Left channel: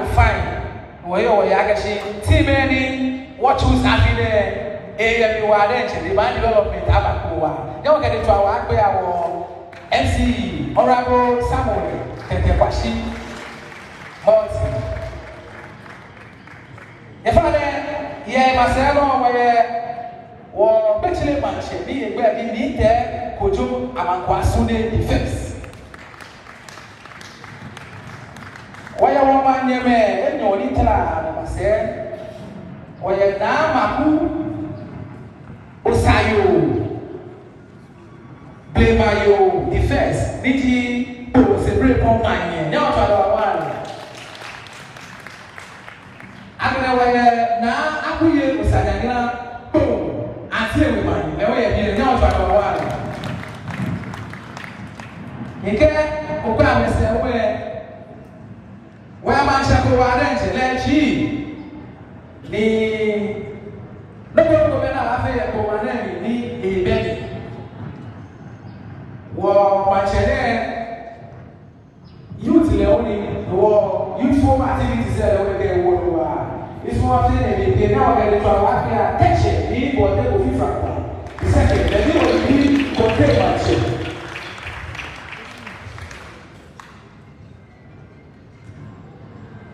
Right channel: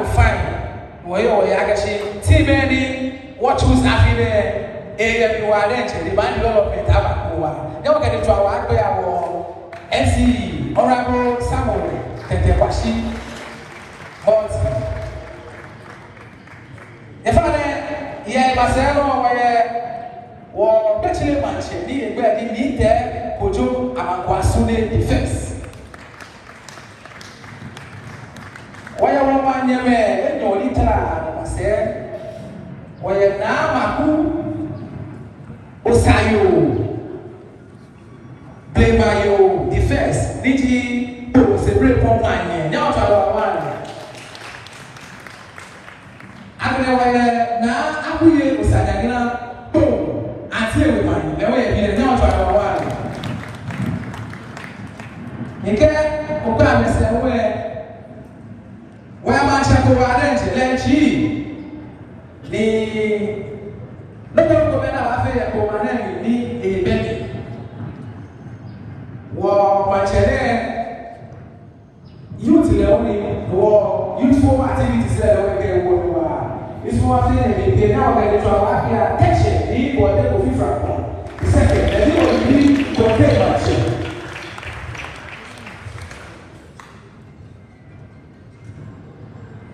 no fine. Where actually team any what was happening AWR the man development Abakuwa. Now get into our NCE Honorable Samuel Tetepashi. If I Marcelo or Bachelor Manche, need there, Kojo Amakwasune defense. Why a woman near me, no little, I say, or a Namaku Osayo Bemayo defense, Niji, was a great one. Now to our one. Na akuye usanyagina boom ati ewani ewe ye na ofa do wa nke okwa mese we ma cha ko ba rent le chi ni no ko na afi ko na ni ebele wo ma chere youth le oni wo youthful activities le we dey wo it's one thing they now get to our attention. He will get to different. The second, they will need to pay attention.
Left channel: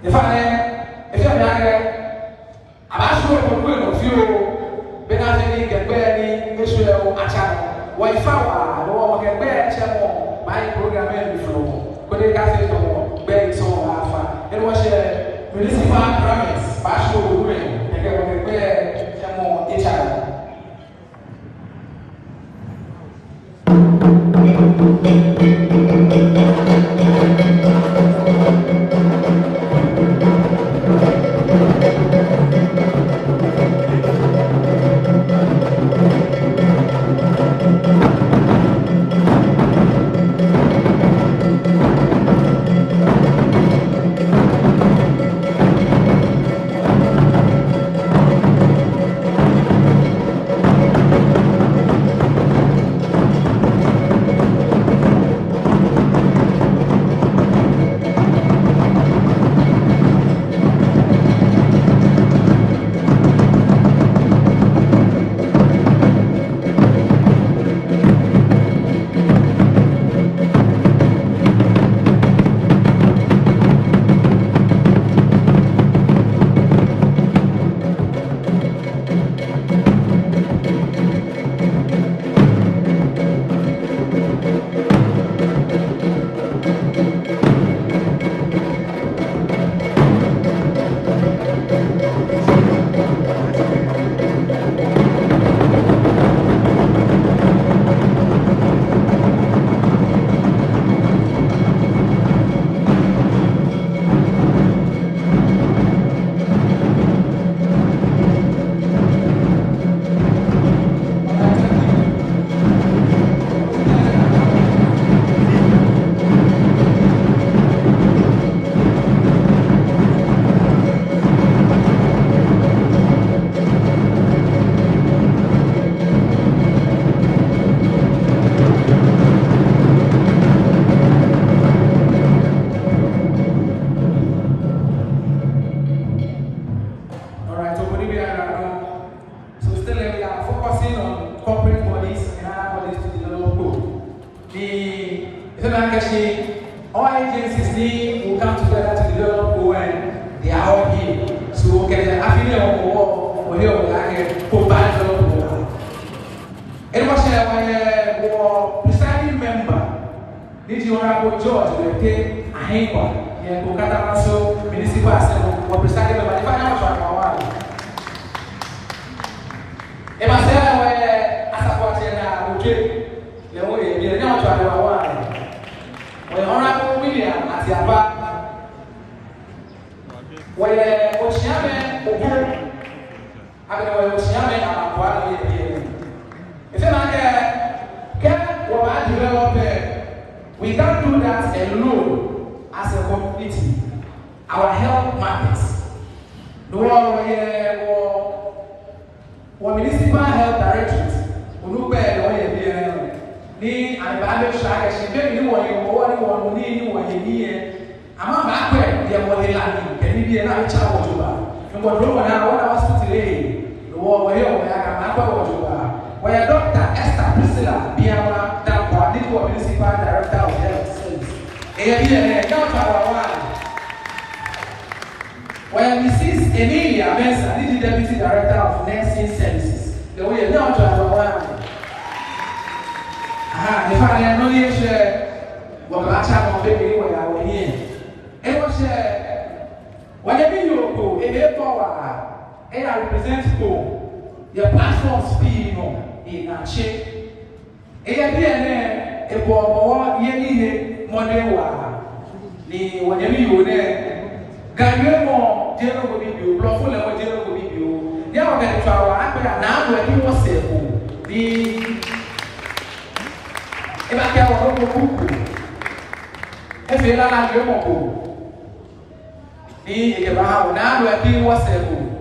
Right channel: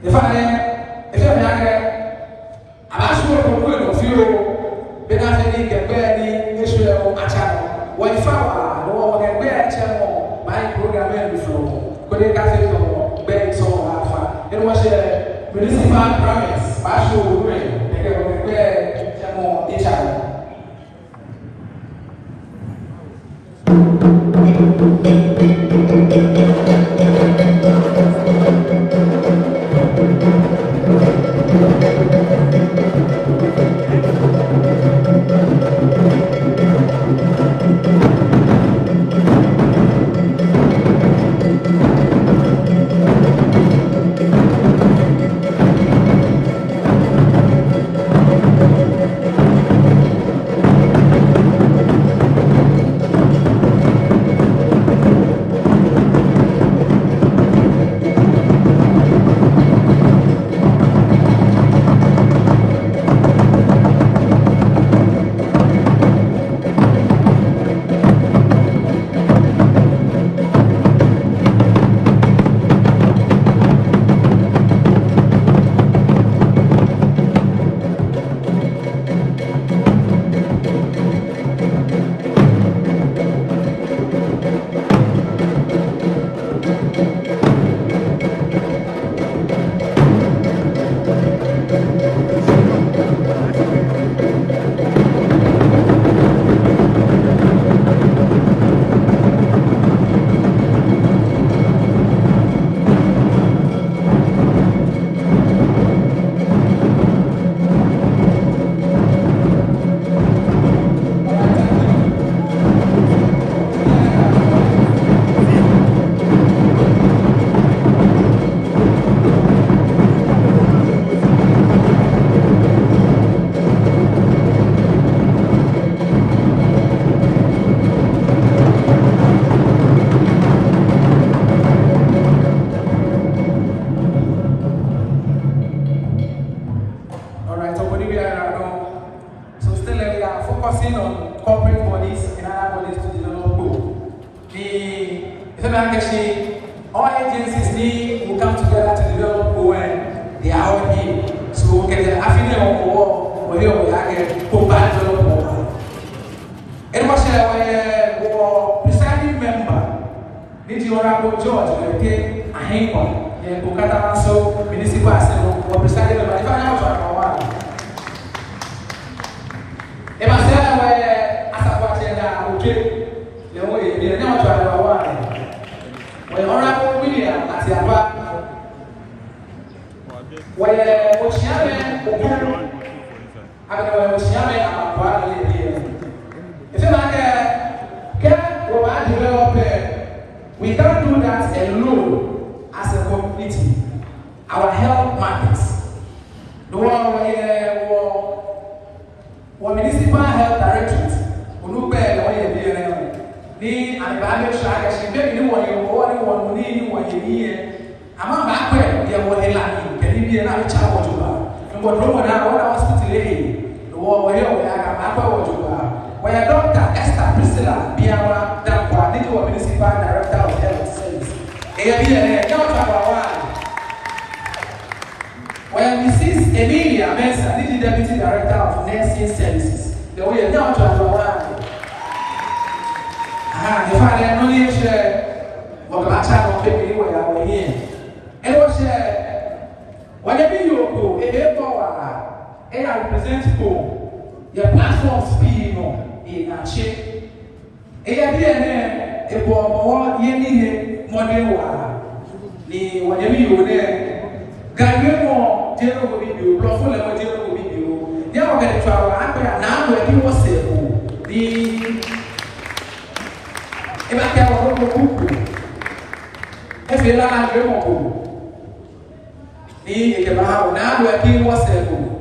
If you're I'm asking for a point of view, then I think the very Israel Achano. Why found no one can bear a channel by programming before. But they got it very so alpha. It was a municipal promise. Pastor women, they can prepare more each other. We can't do that alone as a community. Our health matters. The municipal health directorate, who and the strategy, maybe you want to go on, you want to I'm not going to mkono wana hospitali wao akamapa watoka when Dr. Esther Priscilla Biawa da Quantico Municipal Director of Health Service not our one when Mrs. Emilia Mensah the Deputy Director of Nursing Services the way not our one the father no need share what matter of baby where we here and was whatever you go a power and I represent for your platform speed in a shape. And then the war, Yemi, Monewa, the whatever you there, Gagamo, General will be you, Profula, General will be you. They are going to happen now where you was there. The if you are not going the now where he was there.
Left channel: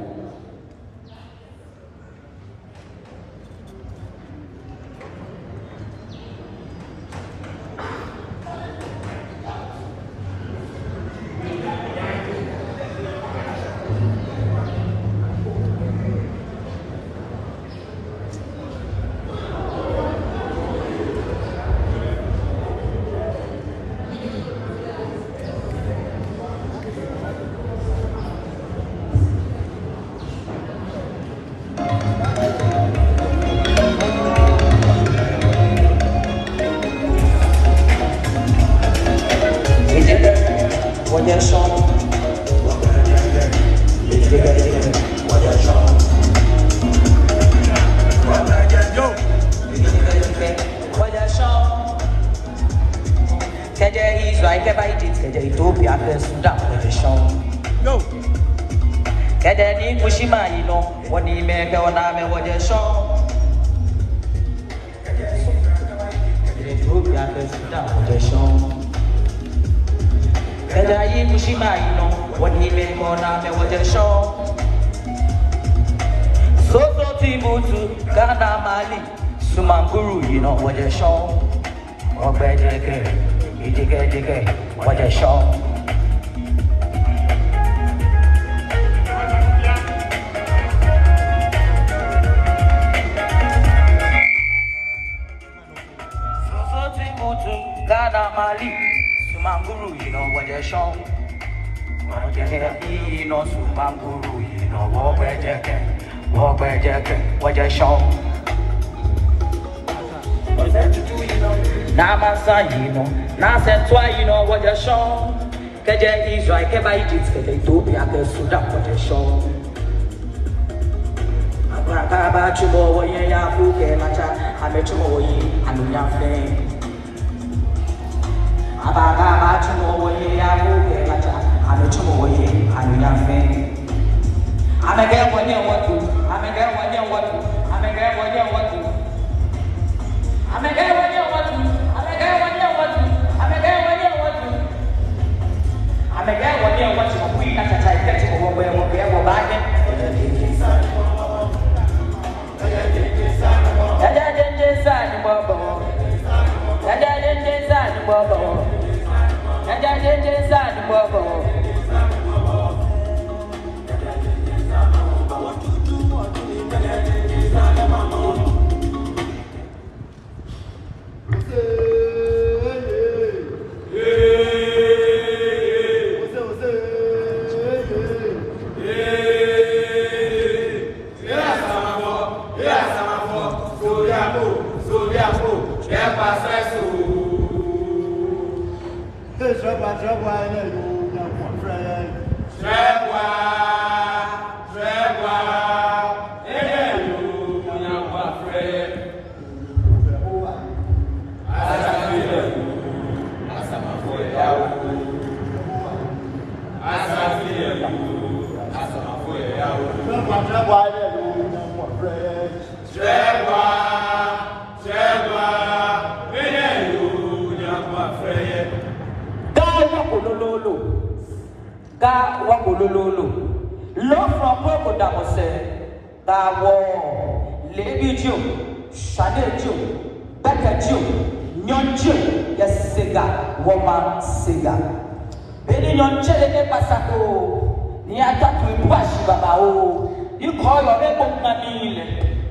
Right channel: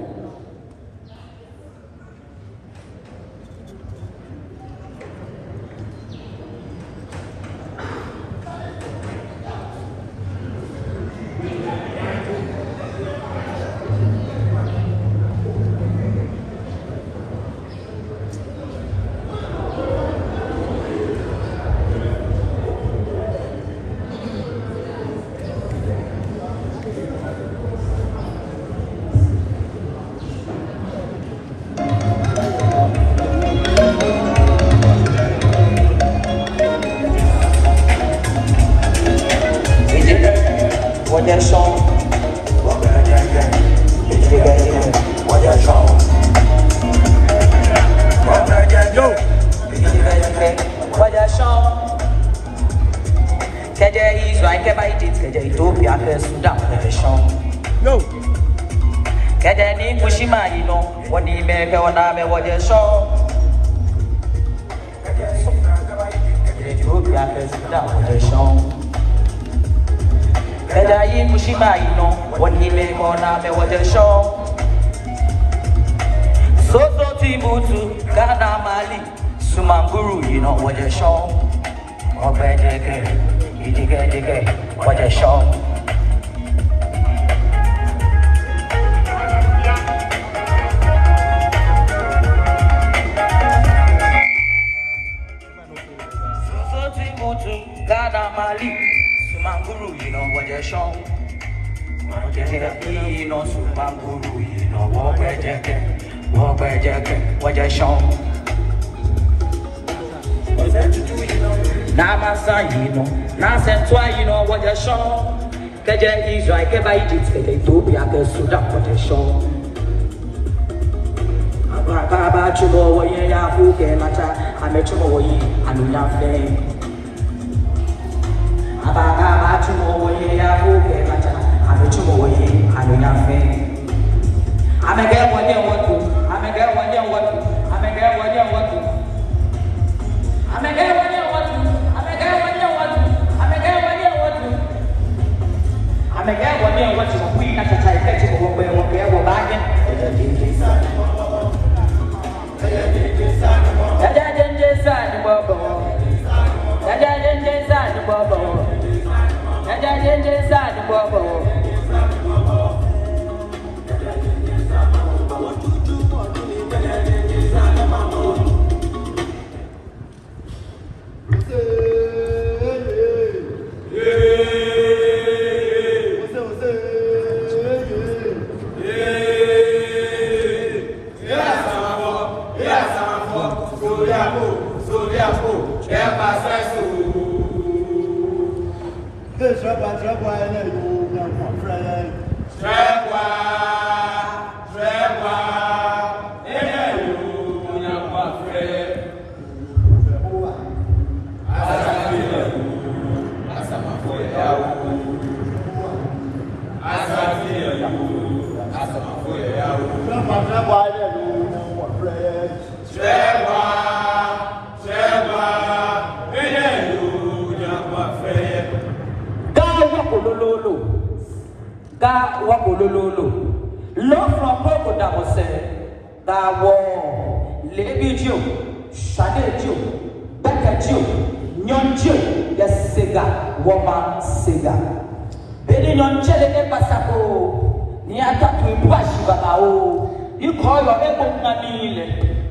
ni ata kwa baba o you call your able na mile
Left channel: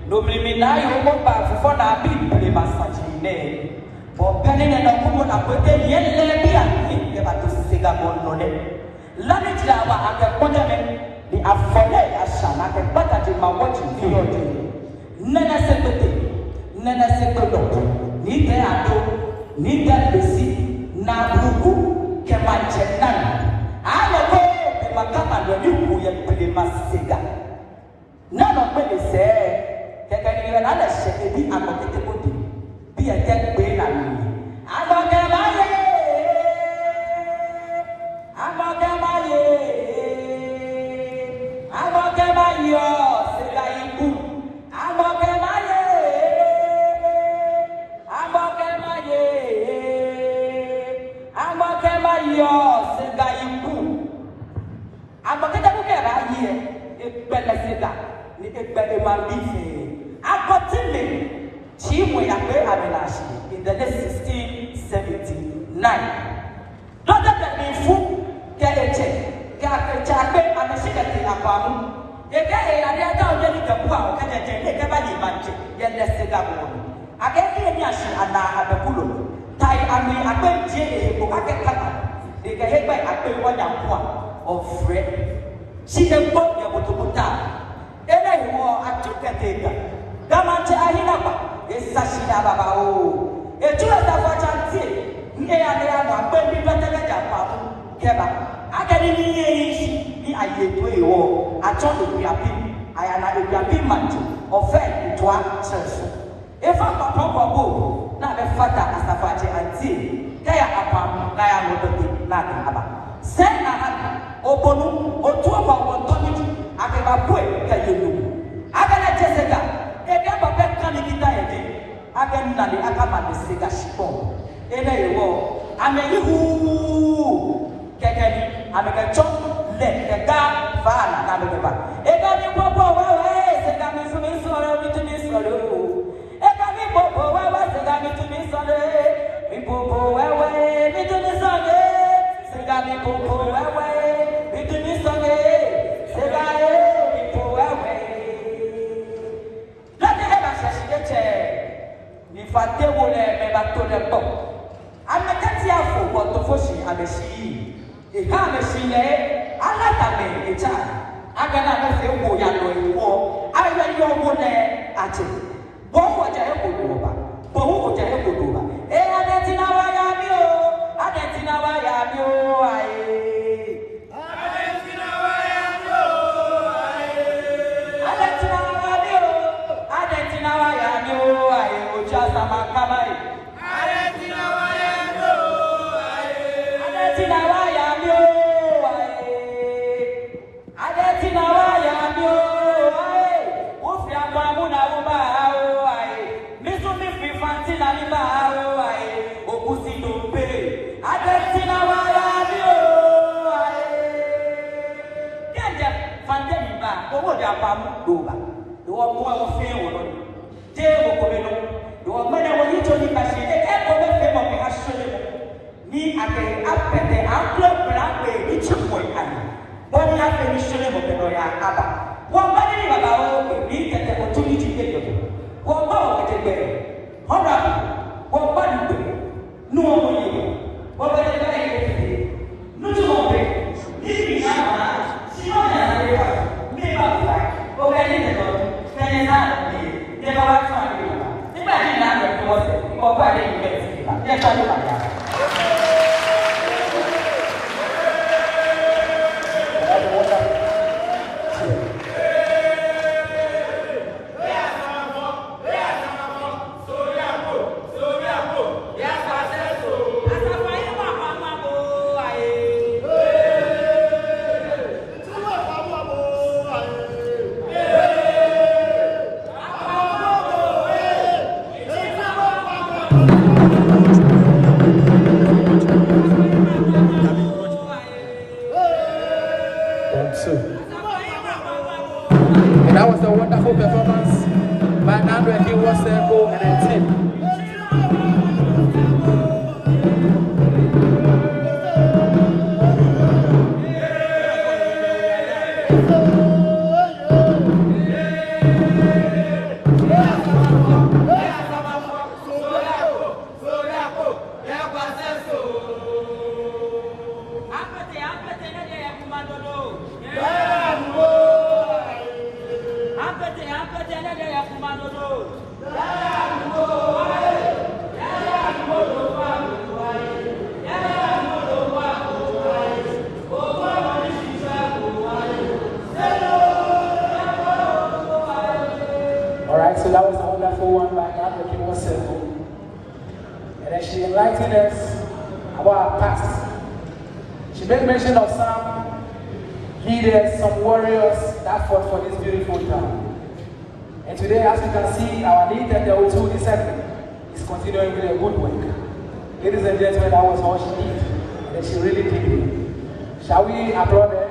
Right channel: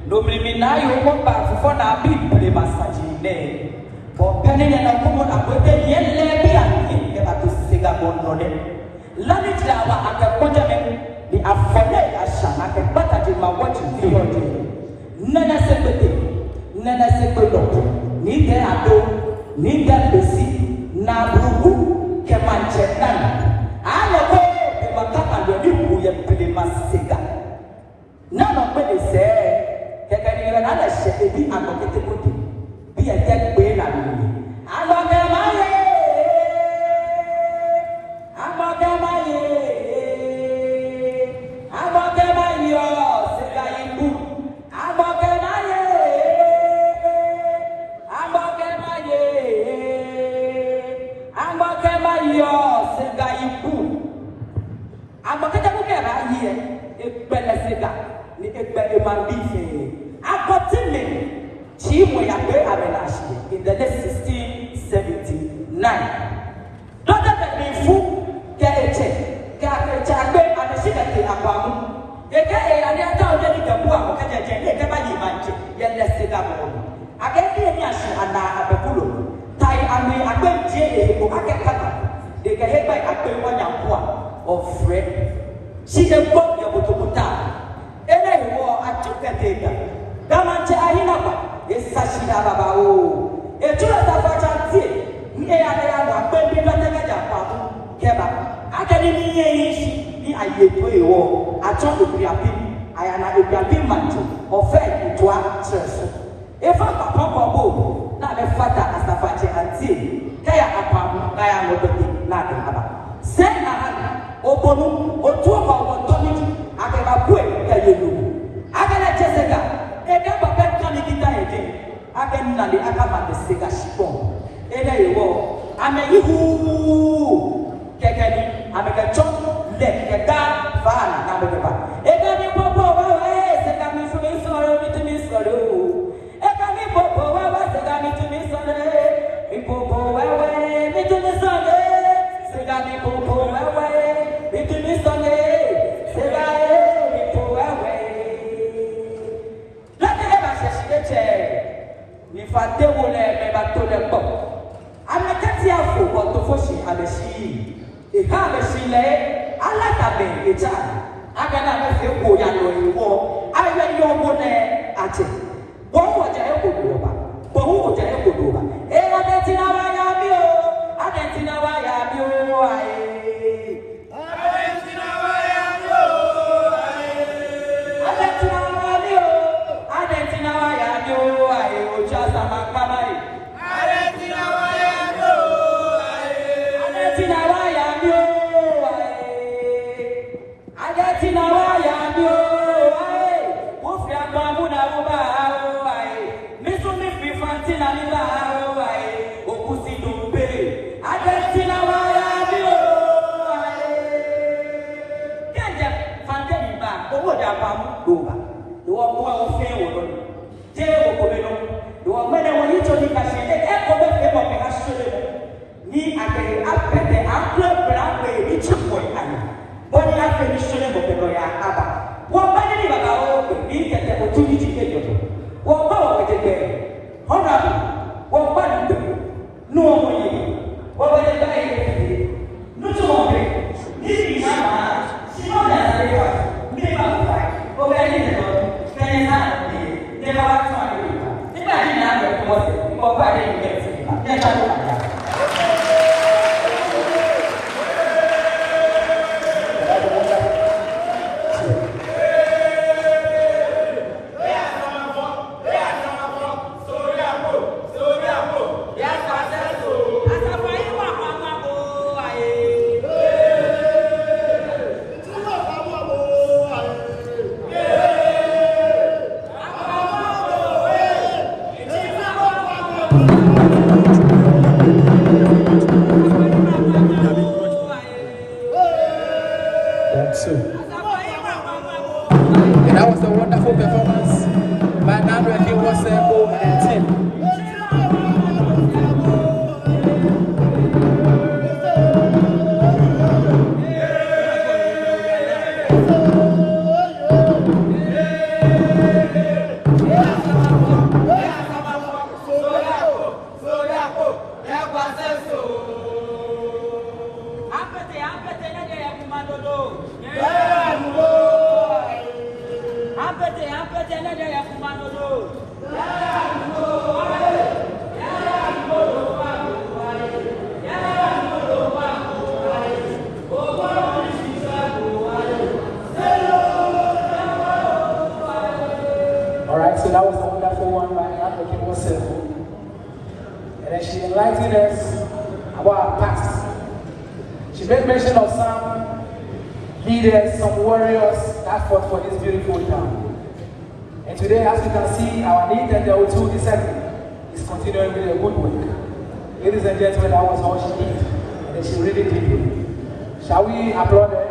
no bring na yo mo ba for na bi le massage ne bo penine na ko na ko te yelle bi a ni ba to siga bon no ne la ni ja ba aka ko je ni afele asha na ke bata ti ma what you feel nana sekete ni te ado ni te besi na buku ke manchetan ala ko be makata ndo ni ku ye pe masega na ma pe se ke ka ni na ala sheke di amakete ko di bi ya te pe na ni amaka maye in the year 1679. Dr. Benfu Kaeche, Kaechabe, and the Shidaki Abamu, Eka and the town of Kapua, Kajan, Kabali Manche, yet less Sigabo. I get the Yashi and Abapulu, Tai and me, I went Jay, who I get Kata, they get hit by a 1 of Fred. She can put your Butubuta. And I wore a Chuka. Damancha Hinaba, is Sashi Ababao. A tourist of Chanti, Niana, Baby Pataga, Keba, Academy, I gave way war, I told you, I am a big man, or fair to our church. If I'm a papa bow, not a father as a fatty and tea, Kaya upon I am not a Send Obonu, or 2 about 1 tongue, I can have quick, Kayu. I can Jessica, a cup of that candy again. I can not the Akaman the Sega Shipon. I'm a you, Kakani, I'm a chop, let the guy van, I'm a river. A gummy popo, a gummy to me, sorrow, to me, sorrow. A gummy popo, a gummy to me, sorrow. People go away, into the Sunday. Segami popo, away, into the Sunday. Segami popo, away. Let the ever say, if I tell you, never told them. I'm a Katiafu, but the Foshi and the Shi. If I'm a Shile, I like a child. I cannot feel who you are going for. I let your money at it. What would you ever do? But who would you ever do? I don't know why I'm you. I don't know why I'm you. I don't know why I'm you. I don't know why I'm you. I don't know why I'm you. I will just have a camera. I don't know why. And that was a wonderful performance by Nando and he was over and 10. enlightening us about our past. She made mention of some leaders, some warriors that fought for this beautiful town. And today, as you can see, our need and the O2 discipline is continuing to do a good work. Ladies and gentlemen, I was worshiping, and she really did it. Shall we applaud them?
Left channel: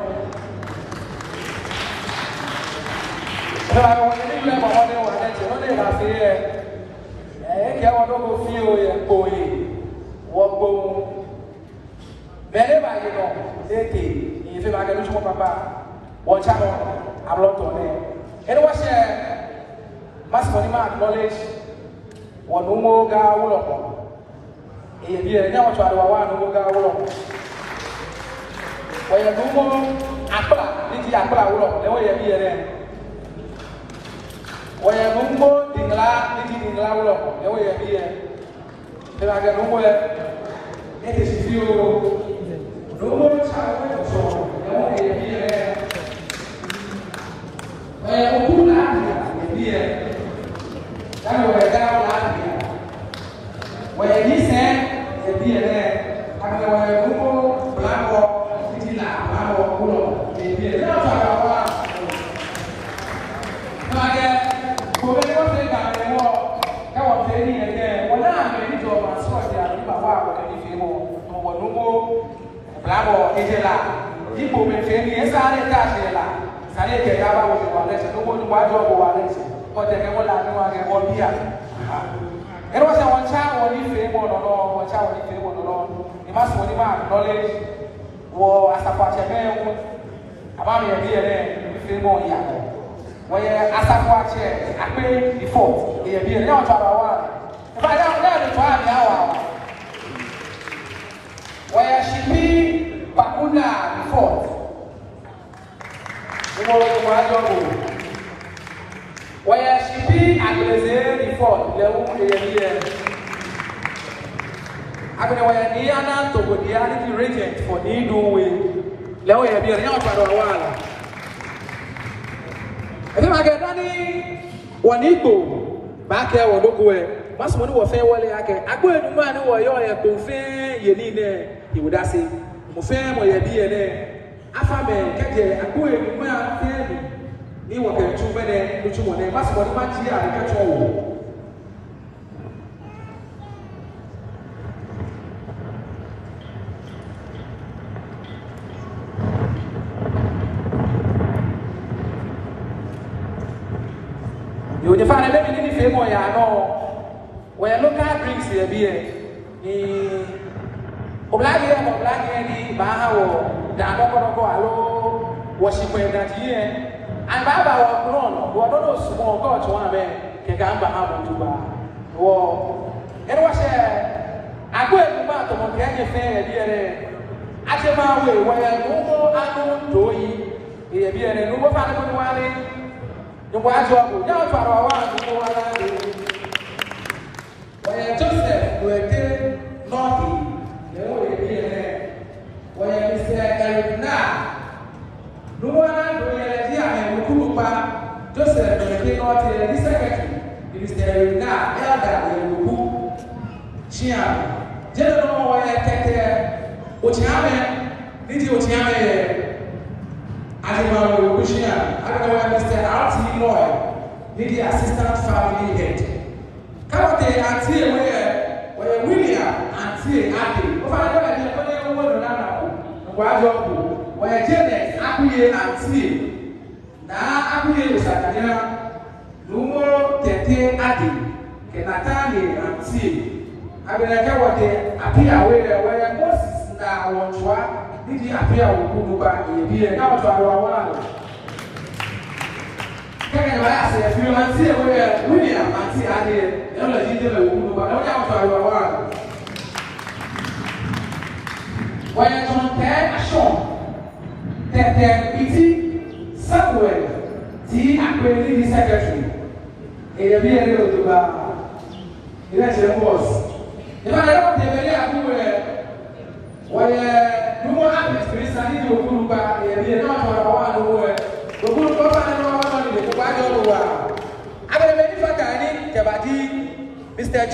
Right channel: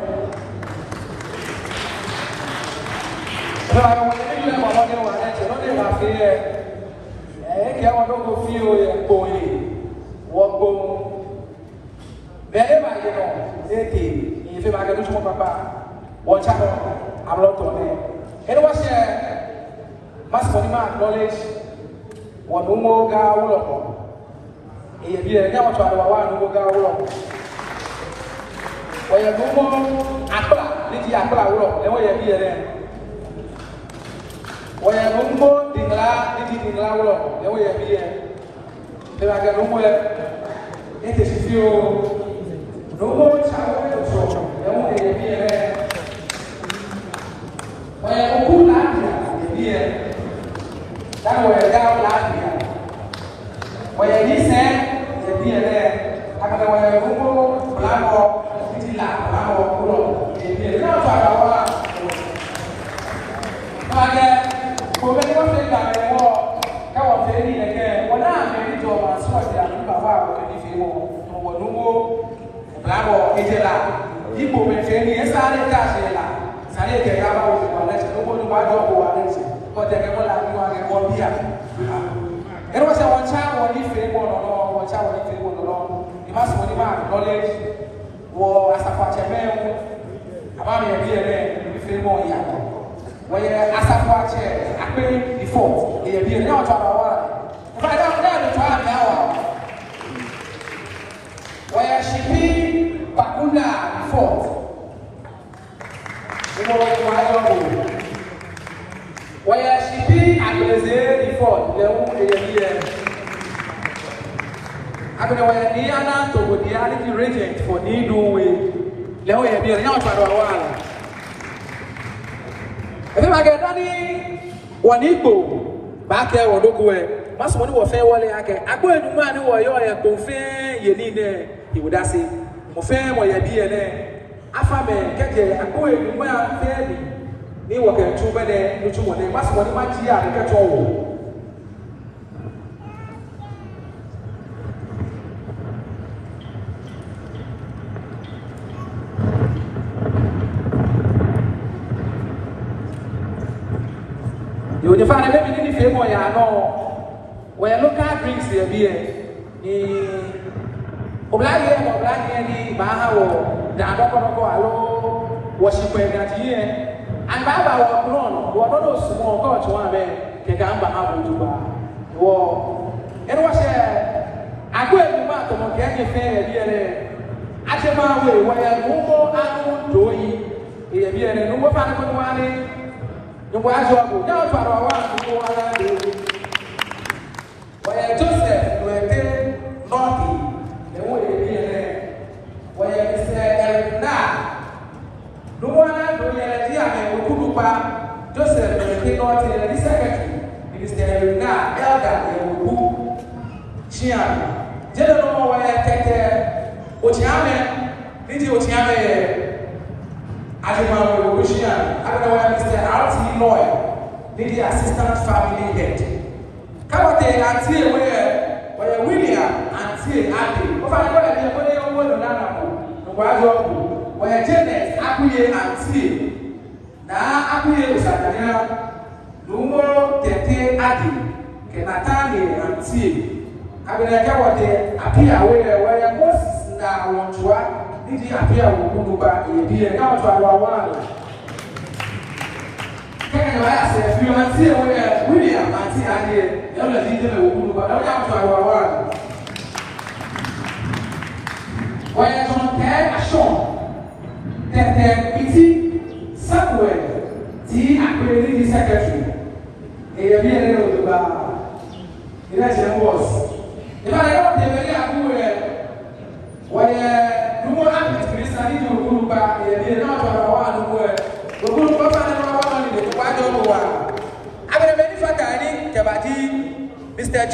Mr.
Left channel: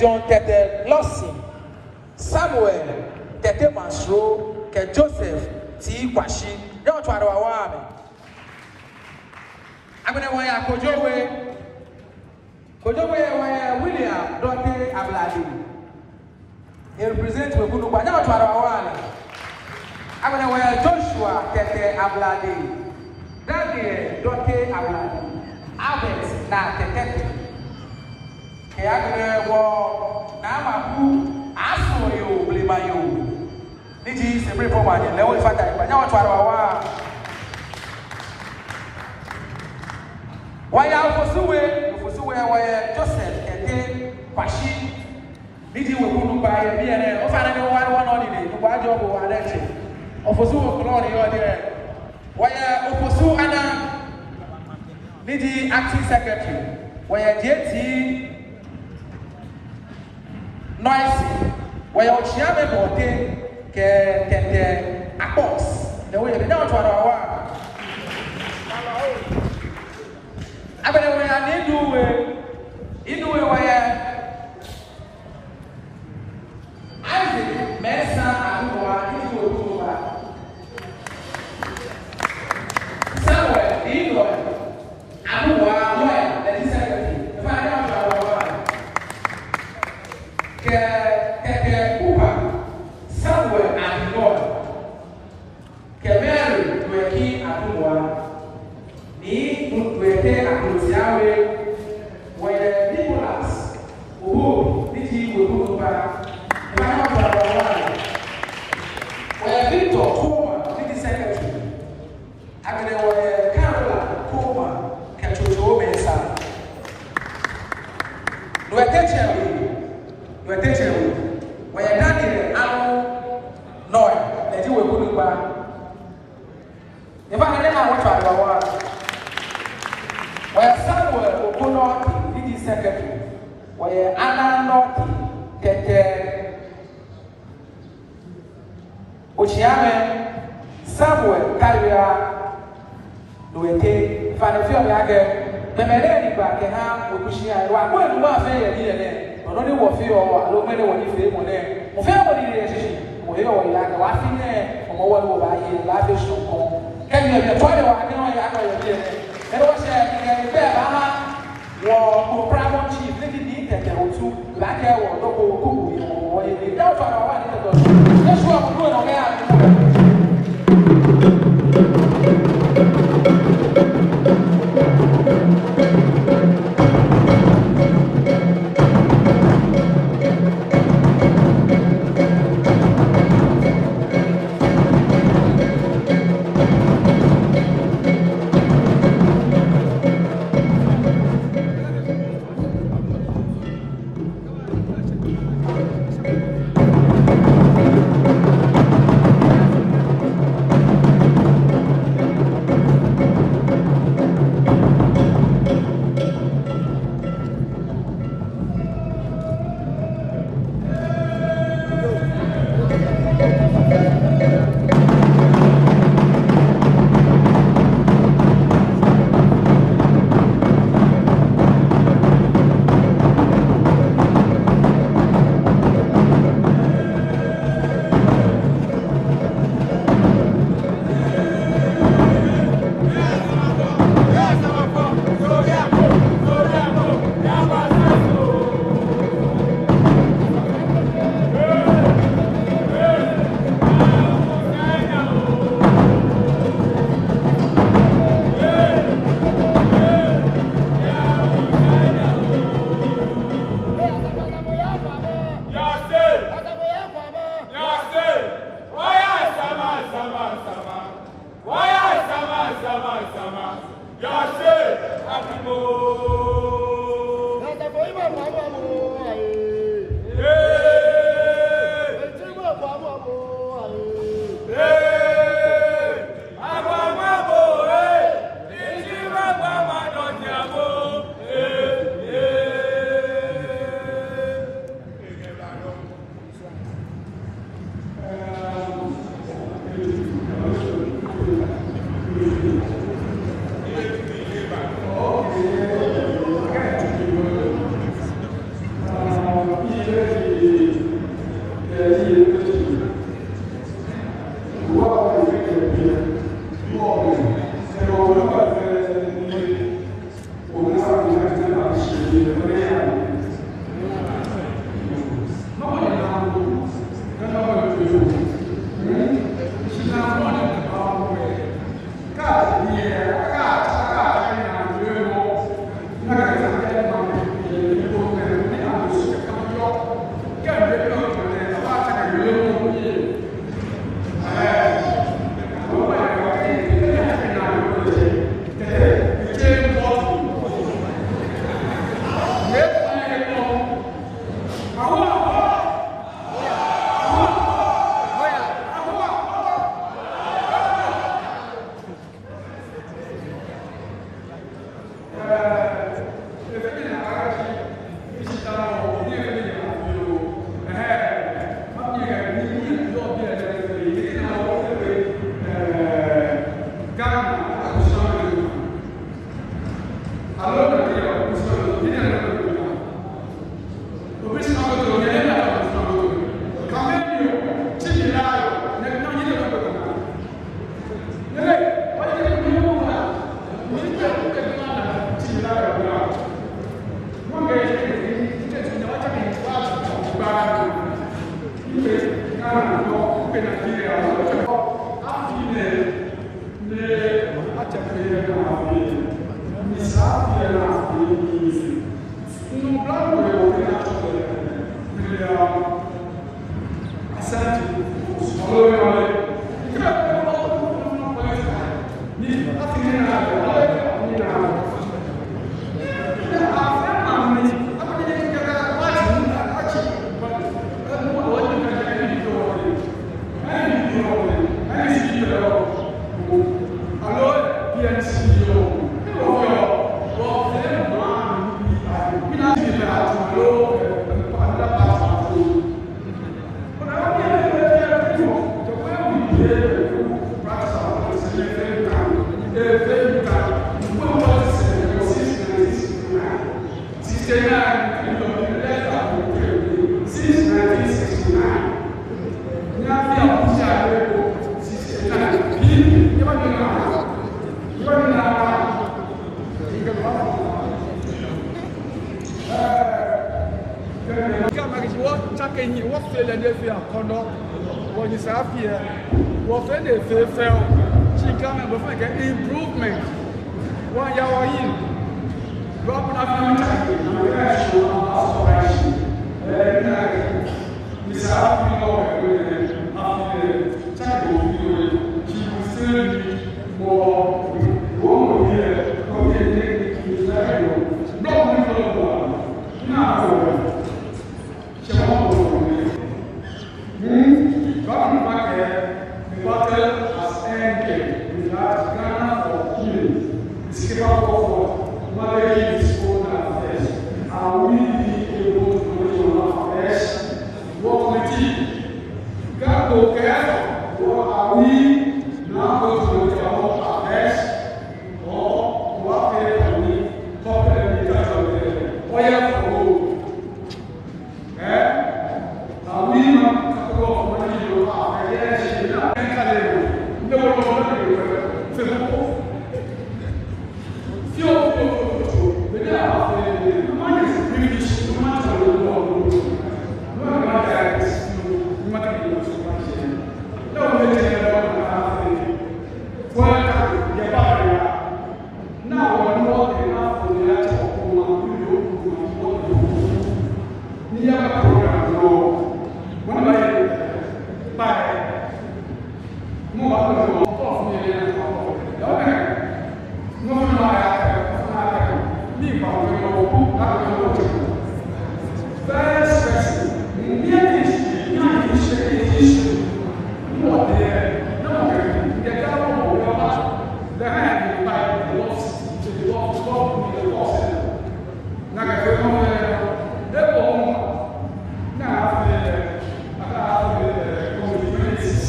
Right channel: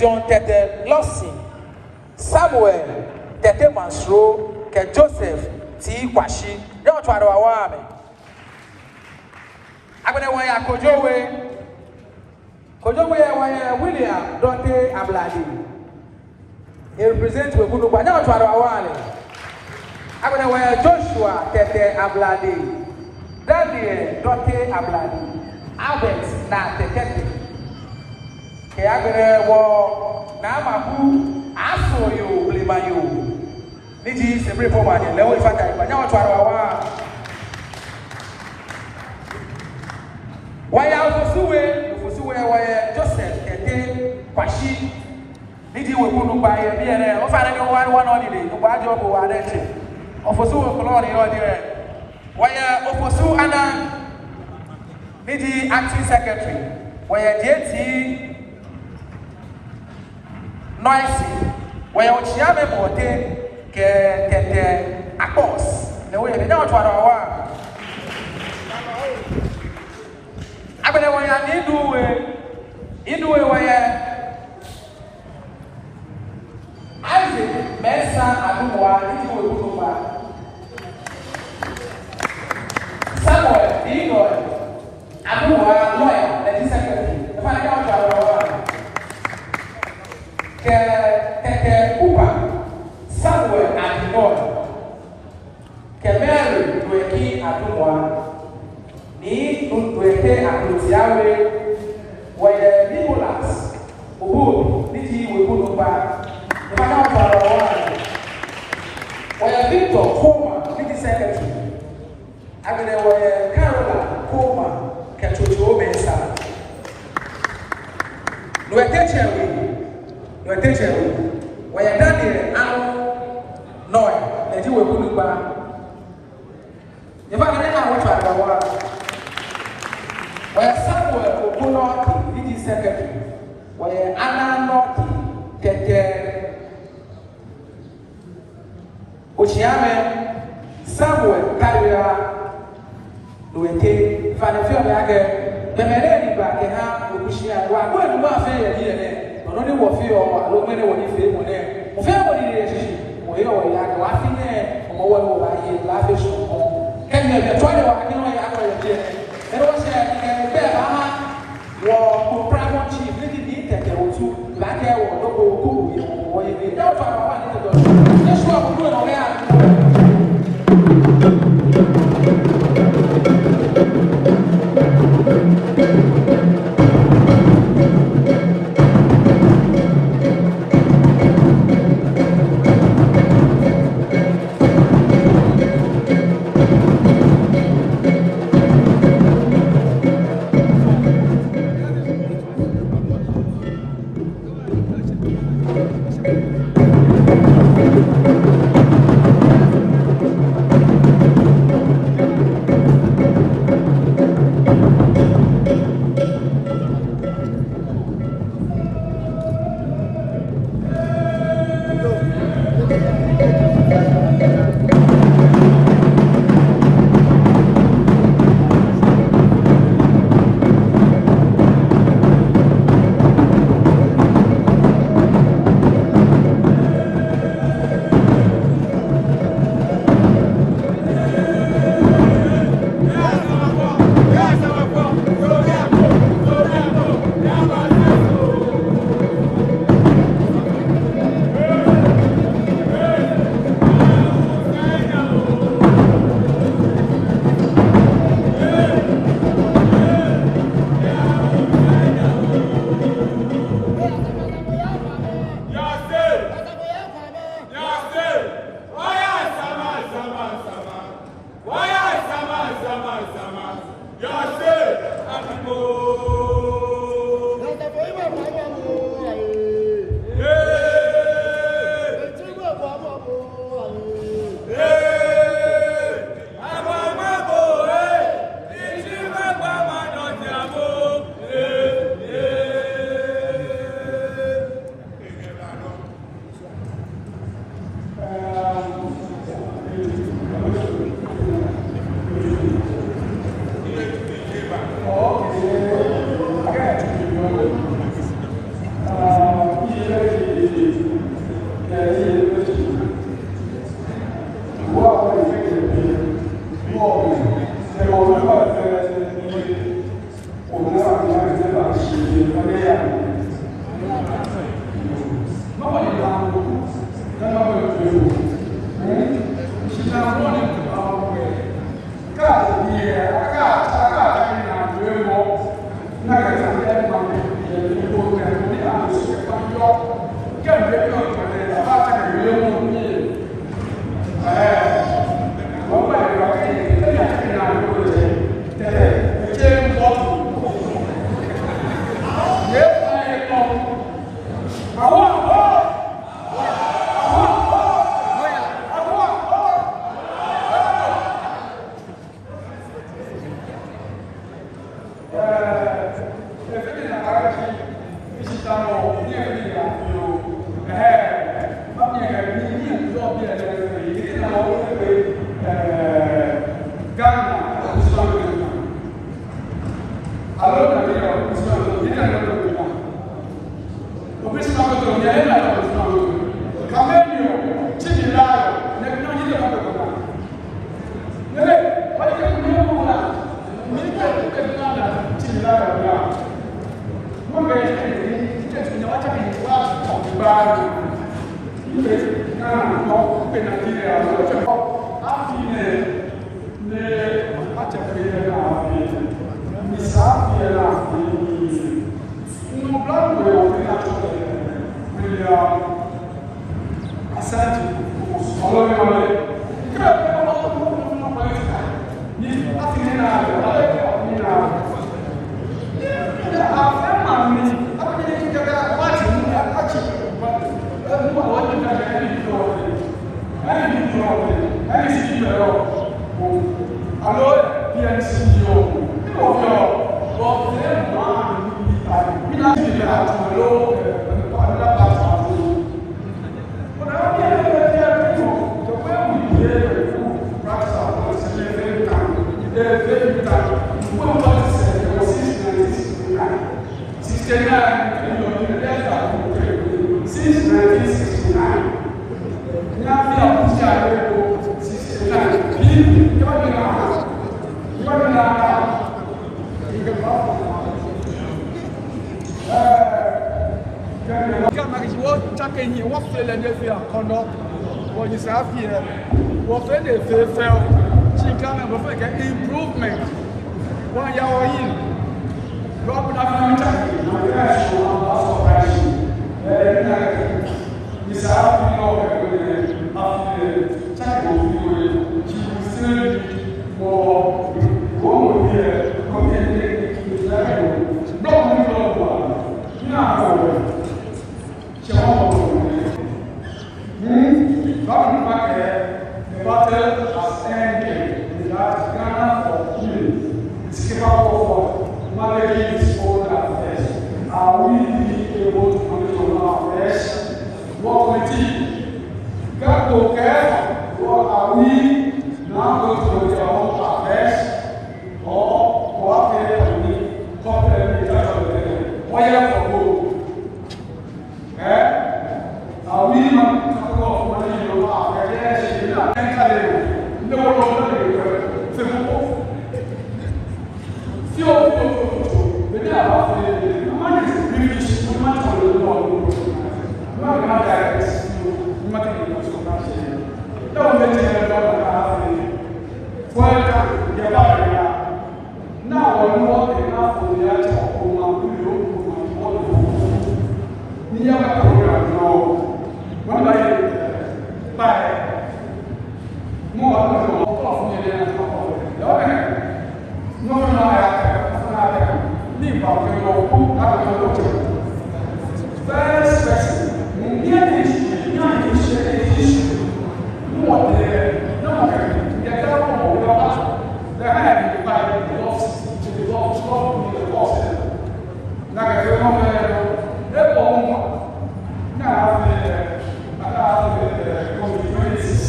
John Tete, Kwashi. You want to know what I'm going to wear Kojowe William Dante Abladi. He represents Webunu, but now to our I'm going to wear Joshua Tete Abladi. Daniel Dante Abladi. Albert na Tete. Kayagre wo na maku aso yo blimayo. Niji sembre for one lewe fata ipanya watu arawa. Waya ufusuwe waya Joseph Tete Kwashi. Niji Webunu ba ye ne o fa na one on the ko ba jo bo wa leche. Ofusuwe ko lo ni dire. Waya ofusu ana Niji acting secretary. Waya JT noisy. Waya ochiame bote ke akos. The way they know what wa. Abele waya inuwe waya Isaac Mesa Aduwa Niji Webunu Samuel Inoy Aduwa lawyer, the secretary. The final Aduwa. Keke Upa Samuel Adinoy. Kemeri Nweki Aduwa. Ni Nweke Akutiawe. Weye Nicholas Ubu Niji Webunu the final Aduwa. Weye Victor Koma Niji secretary. Abele weye Carola Koma Ketutu Bensa. Nuetecheru. Weye Daniel Anu Noy. Niji Webunu If I didn't know what I was, where Samuel Okono, Niji secretary. Weye Anna Noki Kete Ochiame Samuel Karia. Nuete fanafia lage the melody back and have Obushia. Wa go no affair here. Only wo fi o lo mere wo ni fe mo ne. Mo fe wo ni relationship. Mo yo wo la wa fi ne mo wo wo la ye la be so ko. Can you be try wa ni no ya ka wo je. E wo se ke be ba ha wo ko pramo chief ni di ke te wo tu la ke wo lo ko ku wo ni ni da fa wa ni ko. Let's go ko no ya. Improvement. One year in. Rob would have the battle has ended. We have Ghana for healing. Skip out forward. Managing this own affairs. Are we able to manage on our affairs? What committee? God will care. What are we now going to manage our own affairs? Or what can we compare with that? Why for gold? Are we not capable of managing our affairs? Yes, we are. The world of the people. Few people, but now the money is British, the money for the world. No one can direct you, no matter what you want to say. No one can tell you what you have. Well, the body now we're not enough for the actual program. We have a program now. One by no one will talk to me and talk about it. No one will have me about the first person, near this, young issue, what there, no one get out of your house. The hand by the loss to the loss to the loss. Like a film, now after communities,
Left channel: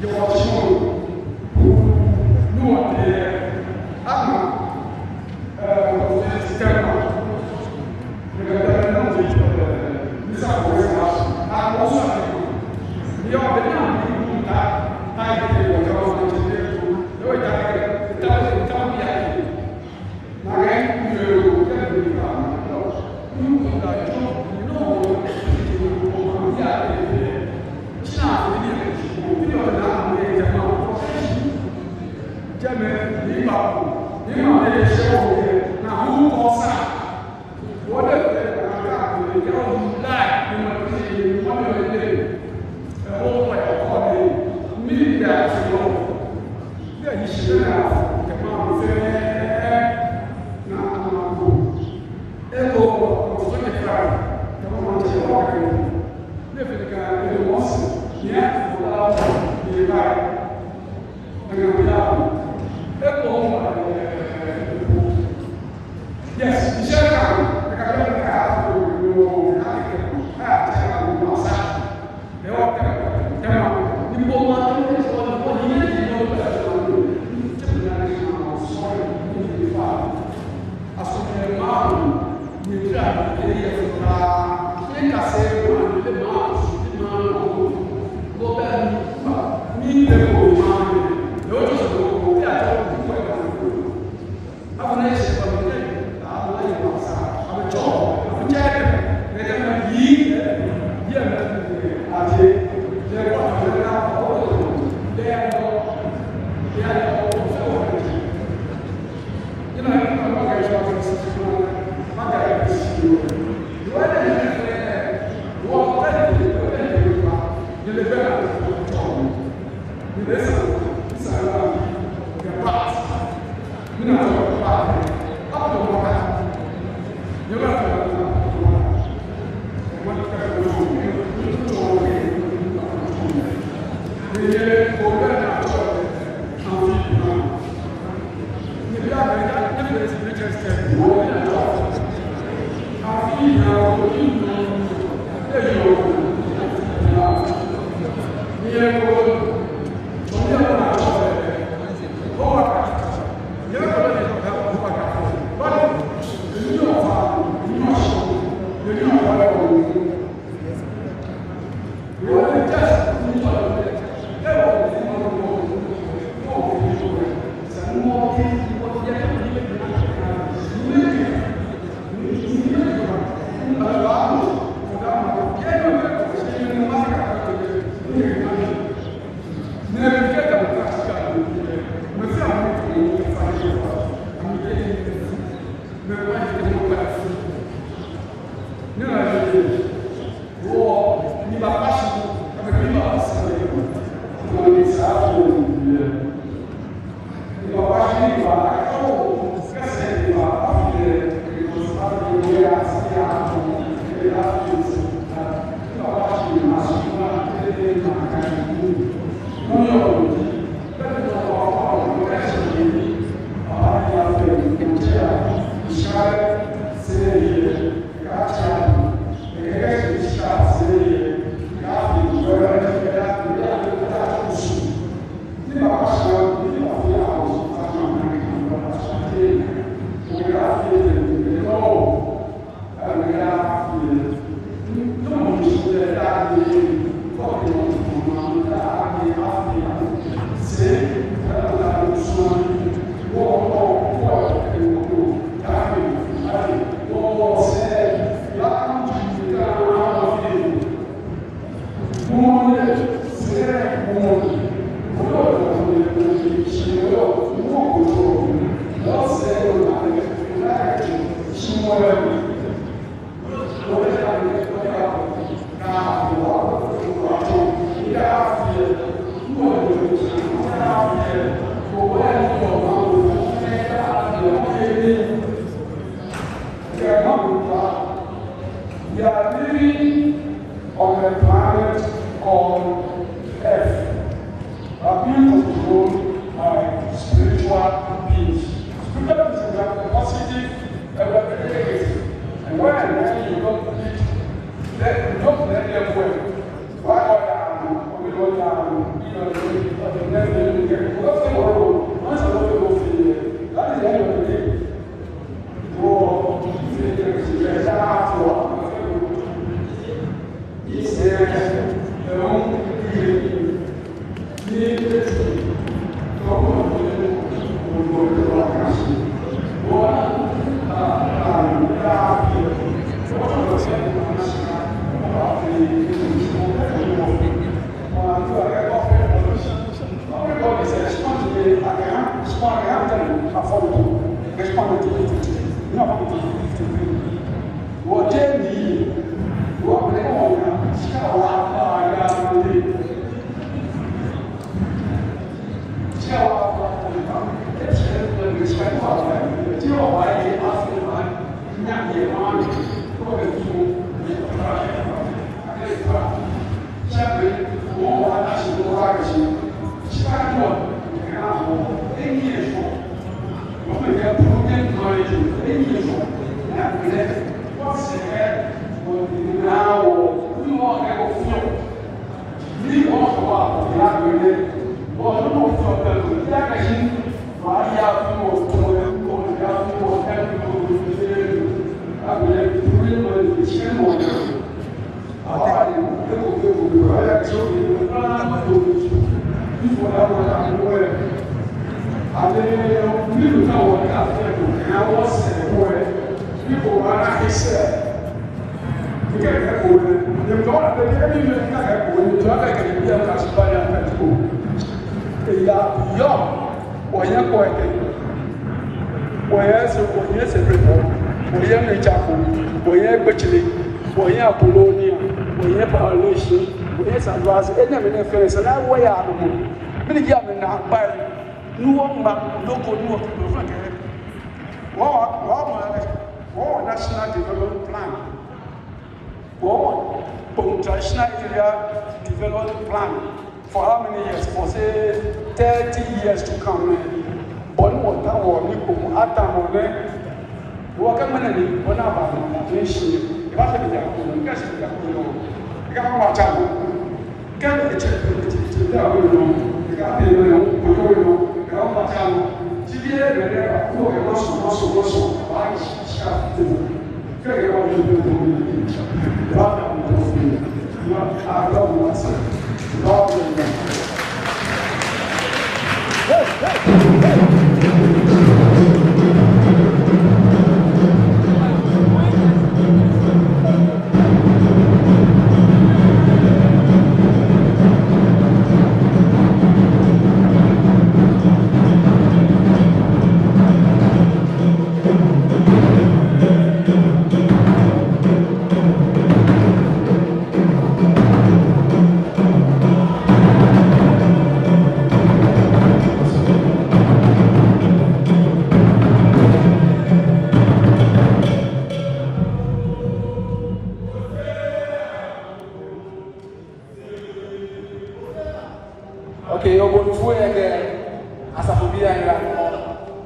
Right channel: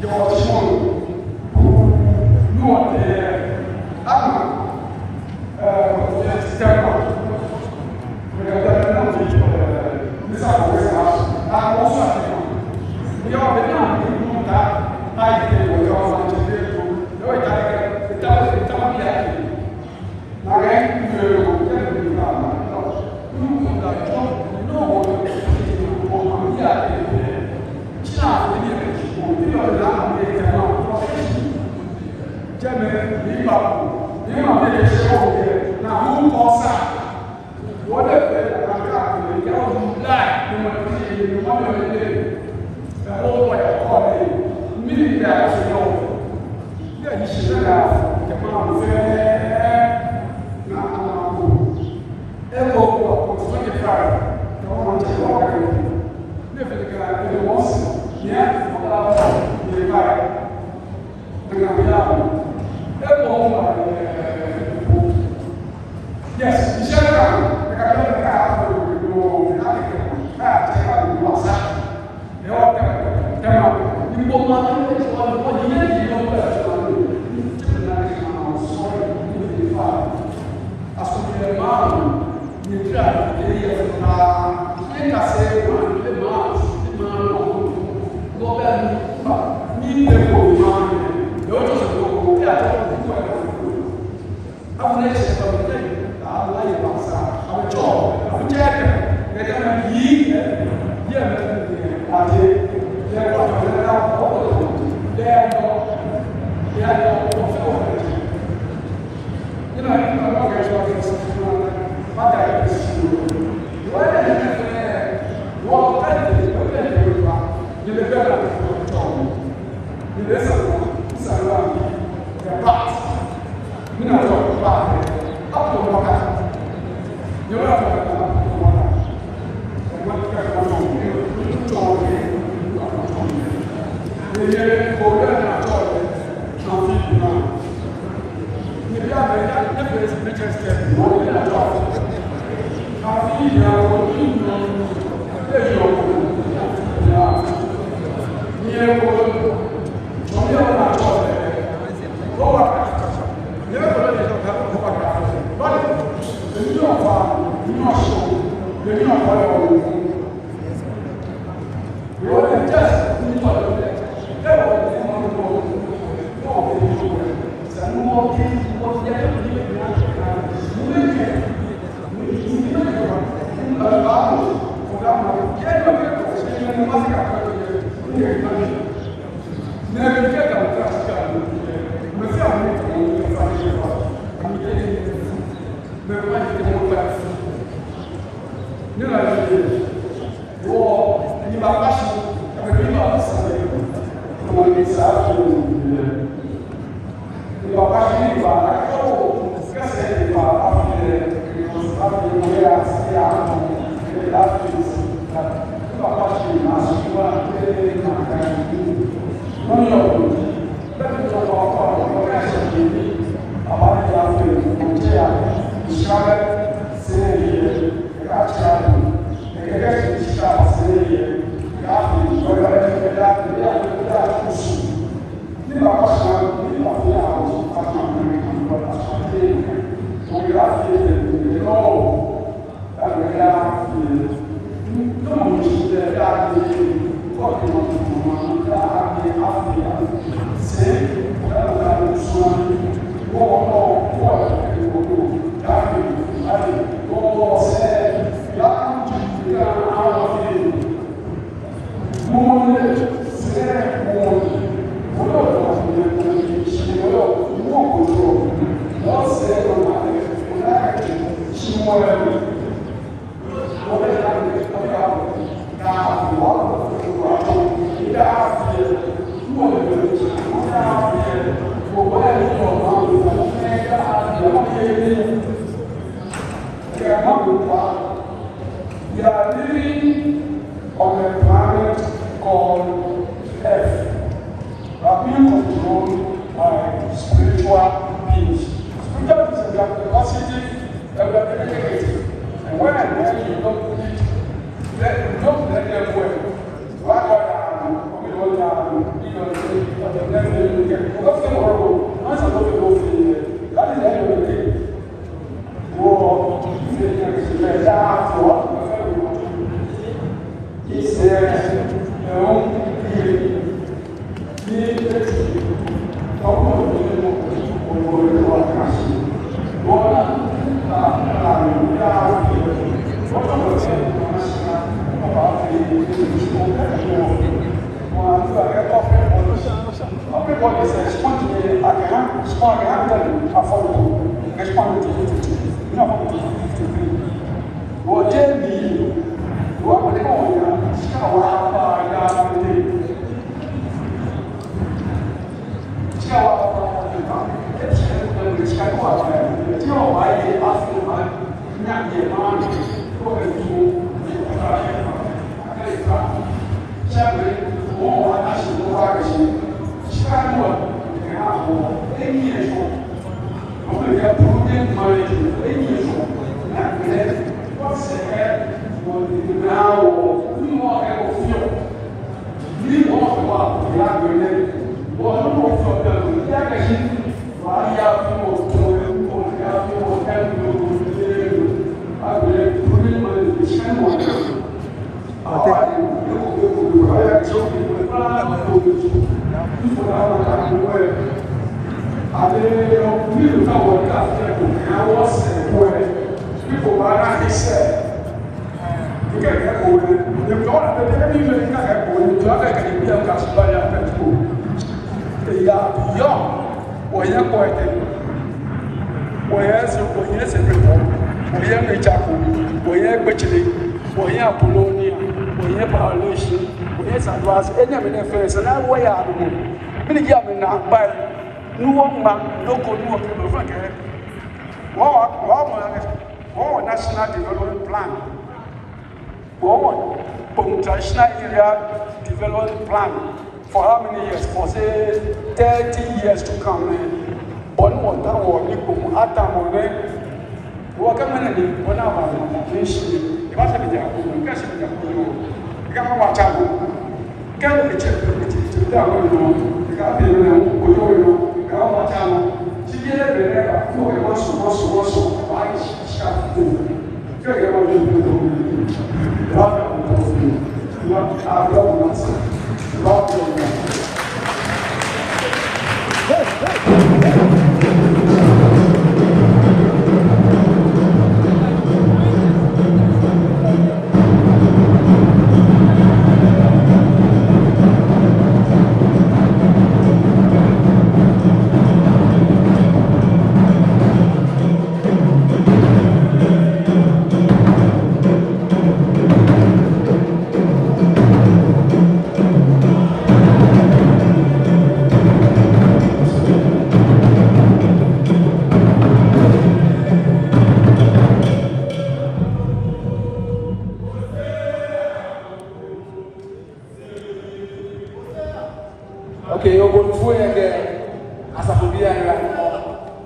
your children who are there. We are National Development Plan. Traditional area development plan for how many years? For say 30 years to come. But what that will be after we work on many when our nation. If I say the you guys say the you got my child. Get the check to that we know. You got to pay me. You got my child. Today the for was I start to figure out what Okay, you're going again. As a phobia,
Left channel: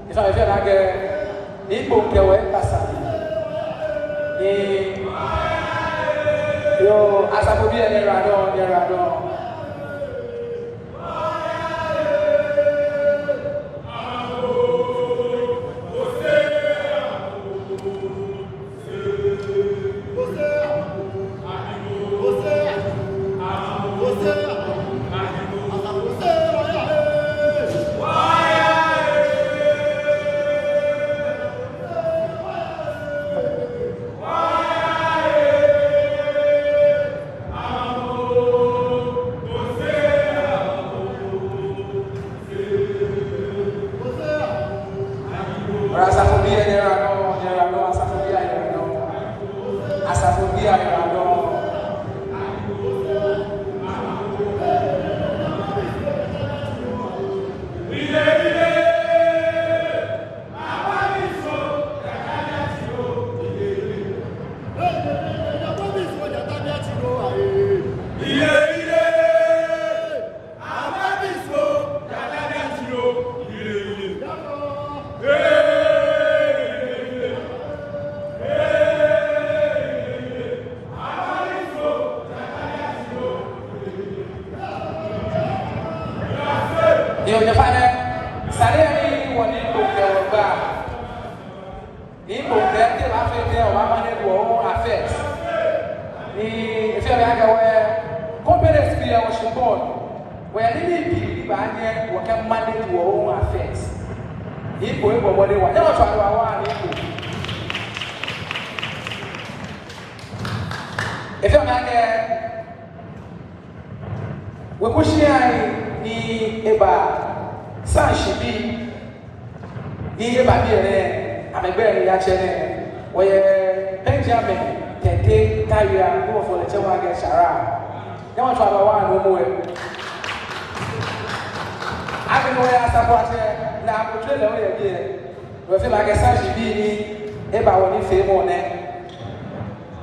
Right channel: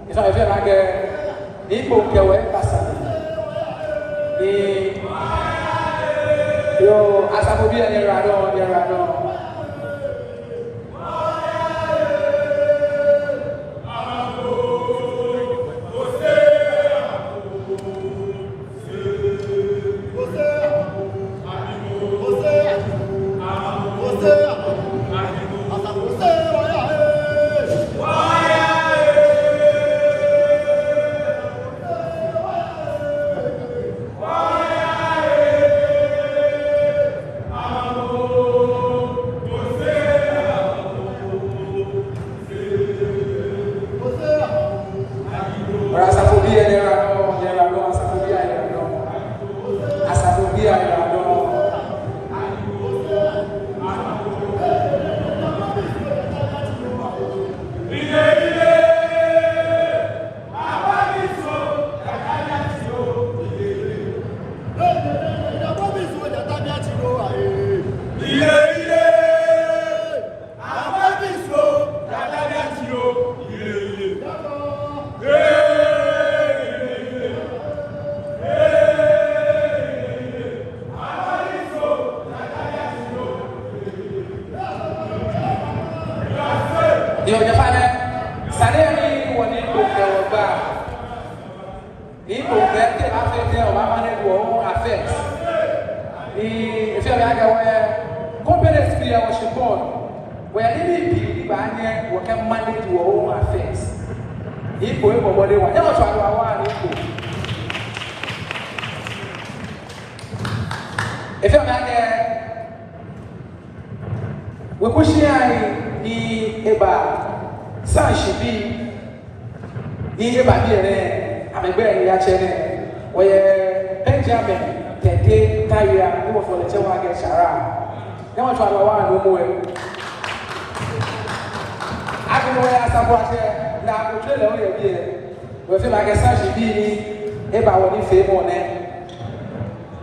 if I feel like a book, as a phobia,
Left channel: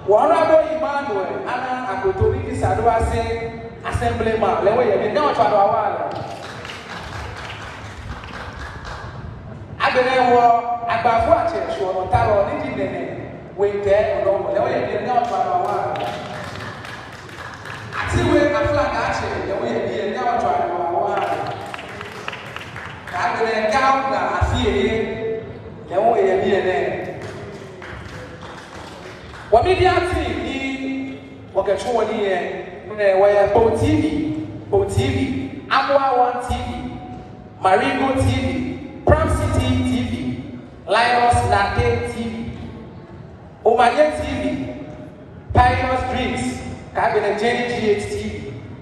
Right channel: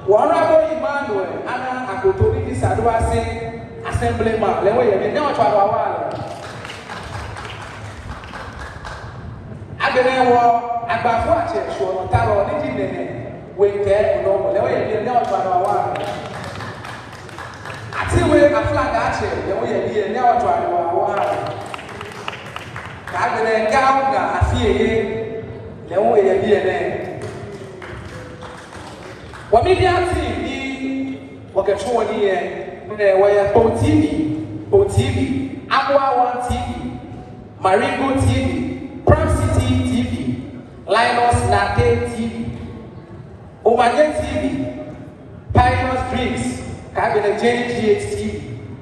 Honorable Emmanuel Anna Akotobi Disadwasi Assemblyman lewe ye now for our Aberewo agbafo ache so talo ni nene we je ono lewe ye now for our ati we aflaga ache lewe ye now for our ka bere gaw na afie lewe ye ne wa media TV wakachua nie nene waya Bo TV, Aqua One TV, Marigo TV, Prom City TV, Linus Nake TV, Ovanye TV, Pioneers Dreams, Kabele Jenny GH TV.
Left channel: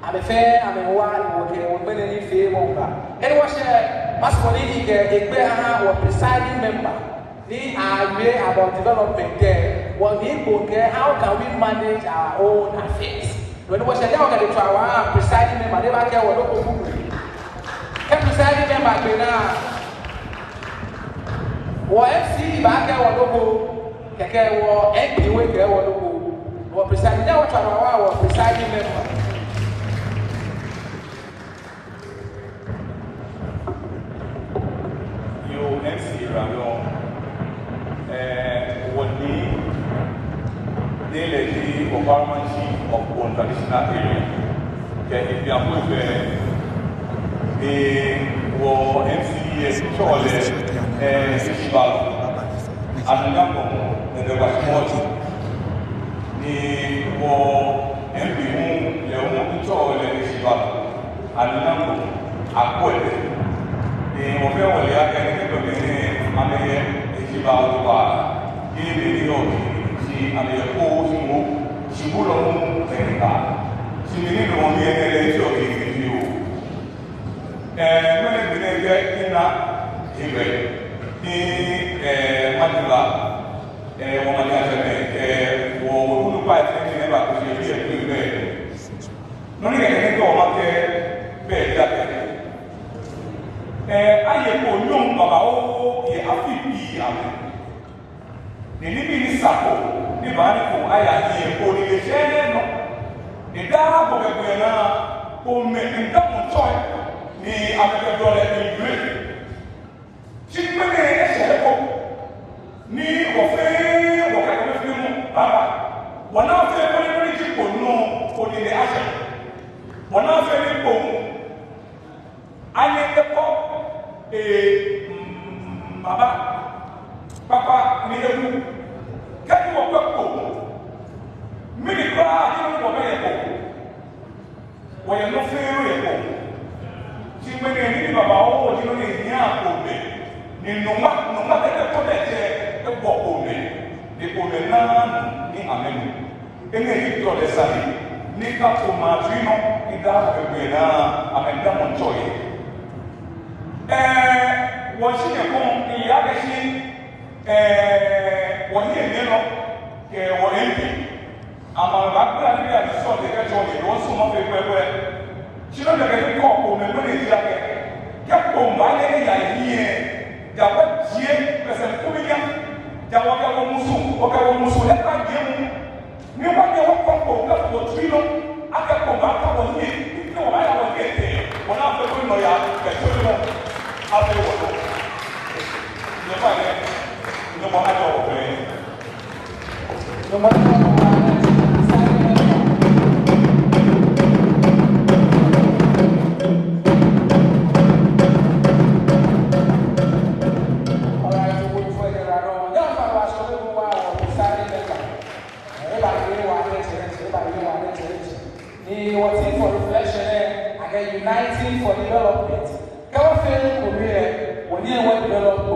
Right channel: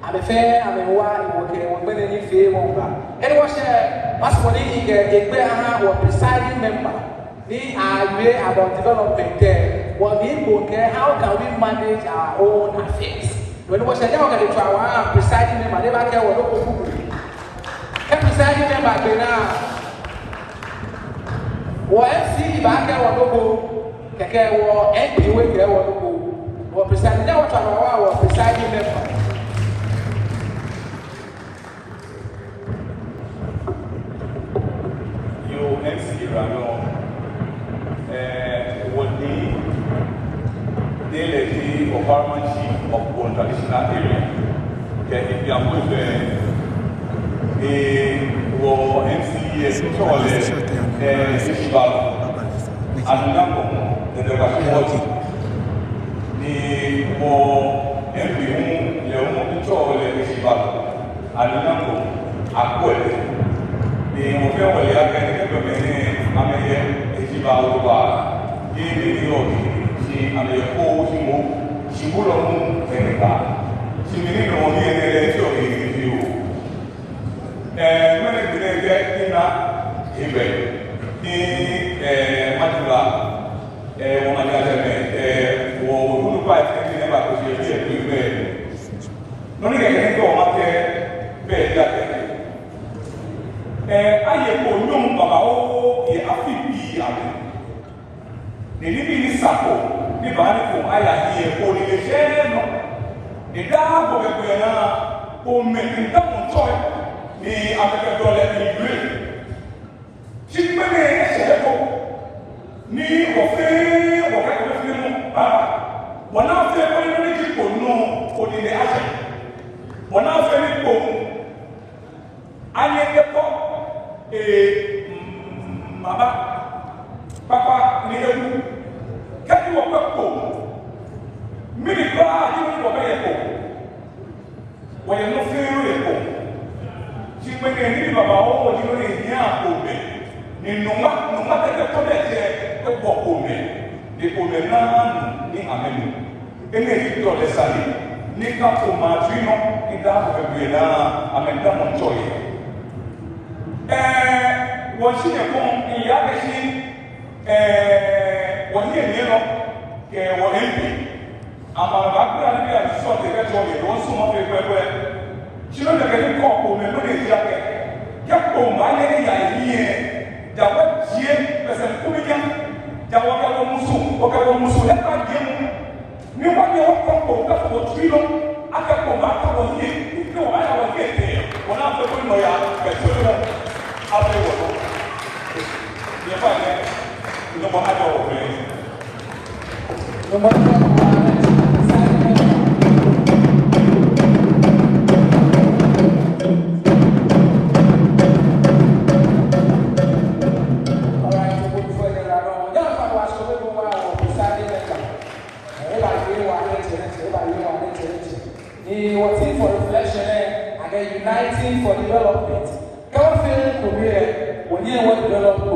I'm a fan, I'm a one, okay, I'm going to need favor. And what's masculine the presiding member? They are aware about development there. What we go there, how can we manage our own affairs? When we say that we are presiding member, they are there. What presiding member now? What MC back there? What keke what MP we there? What presiding? That we are what presiding member. You MC Ramon. Would be the government of one traditional area. If you are moved there, the MCA college is about another than the Washington. The MP Leon college is about another acquitted. The Mobile the living sapo, the manico, I hear only the share. The Dama Bobiana, who made the double toy, the American in green. She made a shepherd, knee or fair, or one after every people know for the action. One after every poem, I am the pop, a Mama. Papa, ni ewu. Kẹ́kí wọ́n pẹ́ kó. Mílí bá àdínú wọ́n bẹ́ yẹ kó. Wọ́n yẹ lọ fún irú yẹ kó. Ṣé pé ní ẹni ní bàbá ọwọ́ ní wọ́n lè ní àpò mẹ́? Ní nùmá tẹ́lẹ̀ kọ́ bẹ́ẹ̀ jẹ́ ẹ̀kọ́ kó mẹ́. Ní kó mẹ́ náà ní àmẹ́nu. Ẹni èyí tó lẹ sáyé. Ní kápò máa fi nù ní kápò ẹgbẹ̀rẹ̀ náà àmẹ́dá mọ̀ tọ̀ yẹ. Wọ́n ṣì yẹ kó ìyá kẹ́ sí wọ́n yẹ mìíràn kẹ wọ́n yẹ pè àmọ́ àgbàgbà níbi àdìsọ́ ti kẹ́tọ́ yẹ wọ́n súnmọ́ fi pẹ́pẹ́ tí ó lè rí kọ́ kò mẹ́mọ́ lè yà pẹ́ kẹ́kọ̀ọ́ máa yẹ ẹ̀yà yìí yẹ jàpọ̀ tiẹ̀ pẹ̀sẹ̀ kúmi yẹn jàpọ̀ kẹ́kọ̀ọ́ musu lẹ́pà yẹ mu ní wọ́n yẹ wọ́n kọ́ kẹ́kọ̀ọ́ tí lọ akẹ́kọ̀ọ́ máa kọ́ yẹ ní wọ́n yà wọ́n yẹ kẹ́ wọ́n náà fẹ́ tó nọ yà ẹ̀tọ́ lọ abẹ́ wọ̀ no matter what. Uniting for development. Come on, develop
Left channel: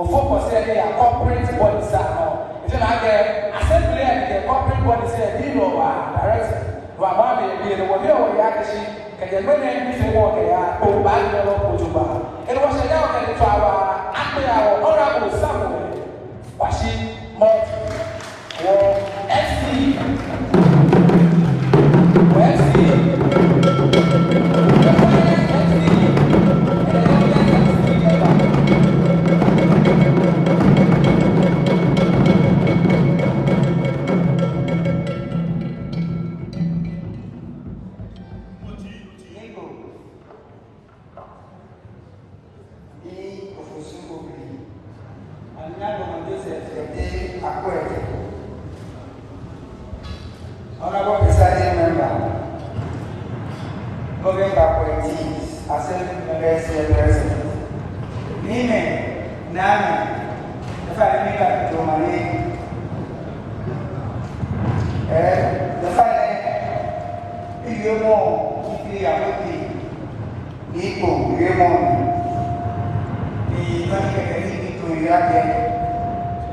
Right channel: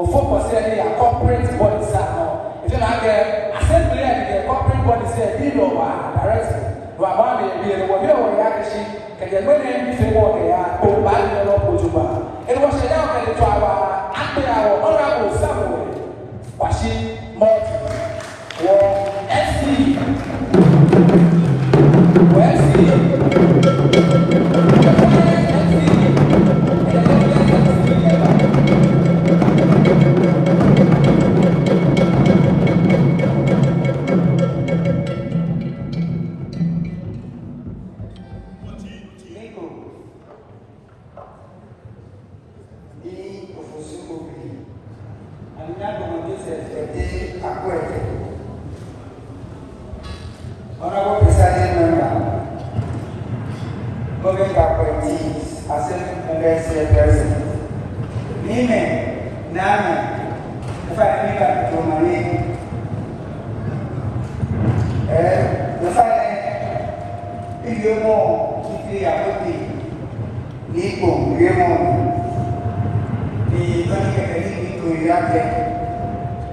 will focus on corporate bodies now. If you have the assembly and the corporate bodies, they do directly. Wabami, the reaction, and the many people they are to buy the Ojuba. It was a young and to our under our honorable Samuel, Bashi Monty, or SD.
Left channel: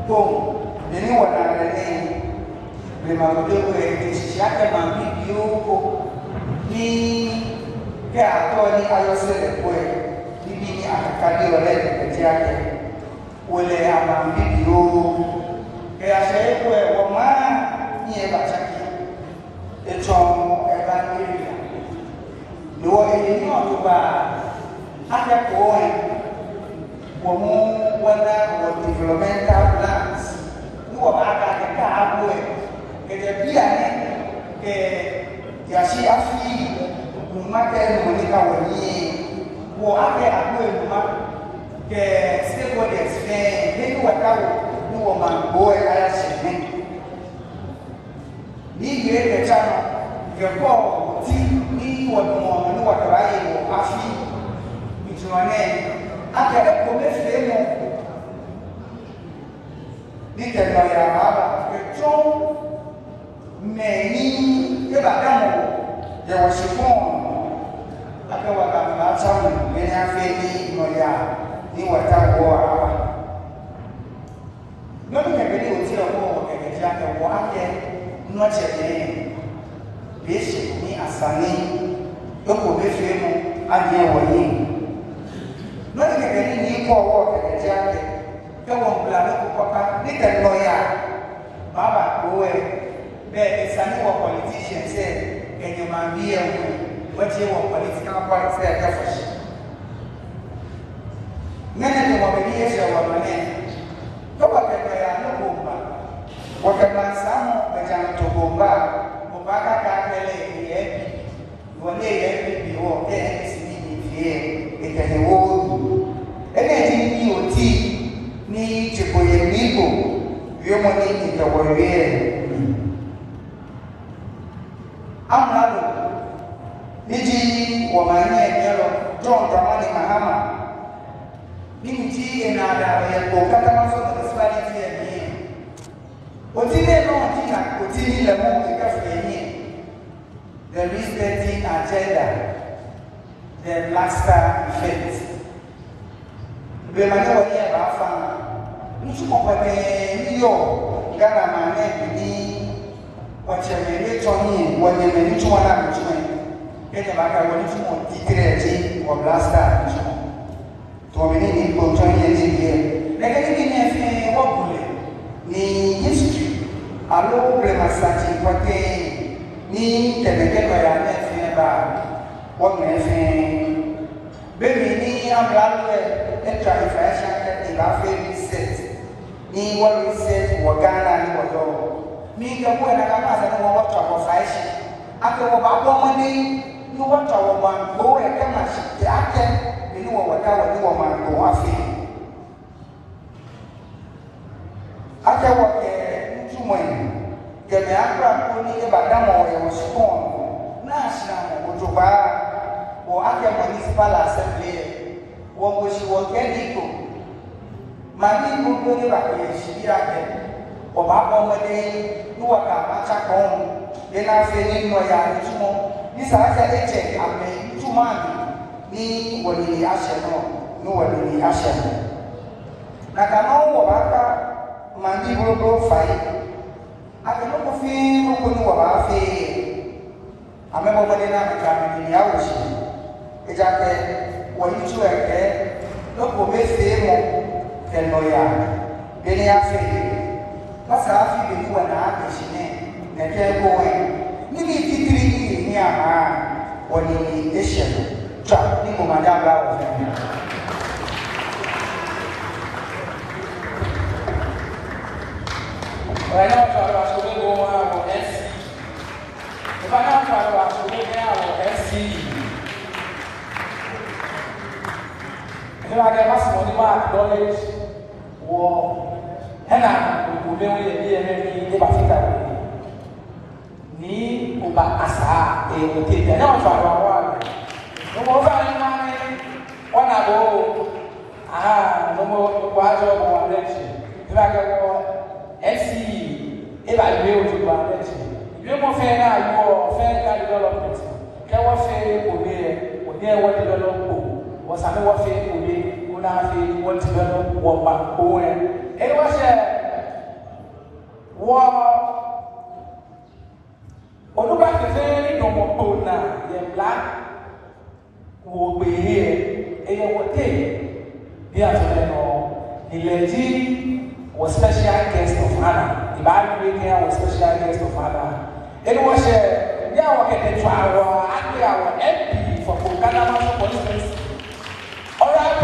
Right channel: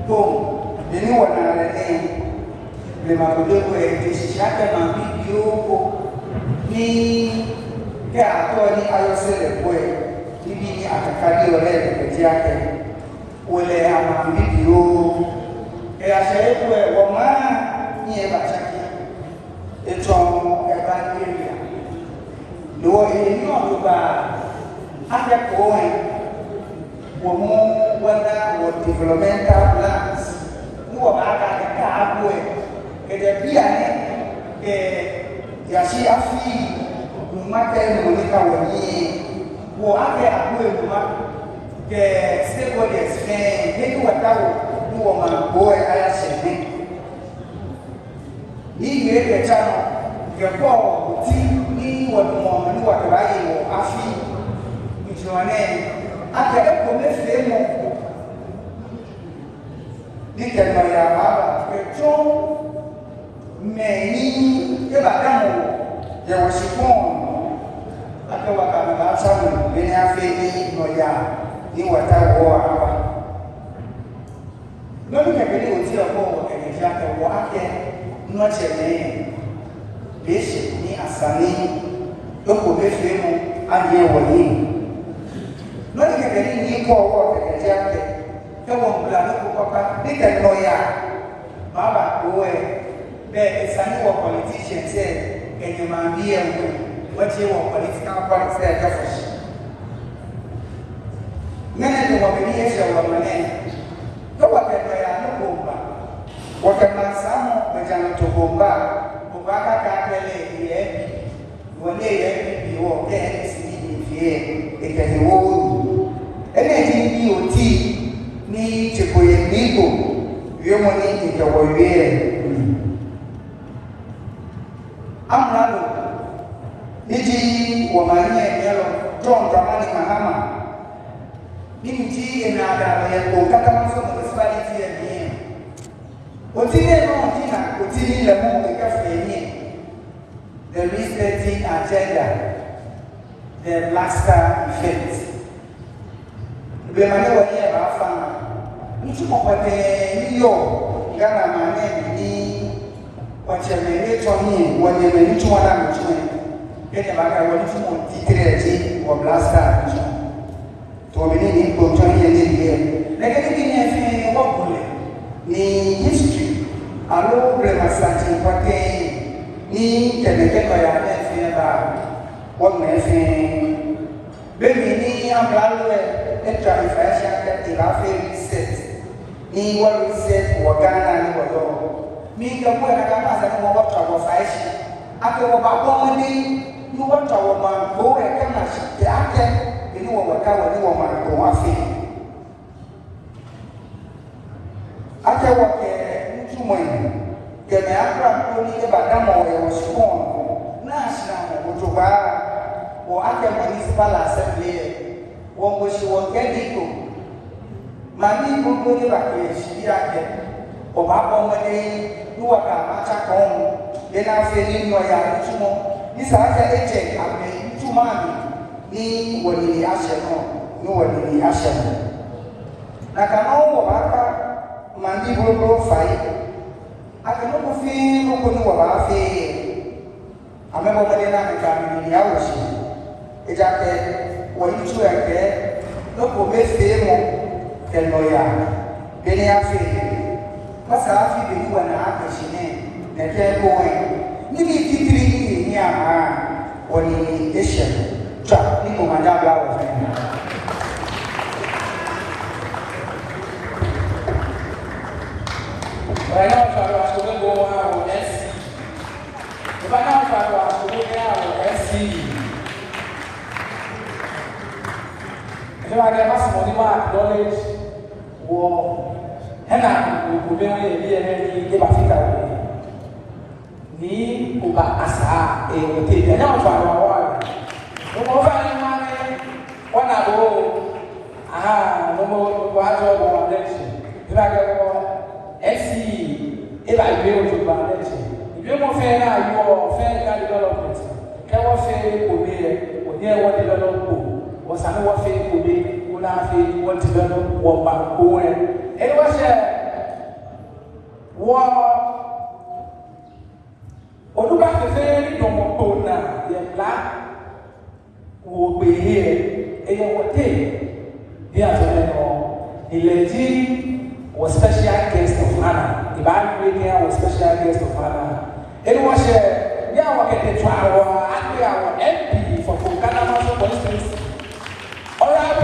Bom, ele olhar aí, levava o meu disse, já que é uma vídeo, ni que a tua ni ayo se depois, ni a cabelo ele que já que o ele a uma vídeo, que a cheia foi o mar ni é bastante, então é da mídia, no ele não vai até coisa como quando o developmental plans não vai acabar com ele é piano que assim a filha no matéria no livro o até a coisa que stakeholders vem que o atao no uma boa área sempre ni ele chama que o ti ni o no trabalho a filha me até começar ni que vai lá que tão meni que vai dar um eu acho bom até o cara sabe bem a feita no ya ni o tá boa não me quero dizer o que já tá boa que não é deixe ni asani eu começar a ver o aí não é que ele nem pode que já que eu vou lá no papá nem que não ia baba oe bem sani o politician say que you man be what you want political politics é just nem é que o obediência o mané to wa que não ia no bomba o que mais amo é já no bomba o vaca ele é o nem é que o que é esse nível é que o ele tem bioti ni tipo yenigo yo mani ni to webe amnalo niji wa mani yelo John Dramani Mahama niji enada le ko kata maso municipality ya ni otile no tina otile le mo ka feni the listing agenda the last event bemanya woni e ba fa ntu mo pate ni yo gana ma ne ni wache me to ni woni me ntu wala mtu ke ta ba ka woni tu mo titre ti o blasta to me ni ko to ni ni ne ke ni ne fi wo bule ni history alo bre ma sa ti pate ni ke ne ke ba ya ne fi ba wo ne fi bemi ni ambralo extra inflation that il a fait reset ni what reset wa Ghana ni wato mi ka kwa na kama sana mo wata wa faishi ake wa ba kwa ni wata wa ma go e kama shi ake ni wa wata wa ni wa ma ko afi ake wa ke mtu mwenye ke na akra ko ni ba da mo ya shikon na shi na mo to ba o ake municipal assembly wọ́n kò ṣe wọ́n kẹ́lí kò máa ní gbogbo nígbà pé ìṣìbí àjẹ́ ọba ọmọdé níwọ̀ta àtàkọ́ ọ̀hún lé náà fi nínú ọ̀yà ìtumọ̀ ní sàáfẹ́ ẹ̀jẹ̀ àmì ìtumọ̀ àmì ní ìwọ̀lẹ̀ àṣẹ náà ní ìwọ̀lẹ̀ àṣẹ náà. Nàkà náà wọ̀ bá ká máa ní gbogbo fàyè akẹ́kọ̀ọ́ fi gbogbo ní wọ̀ bá fi àmẹ́bọ̀ ọmọdé náà nìkan ní ìyàwó ṣe ìjà pẹ́ wọ́n tú ẹ̀kẹ́ lọ́pọ̀ mẹ́fẹ́ mọ́ ẹ̀lọ́yà bẹ́ni afẹ́ wọ́n sáà fi bèèrè wọ́n náà kẹ̀ṣẹ̀ ní ẹ̀kẹ́ gbọ́wẹ́ níbi títí ní àmà wọ́n ni ẹ̀ṣẹ̀ tó nínú màdábà wọ́n náà. Ọ̀rẹ́ náà fàwọn aṣọ́gbé gbọ́wọ́ àwọn ẹ̀sì ìbá náà fàwọn aṣọ́gbé àwọn ẹ̀sì I get us money back, knowledge, war, and I will be able to get back. Ni uba asa e now from our no more family, one ago, no more quadro or election. If I go SC, if I will to election. If you want fair now, you fair development. Can we say, we near what development? Was I know what faith would be, would I feel what to go, what back, and it was Oduka fefe no mo na ye black wo be here e ye wote bi atome no eleji was special guest of honor the Bible here was special guest of honor it was ya wa ke twa ati our MP for Kokana for instance all right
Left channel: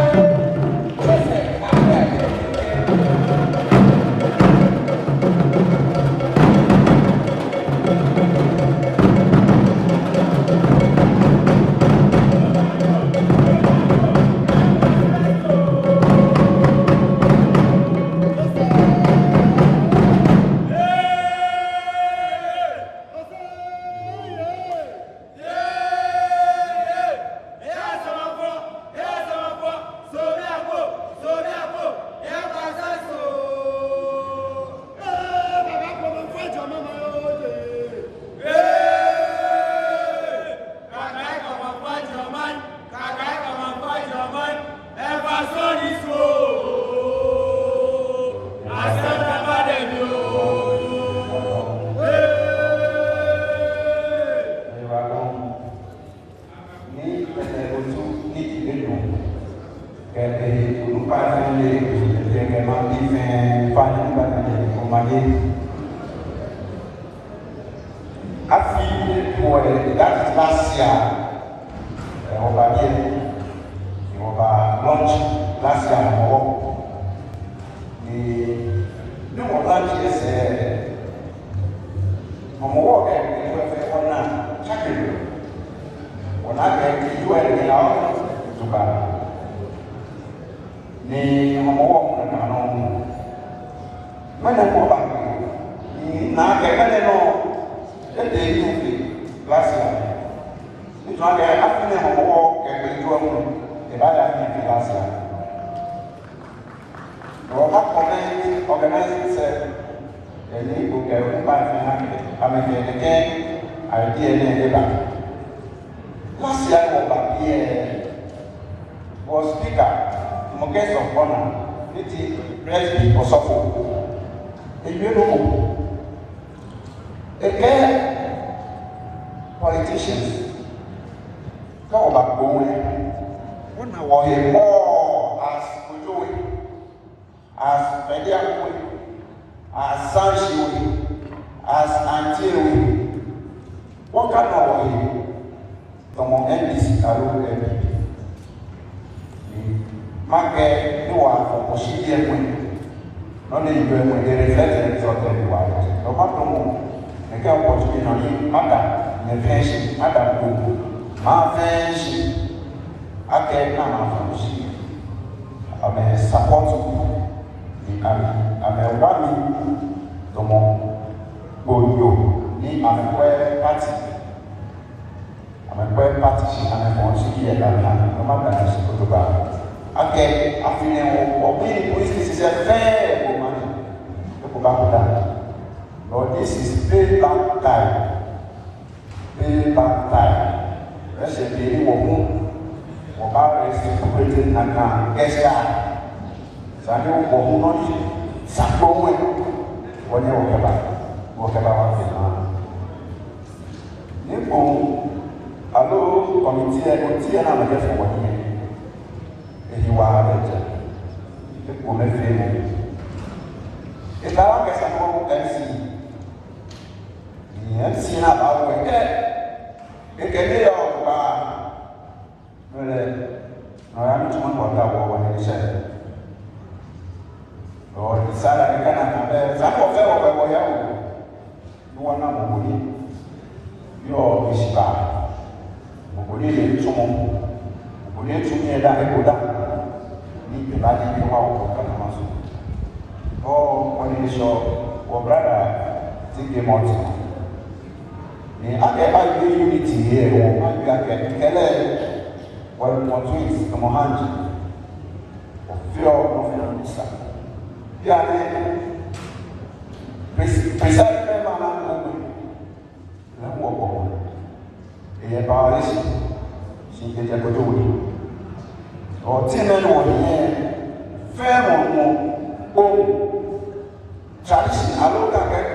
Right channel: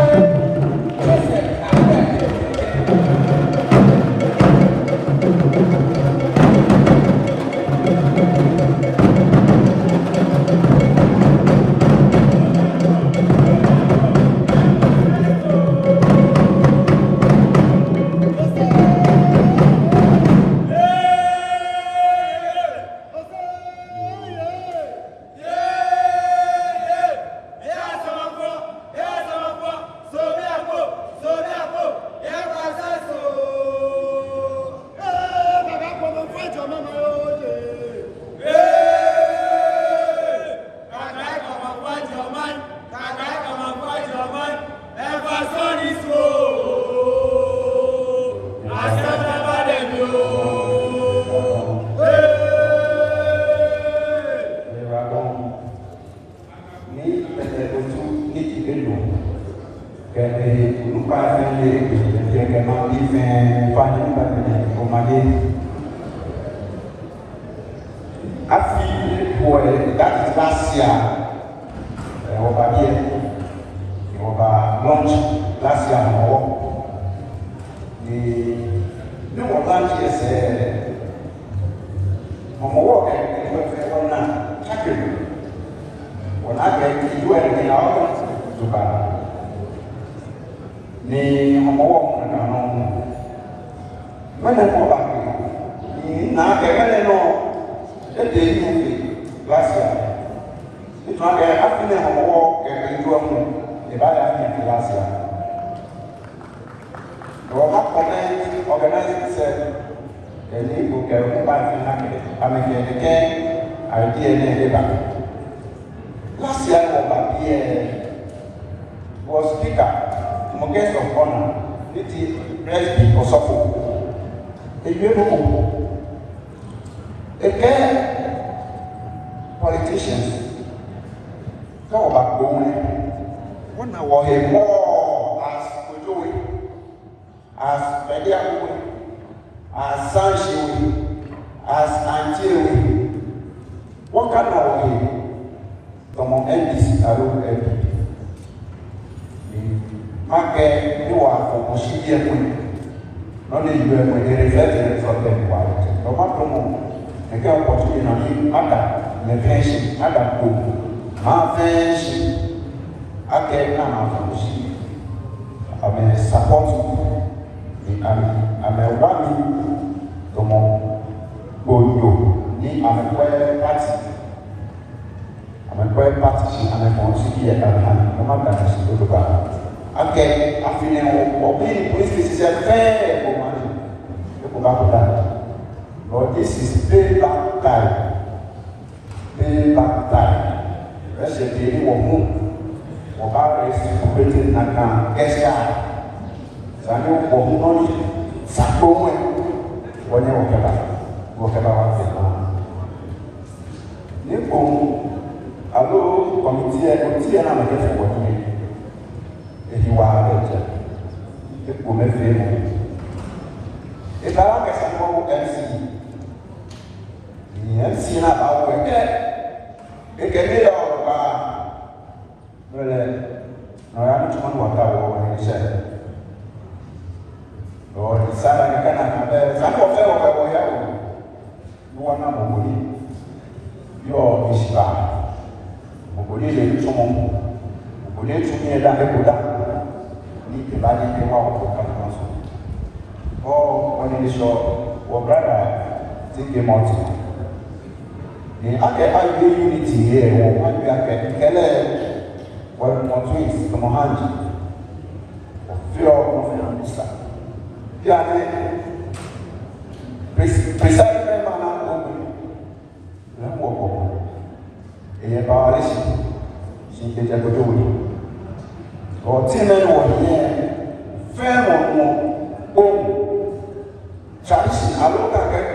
tradition, I look at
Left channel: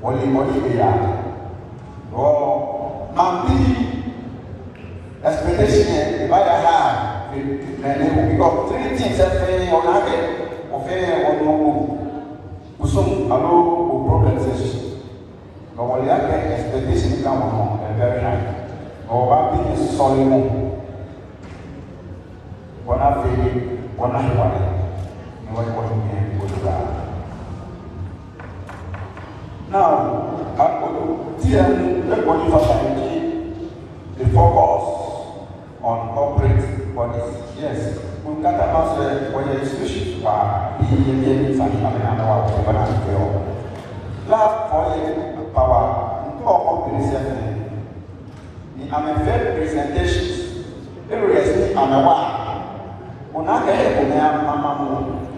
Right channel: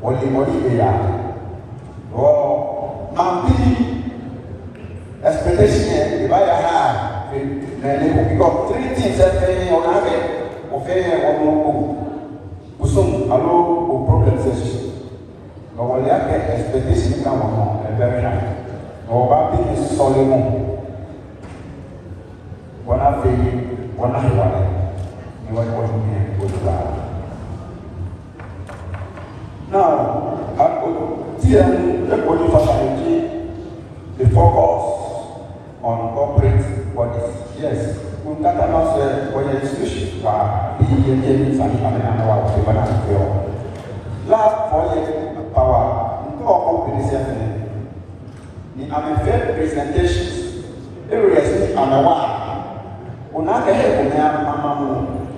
What oh, now be expectation here. By a hand, we got 3 things that they on have of a or some allow problems. No one expectation come on and very high. Or what is solid. One I feel, one I have. You want to be able to go. Now, the focus on corporate bodies. Yes, we can about when the issues are being last for power, I'm a fair presentations, every and a one. When I get a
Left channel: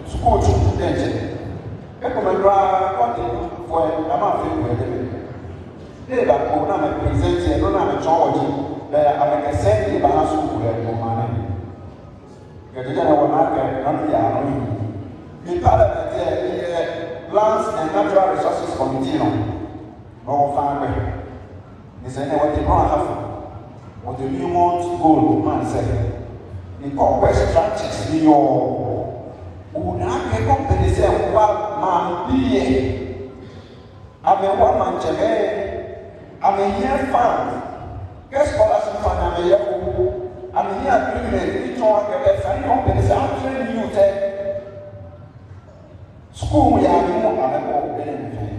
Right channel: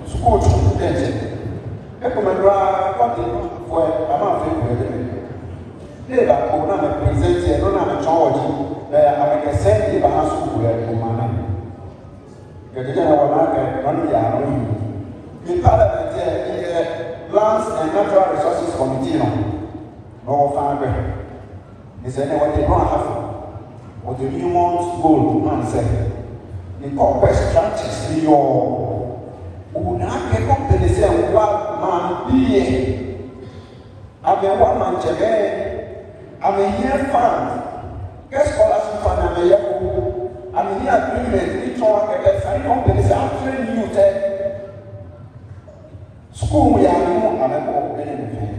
school to attention. They are presenting, not a charge. They are sending the house to money. The Lands and Natural Resources Committee, no family. Is anyone they don't have or the new ones goal and say, in corporate structures, you would not get up to the same man be. I'm a woman today. I'm a year found. Guess what I said? I'm here agreement. We talk about sign up because I'm training you. School, we are more than a anything.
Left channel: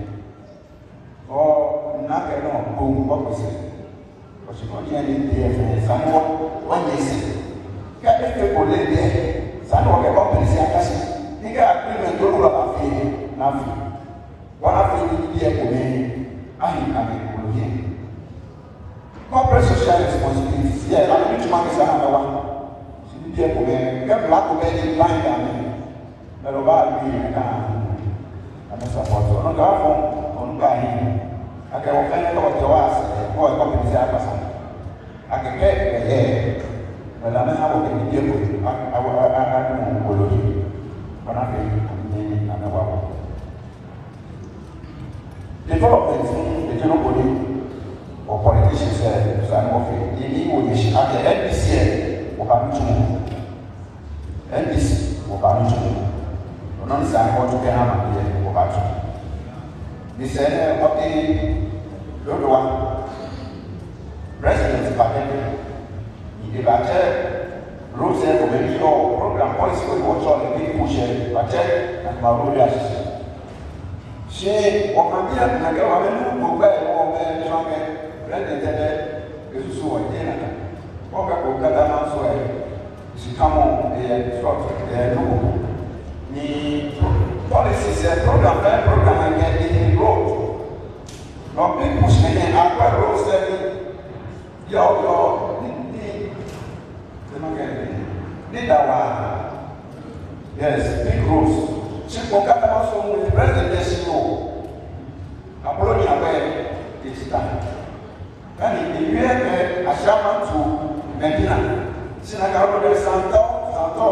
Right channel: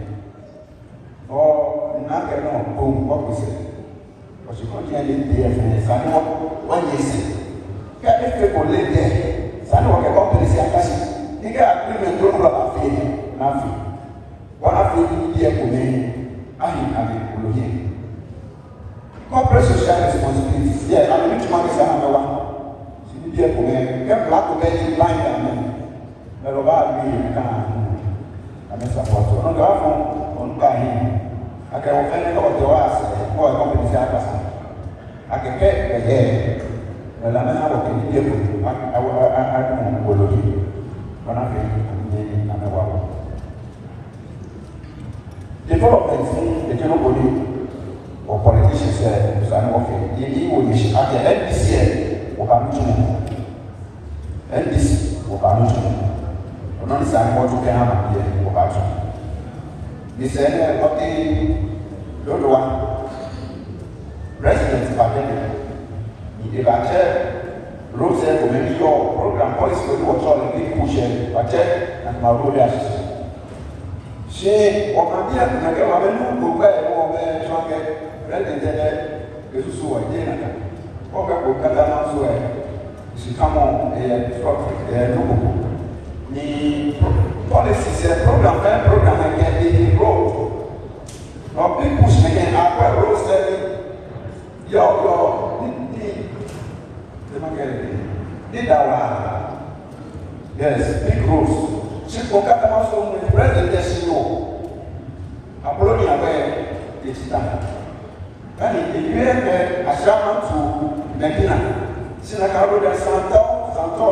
Or not a long boom officer. Because you can't get in there for the when you say, get if people live there, sign up about the same. You got agreement to go up here. Nothing. What I feel to be a woman, I am here. Corporate social responsibilities. Yes, I'm rich man is another one. She be a woman, get black women blind and me. But about me, I'm a supporter. On the phone, on Bani, I can offend about the last, who are going to be I can get a hair, but I'm not working with I don't know, but I'm going to another. Development, the general body or politicians say, the EU issue at the NBC will come to NBC will come to non san what you can have here will come to. They said, what they don't want residents are in the latter rules and the program policy will watch the people pushing, but and my road. She or my dear, and I go and go back home and talk red and the is so again. Okay, we got that answer. She come on a short the policies and program and get the road. No people saying, I road saying, your need our yes, big rules. She will come also with president Apolonia where it's time. And if you have a shaman to Medina, Sinaka Santo,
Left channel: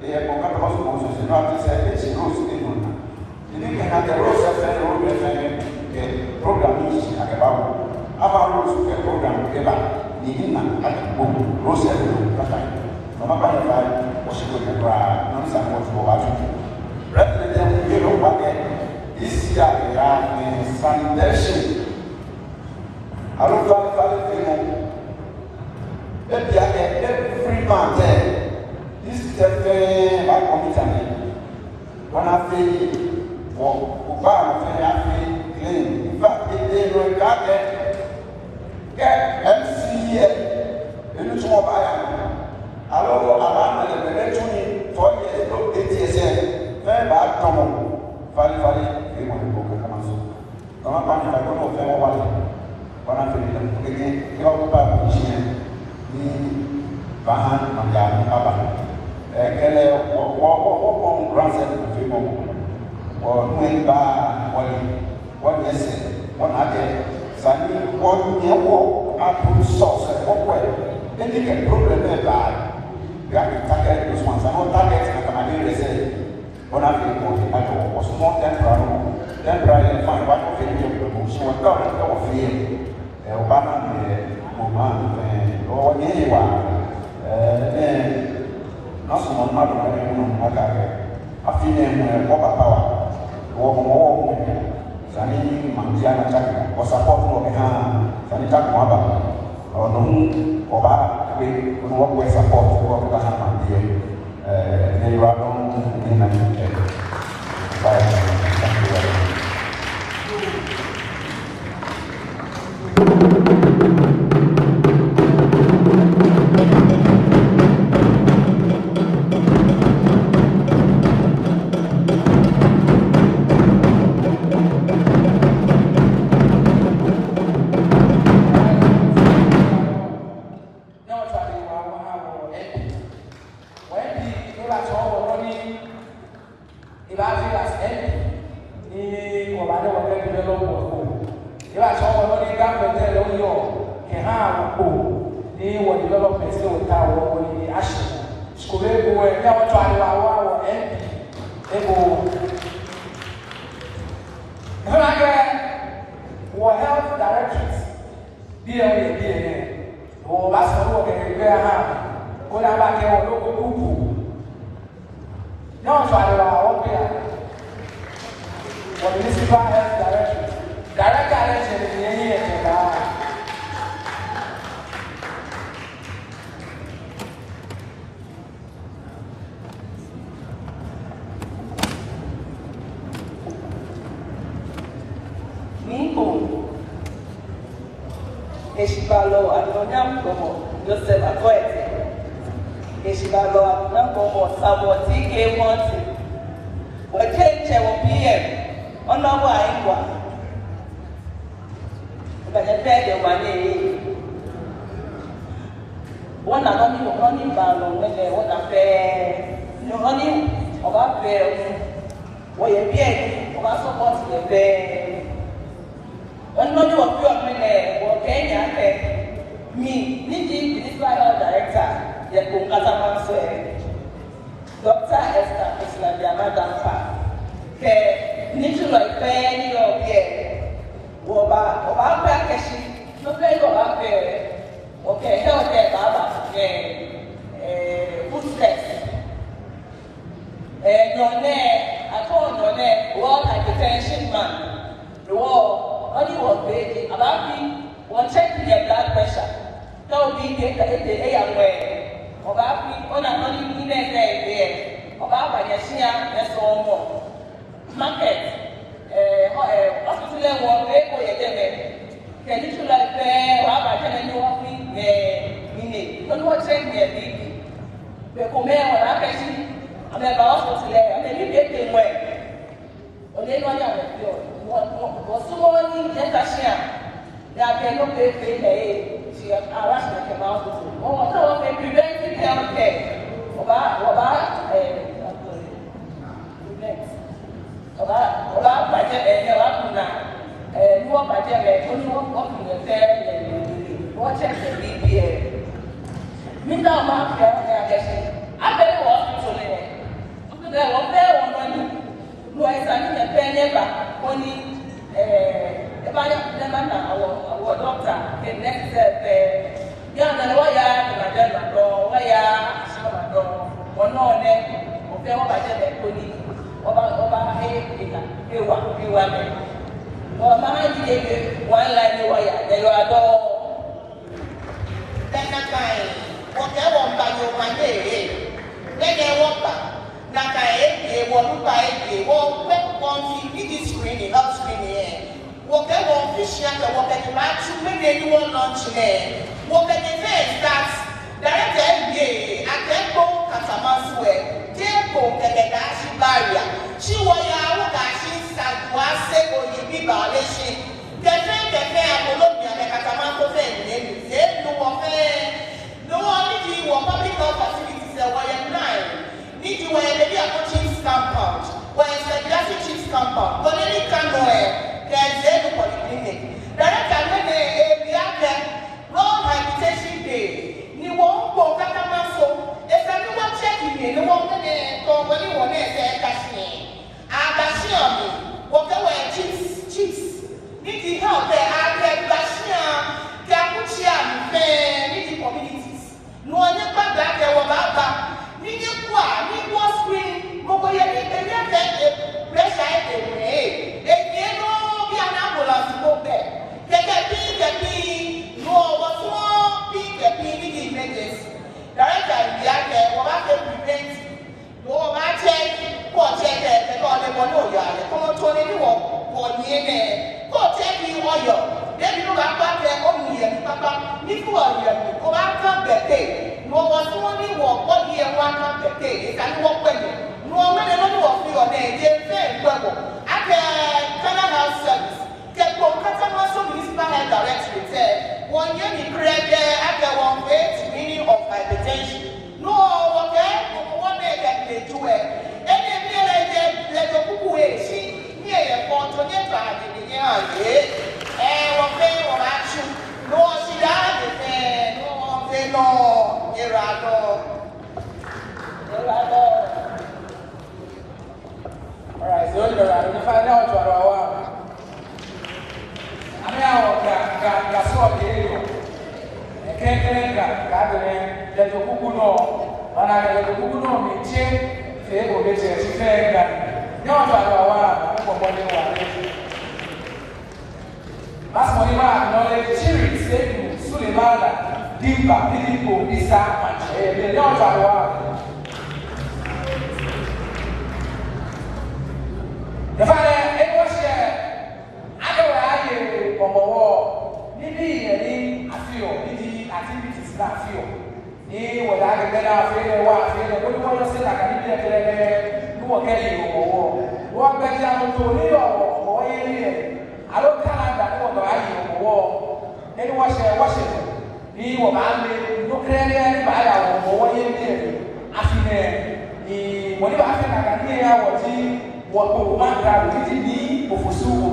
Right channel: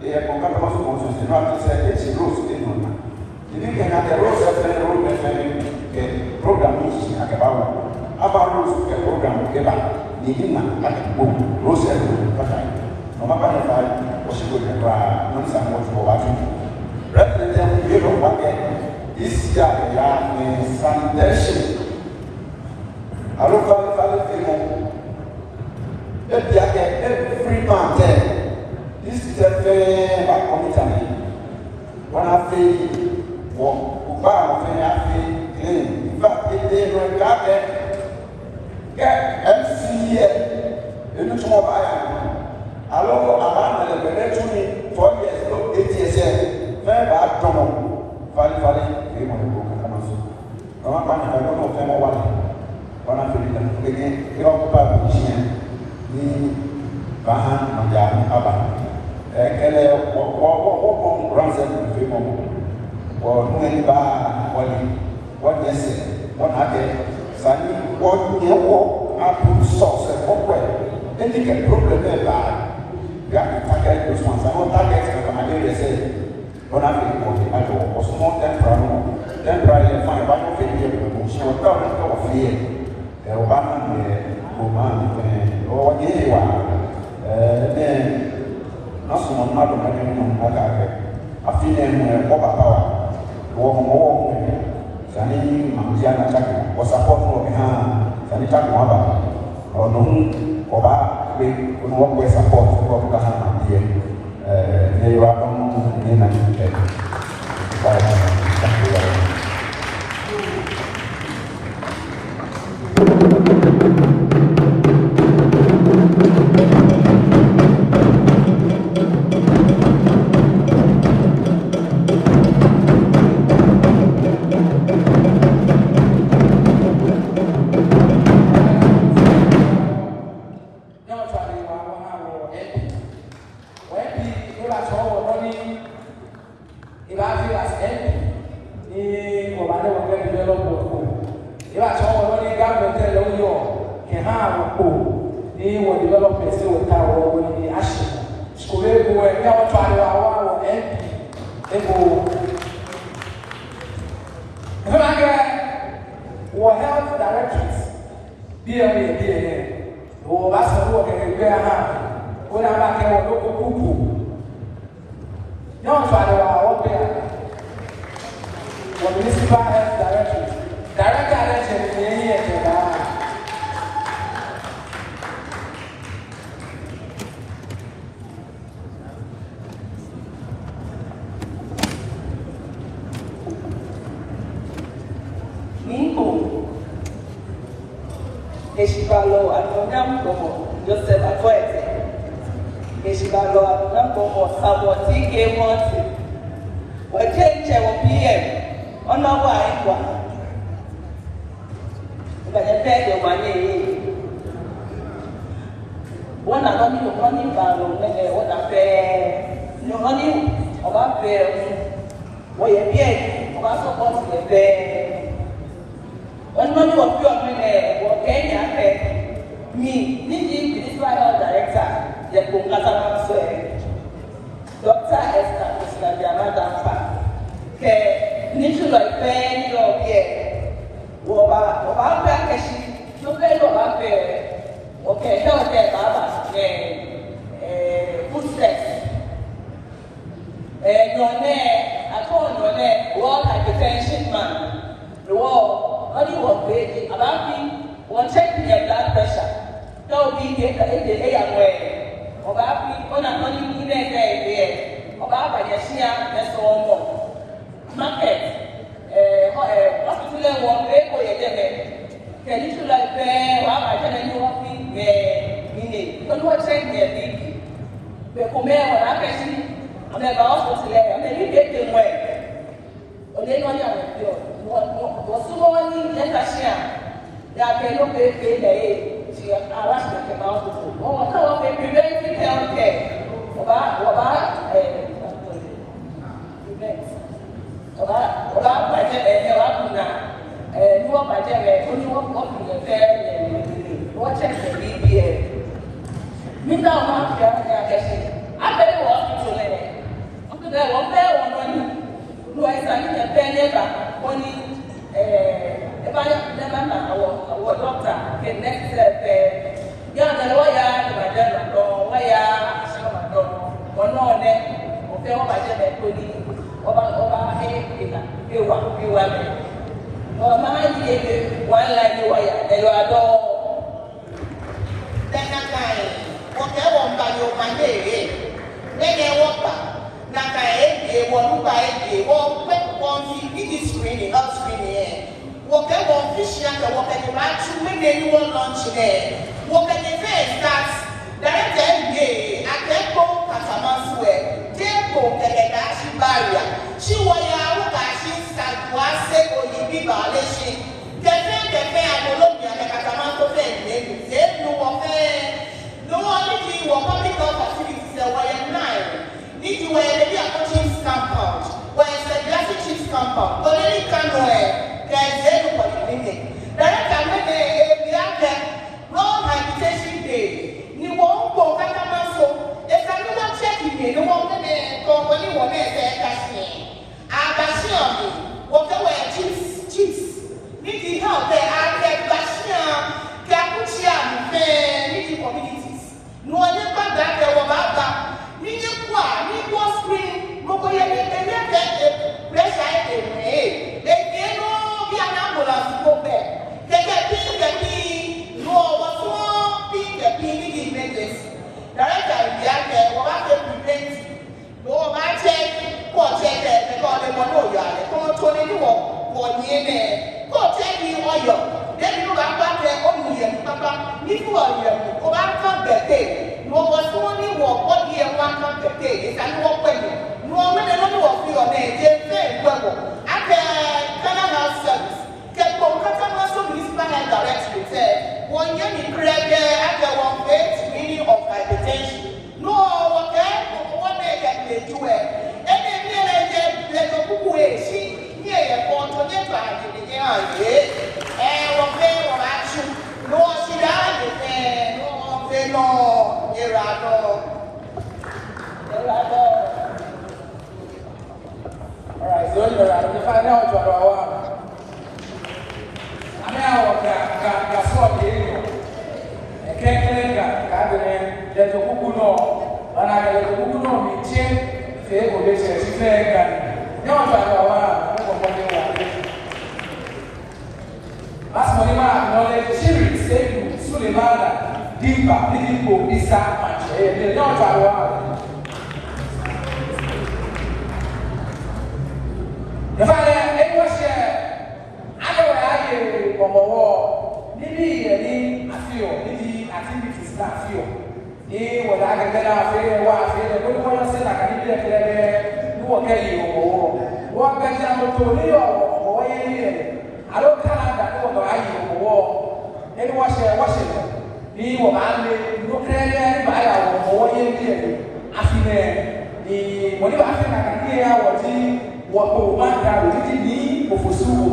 they have come also to not say it's a rose thing. If you can have the rose as a road program is about rules a program together, Nina and book, rose as a no matter if I should go to rather than we don't want this year in sanitation. I don't know every month. This is a very commitment. When I feel clean, in fact, if they don't get MCA, in which I don't know around the election 4 years ago, 8 years ago. Very bad problem. Finally, we want to go to Amazon. I want to go to Amazon. One of the things, you know, about the Bahan and the Abba. I can have a grandson to film or many what they say. One other, Sunday, 1 year old, apple sauce and open. Then you can problem there. You have to target those ones. I want targets that I'm going to say. When I think of it, I was more temporary and fine, but wa nasi mama do na mama ga afine ko papa wo zani mamzia na taka ko support no ha zani taka mo ba ono ko ba ke mo ko support ko ka na dia ne wa ko ni na ni ba usual year, go back come the day. No was only what year one come the day, and what when no when another of you on a day, well, I can have service. Kept on cutting so his man directly said, 1 year in grade, after 1 page, meaning of hypertension. No, okay, 1 day that they do it. And then let the people see here for 20 times in the year, and one day of action. No, she died, no, they know, here I go. All right, so we find out for our. Now, that's what they do. A can't get the Kukuno, and I get the Kukuno, me check, they will be fair. No, I as Molima, knowledge, series, Satan, Sulemana, Dimba, Didipo, Bisa, and not our. The father, was here. Ọmọ wọ níbi ìyẹn àfihàn níbi activities náà àfihàn ní wọ̀dà àgbẹ̀gbẹ̀ náà àfihàn wá àfihàn kó ní wọ́n lọ sí àgbà níbi ẹ̀kẹ́lẹ́gbẹ̀ níwọ̀n kẹ́lì ọ̀wọ̀ wọ́n gbẹ́jà mọ́tò nílò ọ̀wọ̀ yẹn ní rẹ̀ àlọ́ kánádà ní ọ̀gbà ayé ọ̀wọ̀ ẹni wọ́n ṣe ní wọ́n máa ń lé inú kẹ́rẹ́ ní bàálà ọ̀wọ̀ yẹn ní rẹ̀ àfihàn ní wọ́n ní bá fẹ́ kàkà ní ẹ̀yà wọ̀ tí wọ́n kò wọ́n gbà wò títí ní òfòsù wò.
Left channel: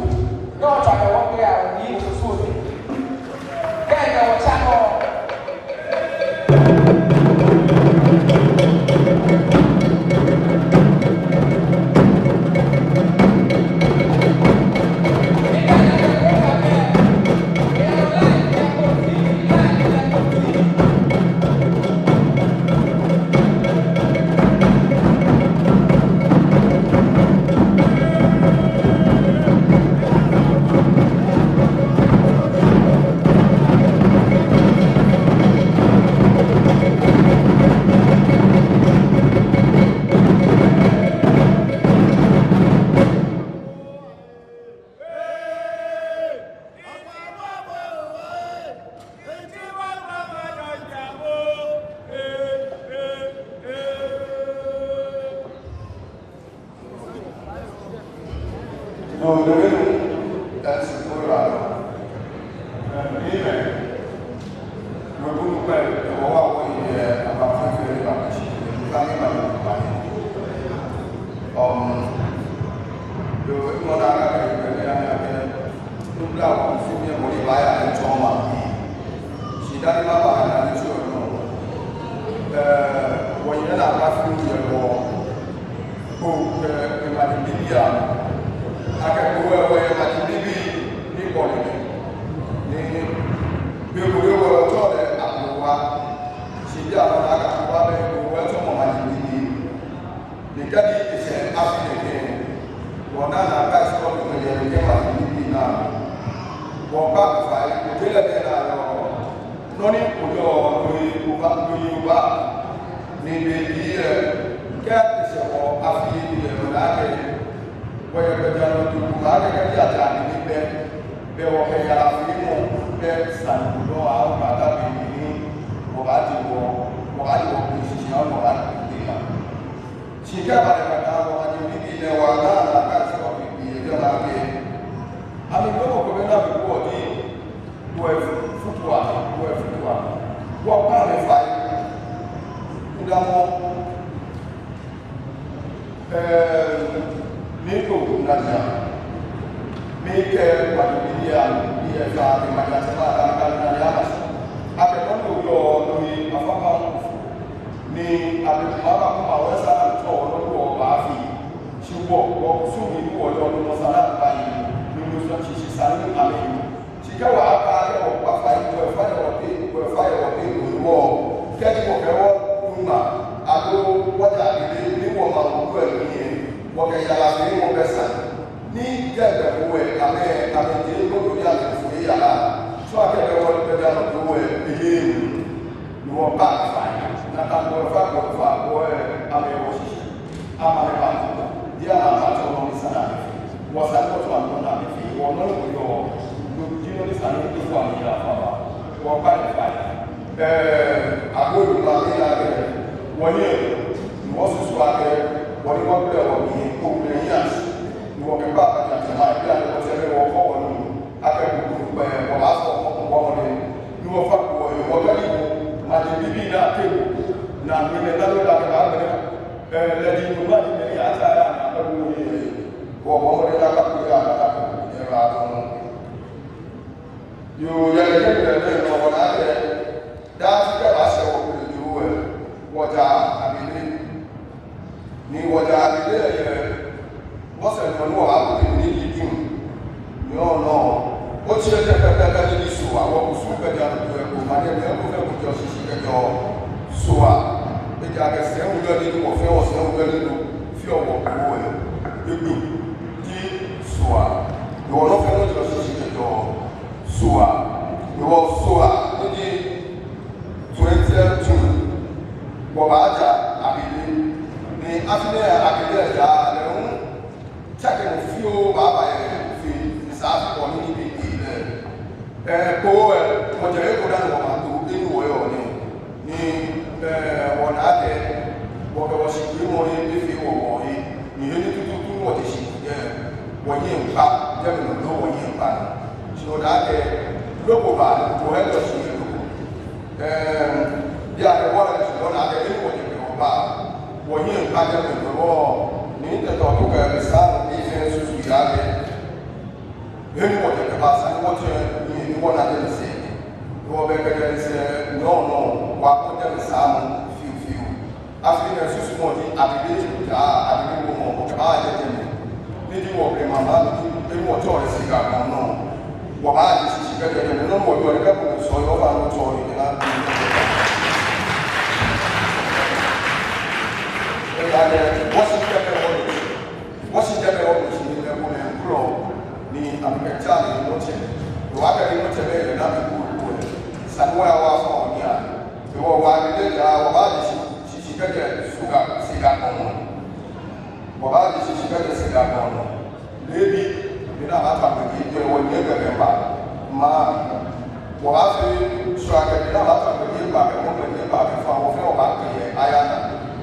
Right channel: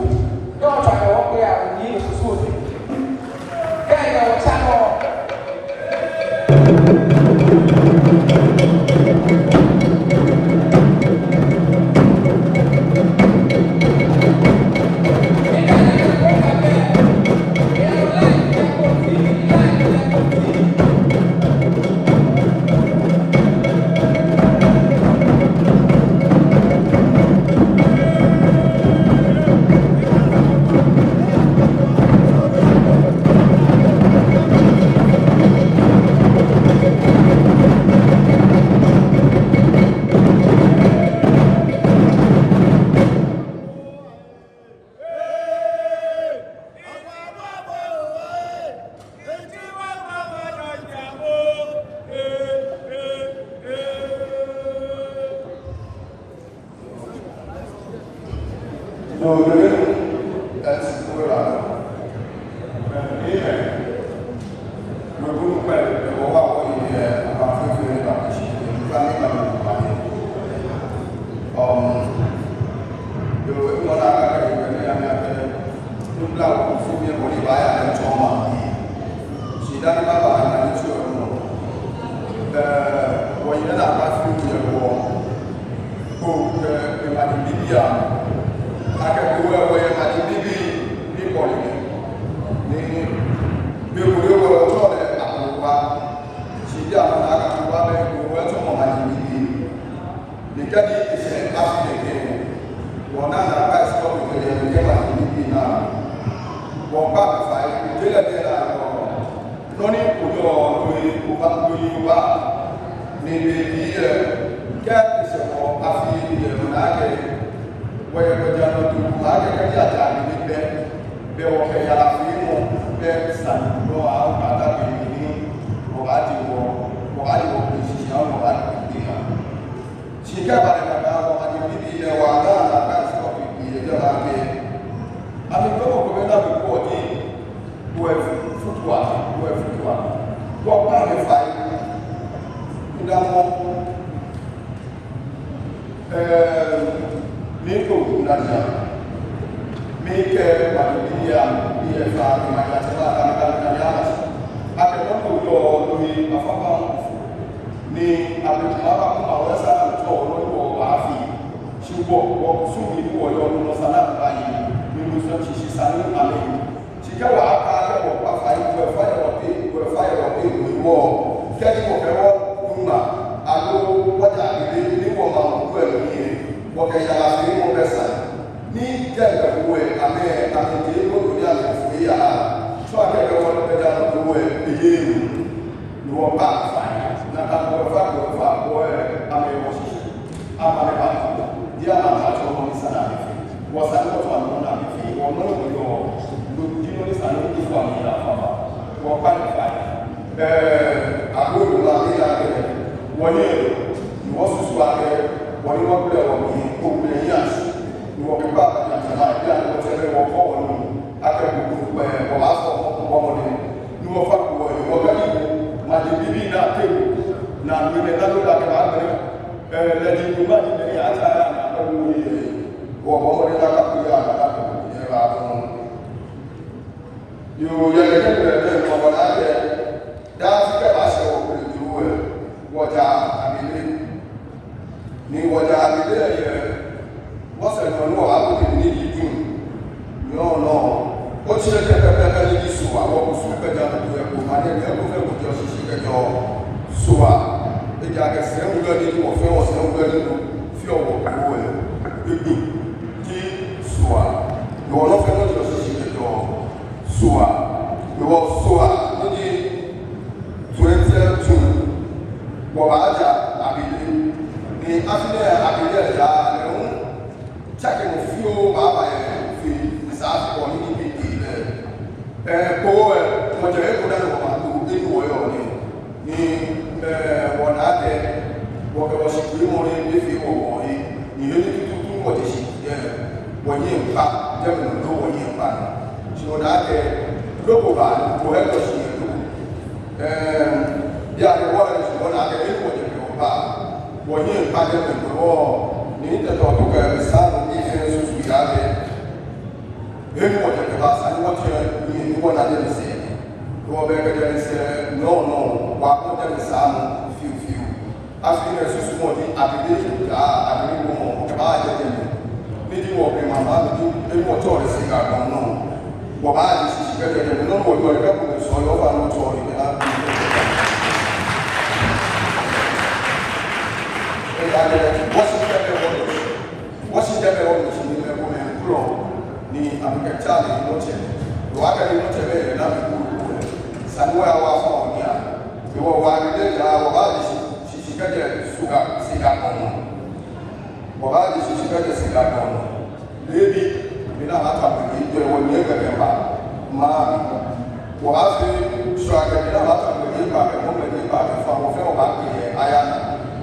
No, I don't care. I need to food. Hey, what's up? Wọ́n bá ní fàyè. àbúrò ìlú wa ní abẹ́rẹ́ wọ́n ní ẹ̀rọ ìwọ́n soso abẹ́rẹ́ wọ́n ní wọ́n bẹ̀rẹ̀ wọ́n ní òmìnira yíyàns ní wọ́n pípa àtàlà ìdí àti wọ́n tẹ́lẹ̀ wọ́n kọ́ wọ́n ní akẹ́kọ̀ọ́ wọ́n wá sọ ọkọ̀ wọ́n ní wọ́n fa kọ̀ wọ́n bẹ́ẹ̀ ní màdì bíbí náà tẹ̀wò náà ní ilẹ̀ náà ló dàgbẹ́ àgbẹ̀rẹ́ lẹ́dí ìlú má di mẹ́rin àti àyà àgbẹ̀wò wọ́n wọ́n ní lákàkúrẹ́ àgbẹ̀rẹ́ àgbẹ̀wò yóò yẹ ẹgbẹ́ ìwọ̀n láti dáàtí kẹfà ṣe ìlú ẹ̀ wọjà àbílé ní wọjà àbílé ẹ̀yẹ wọ́sẹ̀ pẹ̀lú àbúkù ní ìdún ní ọ̀nà ó tí ó jẹ́ pẹ́pẹ́pẹ́ ní ìṣù àwọn oṣù pẹ̀jà lọ́dún ẹ̀kọ́ máa ní ẹ̀mí ẹ̀kọ́ fẹ́ kò jọ ṣíṣí kẹjọ ṣùwà ìjà kẹsẹ̀ ń lọ nínú ọ̀fẹ́ ọ̀sẹ̀ ń lọ nínú fí ọ̀wọ̀ pẹ̀lú ẹ̀ gbígbì kí ṣùwà ìwọ̀n lọ́fẹ́ wọ́n jọ ṣíṣí kẹjọ ṣùwà ìwọ̀n ṣùwà ní 2022 bọ̀bá àjà àbílé ní afílẹ̀ àbílé ẹ̀dá lẹ́hún ṣàkẹ́mù fí ó bàbá ẹ̀ fi ìsáàfipọ̀ ní níbi ilẹ̀ ẹ̀kọ́ ẹ̀ ọjọ́ ẹ̀kọ́ dáná wọ̀ àpò inú ọ̀yọ́ ní wọ̀n àtẹ wọ̀kẹ̀wọ̀ṣì pé wọ́n ní fi ọ̀wọ̀ yìí ní ilé tuntun tún wọ̀dẹ̀ sí wọ̀nyí ẹ̀mpa jẹ́mìnà ló wọ̀nyí ẹ̀mpa ṣùgbọ́n àtẹ lókòbà ló ẹ̀kọ́ sí ìlú bí a ti wọ́n rẹ̀ ṣùgbọ́n àti ẹ̀mí wọ́n ti pẹ̀lú bá wọ́n yí ìpàdé pẹ̀lú wọ́ ní ìtẹ̀tọ̀ tó bẹ̀rẹ̀ sáàmù ní ìfẹ́ ṣoṣù ìyá rẹ̀ ẹ̀mí wọ́n ti pẹ̀lú àṣà ní wọ́n ti yí ní wọ́n náà jẹ́ sí ẹ̀ wọ́n bẹ̀ kẹ́jẹ́ ní sí ẹ̀ náà wà kọ́ jẹ́ sáàmù fíufíu àfihàn ṣoṣù mọ́ ní àbílẹ̀ ìjà àbílẹ̀ wọn kẹfà àjẹjẹ mi níbi wọ́n pè màmá mi ní ẹ̀mí wọ́n tọ́ rẹ̀ sí gàgbà náà wọ́n á jẹ́ ṣiṣẹ́ kẹ́jẹ́ mi náà wọ́n yọ ẹ̀kẹ́kùnrin sọ yọ́ fà lọ́tọ́ rẹ̀ Washington Washington ni lebo na kuro ni amekachali wote waka ni wote bele na mikuru sanwa wa fa onia wo wa bile ja wa ba shishikaje suga siga kono wa ba shishikaje siga kono lebi bina hata mwenye wo nyega gaba ma wa fi swaga bina hata mwenye ba ka mo mwenye ba ka fa wo fe wa ba ke ayana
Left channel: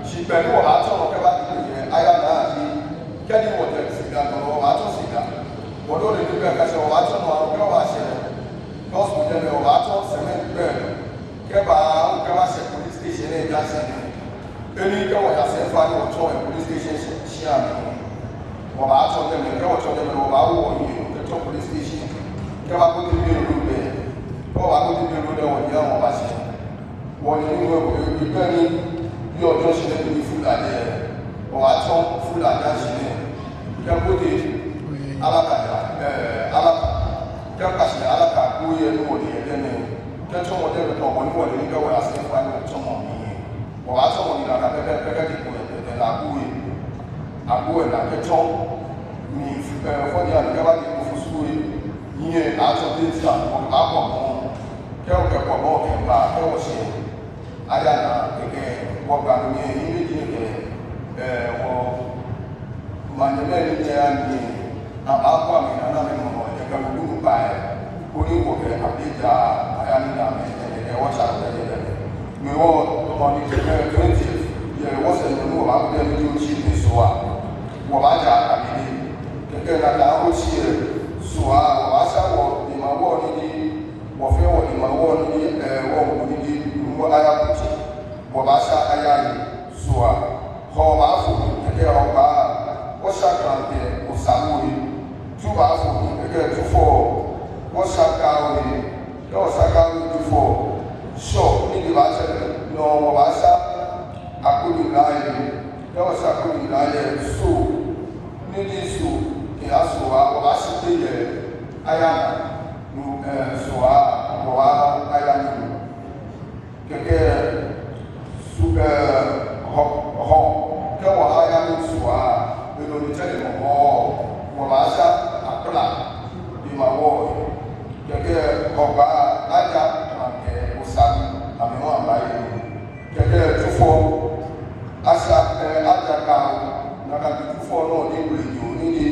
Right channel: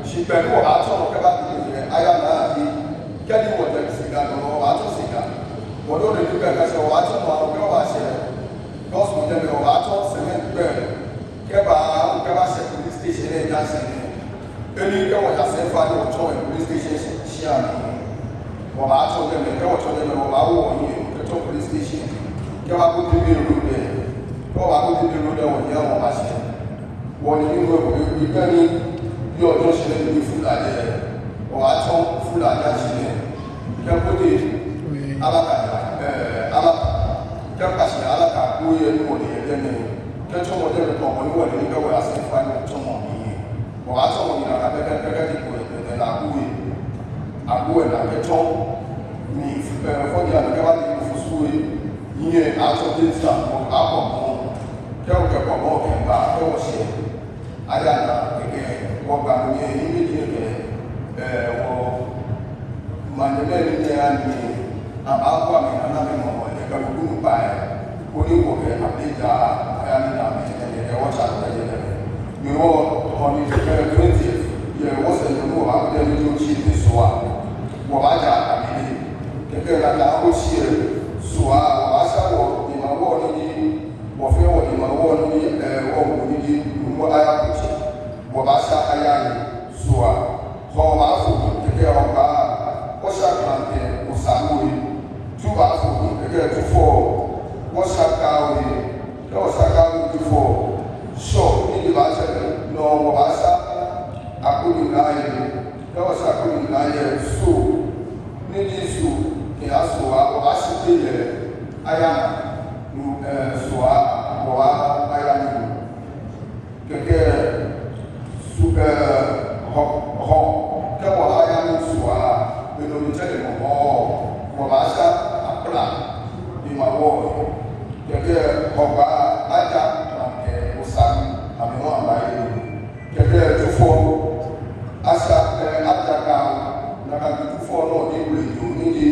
shi pẹ̀lú àtọ̀ kẹba ti yẹ ayá náà fi kẹ́ni wọ̀ jẹ́ sìgá lọ́wọ́ àtọ̀ sìgá wọ́n ló lè ní bẹ́ẹ̀ kẹsẹ̀ wọ́n àtọ̀ máa kẹ́ wọ́n àṣẹ gọ́ọ̀sì jẹ́ mi wọ́n àtọ̀ sẹ́mẹ́ntì bẹ́ẹ̀ kẹ́ba kẹ́ba ṣe police station ní ìjà ìṣẹ̀lẹ̀ ẹni kẹ́wọ̀n yà sẹ́ fà ní ọ̀tọ̀ ẹ̀ police station ṣí àmì wọ́n àtọ̀ jẹ́ mi kẹ́wọ̀n tọ́ jẹ́ mi wọ́n àwọ̀ yìí kẹ́tọ̀ police station kẹ́ba kó ti bí ìlú bẹ́ẹ̀ kọ́wọ́ akó ti bí ìlú dẹ̀ wọ́n yẹ wọ́n àṣẹ wọ́n ní nínú ìgbẹ́ ní bí ọjọ́ ṣẹlẹ̀ ní fúlàjẹ́ ọ̀hátọ́ fúlàjá ṣẹlẹ̀ kẹ́kọ́dé alákàjá kẹ́kàṣẹ̀ alákà kóyẹ ní wọ̀lẹ̀ ẹgbẹ́mẹ́ kẹ́tọ́ wọ́jẹ́ mẹ́tọ́ ọ̀pọ̀ níwọ̀lẹ̀ ní kẹwàá àṣẹ́fà ní ọjọ́ mọ̀ ní ọ̀hátọ́ wọn ìlànà pẹ́pẹ́pẹ́pẹ́ dìbò ẹ̀dẹ̀ àkóyè àkóyè nàkẹ́tọ́ ní ìfúnpẹ̀rẹ̀ fọ́dí àdúgbà dìbò fún súwé yíyẹn àtọ́ dẹ́ta àpọ̀ mọ́ kẹ́ọ̀kẹ́kọ̀ mọ́ kẹ́gbà kẹ́wọ̀ṣẹ́ ayára gẹ́gẹ́ wọ́n gbà lóye ní méjì ẹ̀kẹ́ wọ́n mànyẹ́mẹ́ ní ní àmì àbáwọ̀ àmì nàná mẹ́mọ̀ ẹ̀kẹ́ gbogbo pa ẹ̀ kó ní wọ̀kẹ́ àbíjà ayánilá ẹ̀kẹ́ wọ́n ṣàkóso ẹ̀kẹ́ mi wọ́n ọ̀nì ìṣẹ̀lẹ̀ 20 yẹ wọ́n sẹ̀ ní wọ́n àkọ́jẹ́ ní tó ṣì ní sọ́wà wọ́n á jà àmì ní kẹ́kẹ́ nàdá ó ṣì ẹ̀ sọ́wà wọ́n á ṣàwọ̀ ìmọ̀wọ́ ní wọ́fẹ́ wọ̀ ìmọ̀wọ́ ní ẹ̀wọ̀n ní gbogbo ayákùnjẹ́ bọ̀bá ṣá ayáyé ṣùwà ọba fò gẹ́gẹ́ ọba wọ́ṣàkàlẹ̀ òsàmúrí túbà fò gẹ́gẹ́ túfọ̀ wọ́ṣàkàlẹ̀ lọ́ṣàkàlẹ̀ túfọ̀ ṣọ́ níbi bá ṣẹlẹ̀ lọ bọ̀bá ṣá àkóyè láyé lọ́ṣàkóyè láyé ṣò níbi ṣò kí á ṣùwà bọ̀bá ṣe pé yẹ ayáná ṣùwà bọ̀bá ayáyé gẹ́gẹ́ kẹwàá ayá ní ṣùwà pẹ̀lú ìtẹ́lẹ̀ mọ̀ ọ̀rọ̀ àṣà àpẹẹrẹ ìmọ̀wọ́ gẹ́gẹ́ ọgbà ajá kàkẹ́ ọ̀sán àmìwọ̀n àmáyé gẹ́gẹ́ túfọ́ àṣà àjàkà nàkàbí túfọ́ náà ní ìlú èdè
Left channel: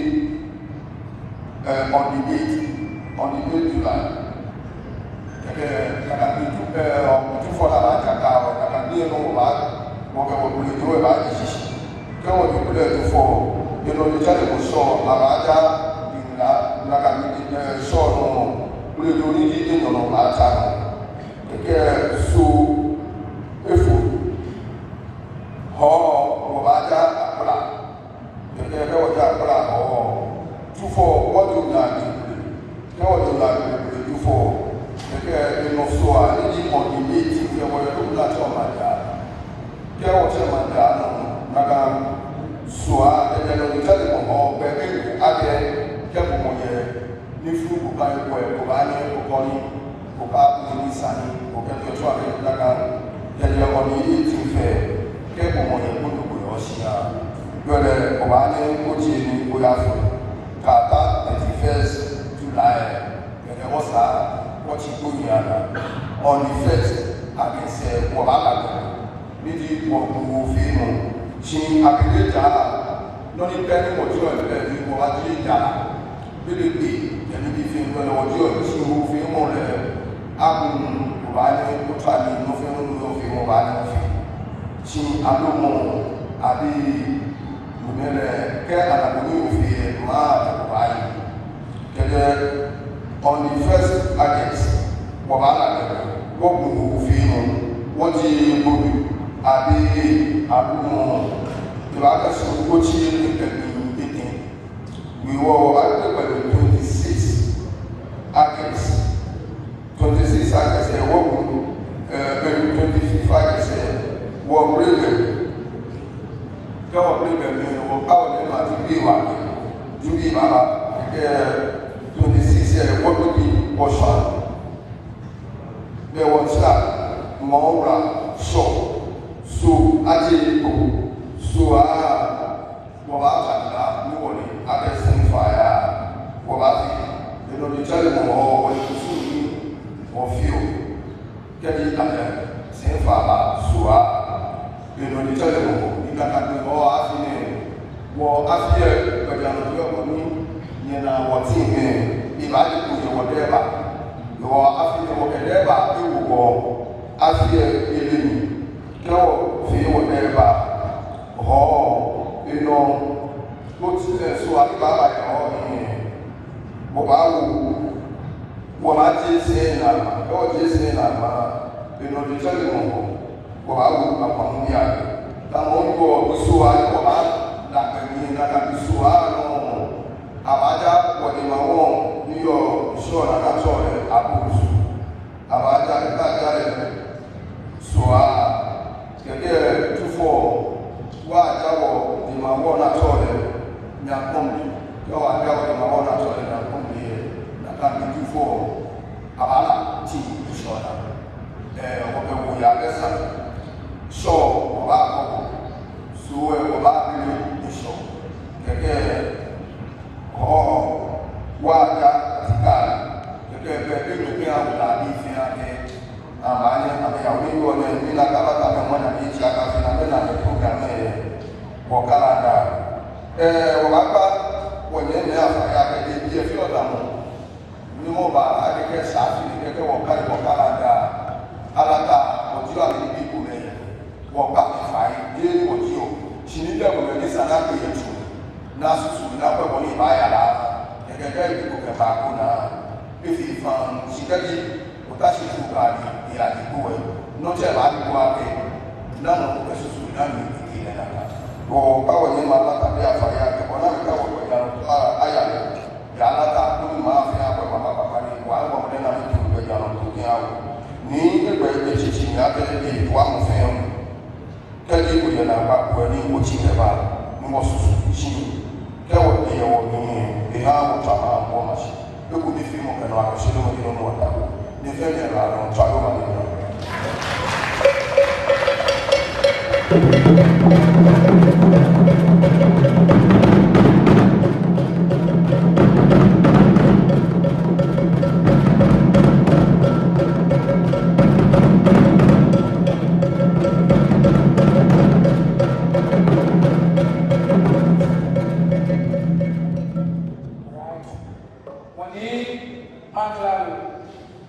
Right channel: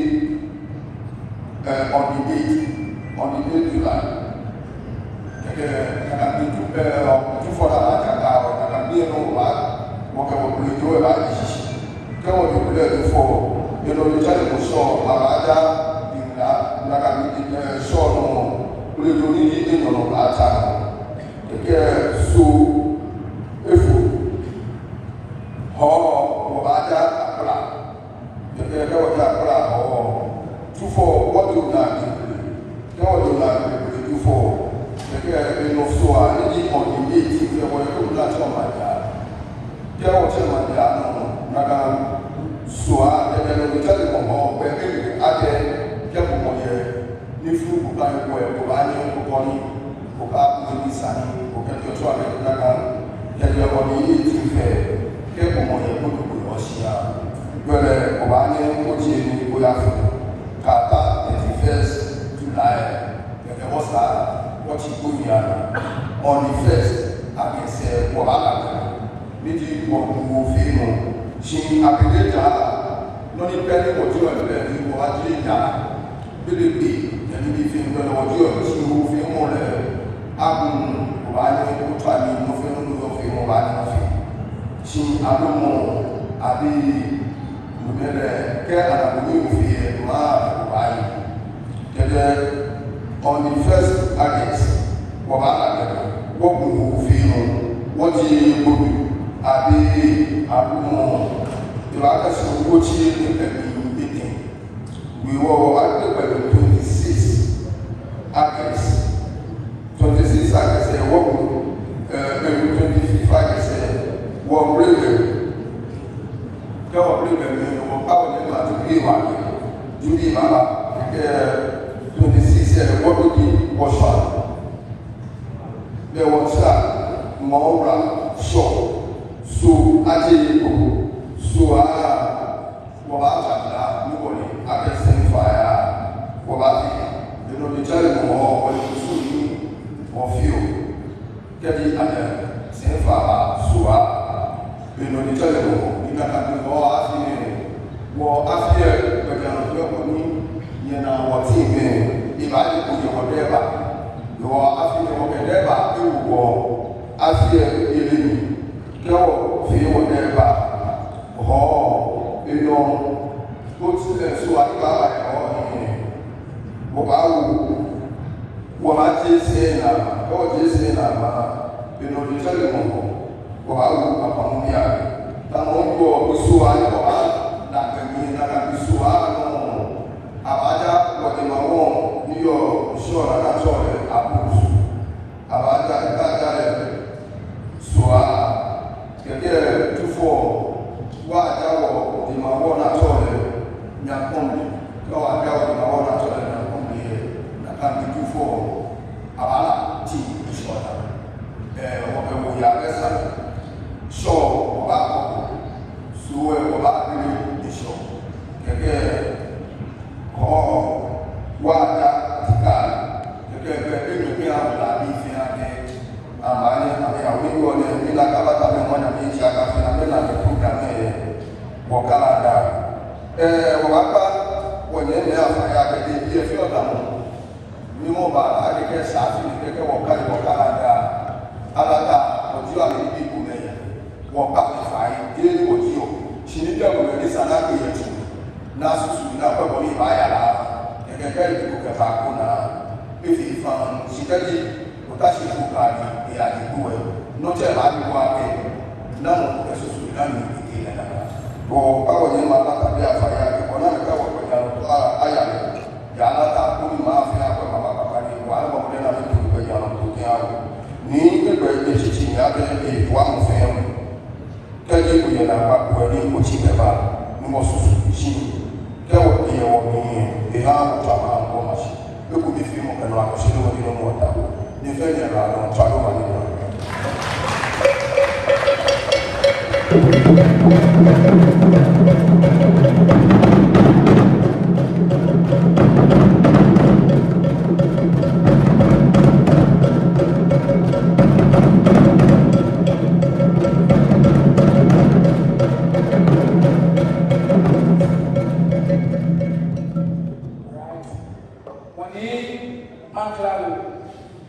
onílé ọ̀dìdé July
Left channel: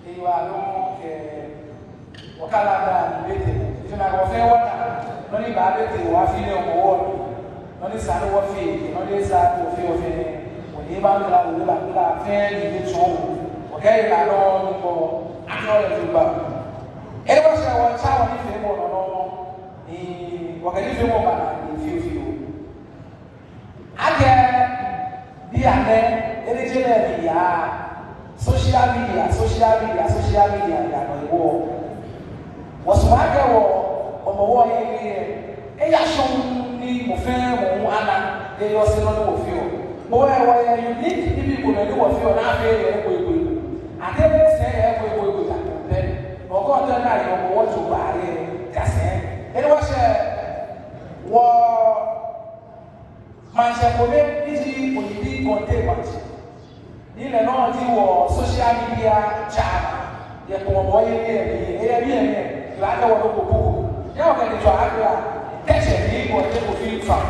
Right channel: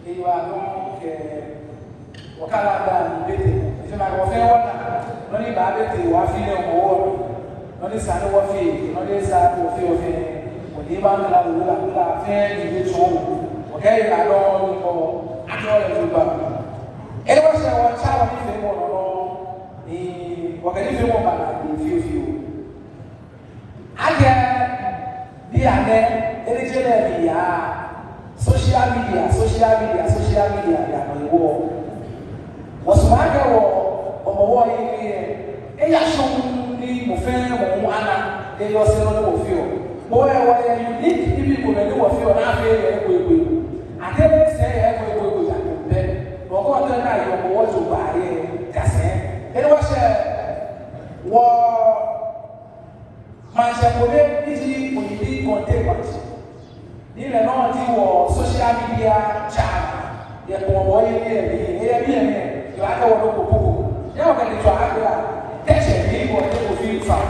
He was Wakala if you have a fair one, only Babette, Wafi or war, only San Wafi, only San Wafi of him, when he was a fair in his home. Okay, I don't know. I can't remember. It was a child of him or the Wakanifi woman with you. I can be a man, educated social media, and war. Was my girl or one a young me, fair, one, they was in a few. Boy, you meet people who know of you and I feel I can't say every good, but what then I don't want to buy. That's it. It was a war. My second easy for the containment. You know, social media chat. You know, why you like our book. Now, when you try to text me, what you feel from.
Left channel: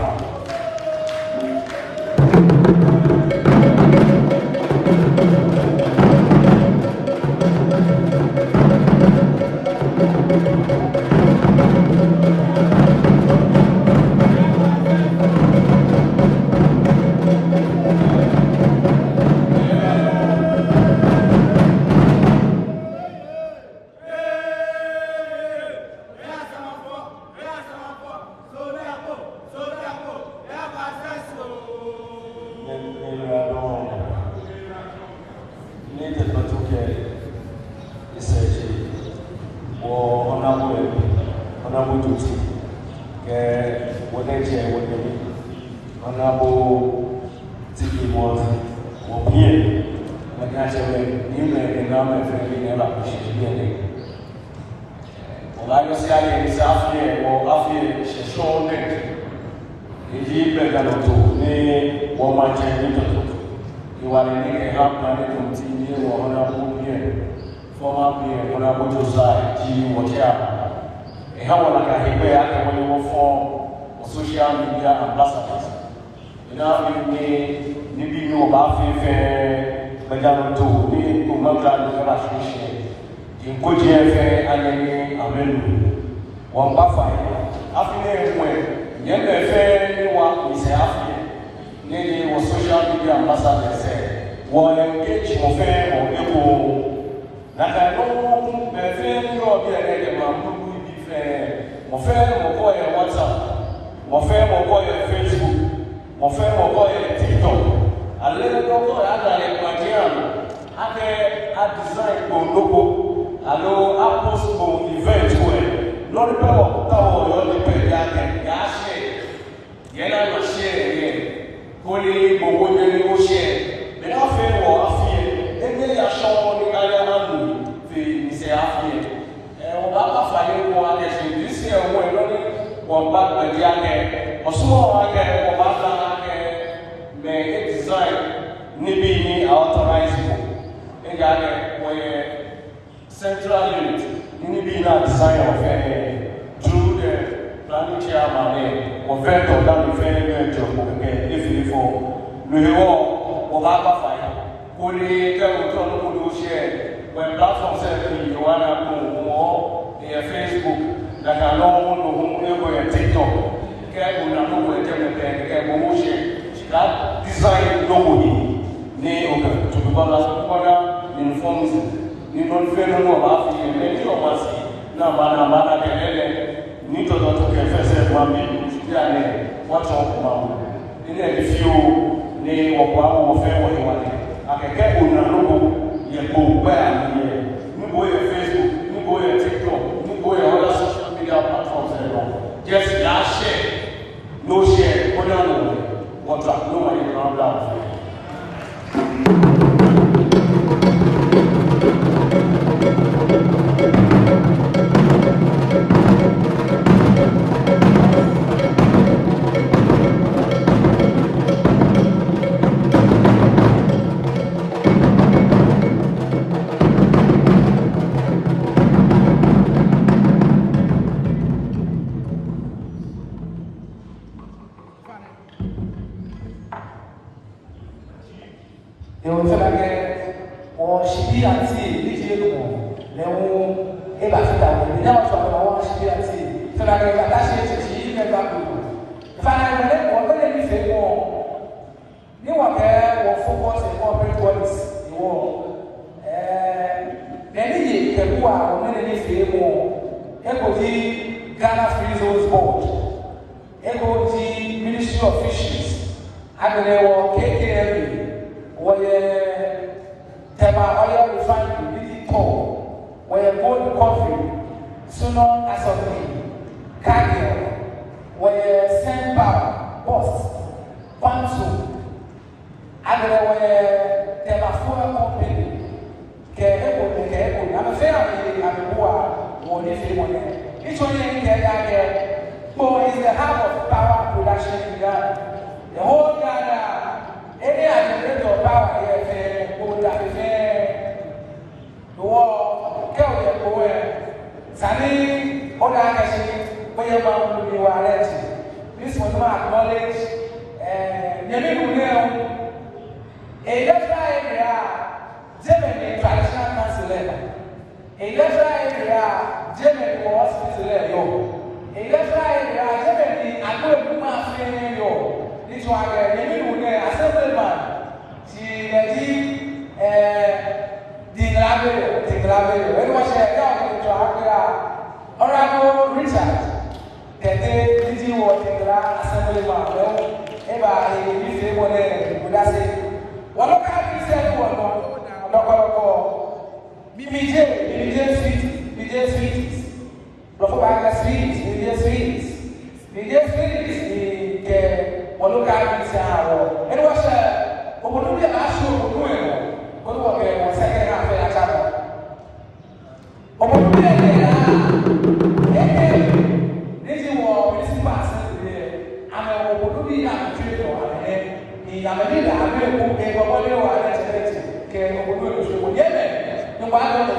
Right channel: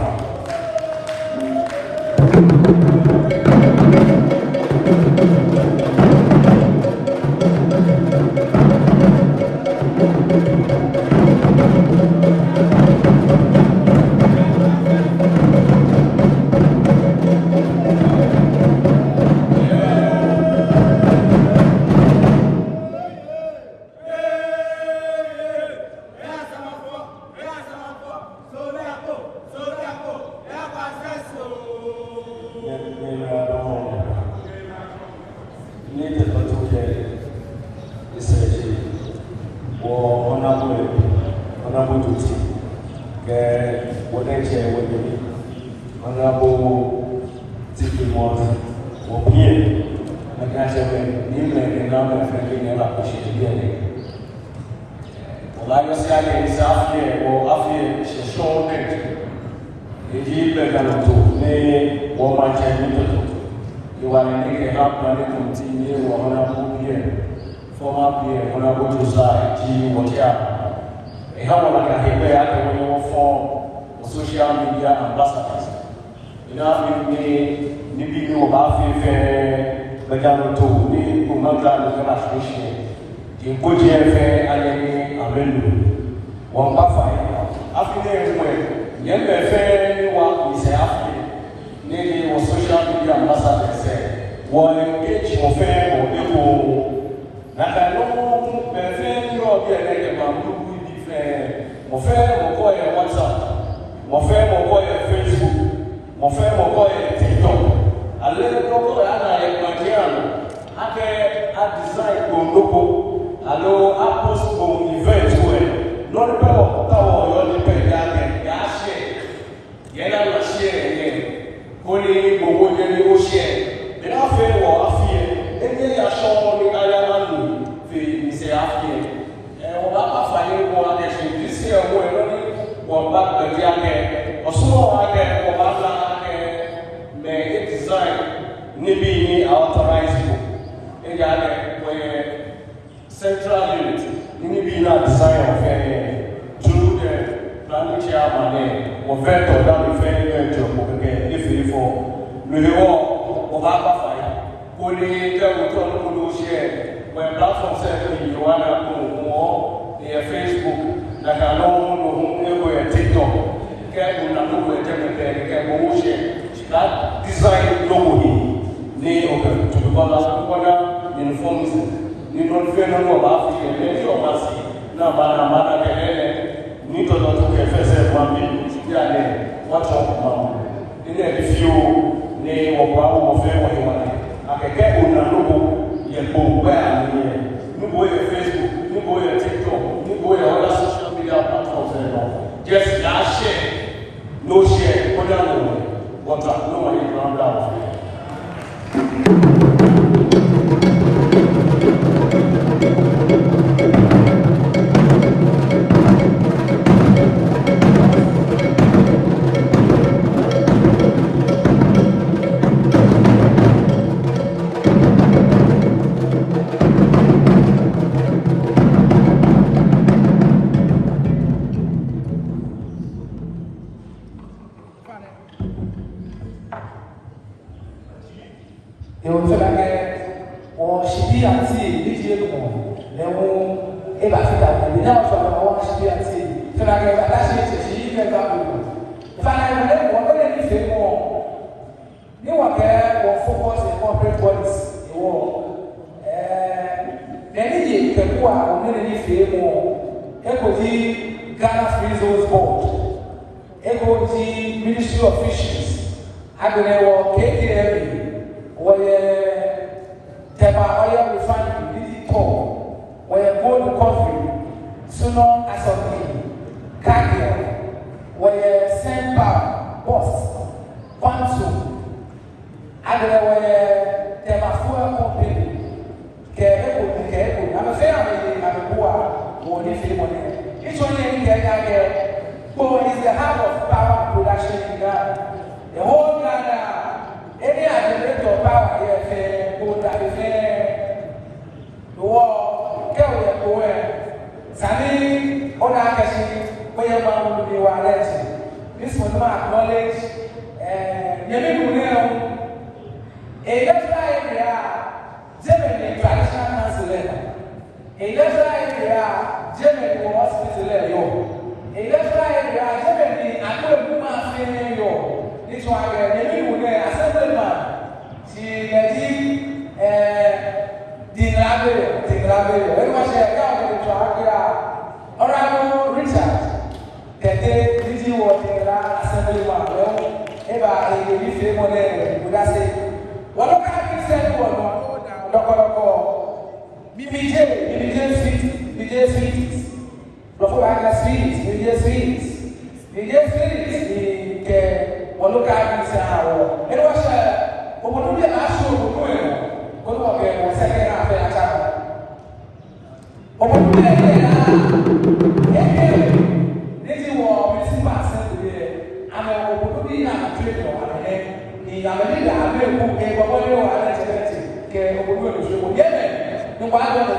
Social media ambassadors. You know, we know about the association. You put your fair and one buffet. After young affair is after social media ambassadors say, one engage or fair or people. I know my friend, you are getting a fair or WhatsApp. Mon frère m'envoie Facebook, mon frère m'envoie TikTok. Alors, à design pour logo, alors à post pour event, non pas pour le pays à acheter. Il y a la share, qu'on est pour négocier. Mais là, on fait pour afficher. Et bien, il y a chambre de Gaïa, c'est affiché. On va pas faire pour acheter. C'est un on va dire que on soit on va faire mais design ni bi authorize et là central unit ni bi na design of through the planning chairman on fait dans le fait que il faut le on va pas faire pour les que on nous share when platform service you wanna go et Facebook na kanu TikTok, que una logo é que é motion, tá? Design logo ni o que tu vai lá para ni informes ni não vê no lá que nem eu assim na mana que é ni todo que fazer para mim já né WhatsApp não ele é fio ni o qual o vê a que una logo e o bem ni boa Facebook ni boa TikTok ni boa social media platforms just share, no share, what I'm doing around that. or she be at sea, literally, if I feel that we don't talk about she be at sea, so I go attach she never do. Finally, when you say more, you are there or focus on corporate points, you will. Many people are only say more. Equity Ghana Free Zones Board, Equity Ministry of Fisheries, I believe KKL, where Teba Oil Refinery, Lady Paul, where gold recovery, Sunon Asomni, Cargill, where Sempa, Boss, Pansu, I believe where Teba Fuel Company, Keko, I'm a fair I'm one if you want. Each one in Ghana, who is the heart of power production in Ghana. The whole Ghana, any other of power here, who the war, Kelly, where Sani, Odakashi, where you are arrested. This was not acknowledged, and you know, a letter area, Germany traditional council. A letter area, Germany was there. A letter area, Germany, I don't know nothing. This one, the new assemblyman, she did the Rabbit, very much Honorable Richard, the day busy water, assemblyman, ever a different one there, would I say, what can you say? BBJ Sweeties. Before I can BBJ Sweeties, the Oluka is now. It was over the national going to the second half of the chapter. Over this is what Messi passed today. And I will be a trip over here. He never did have a book, a body or an educated. No matter what,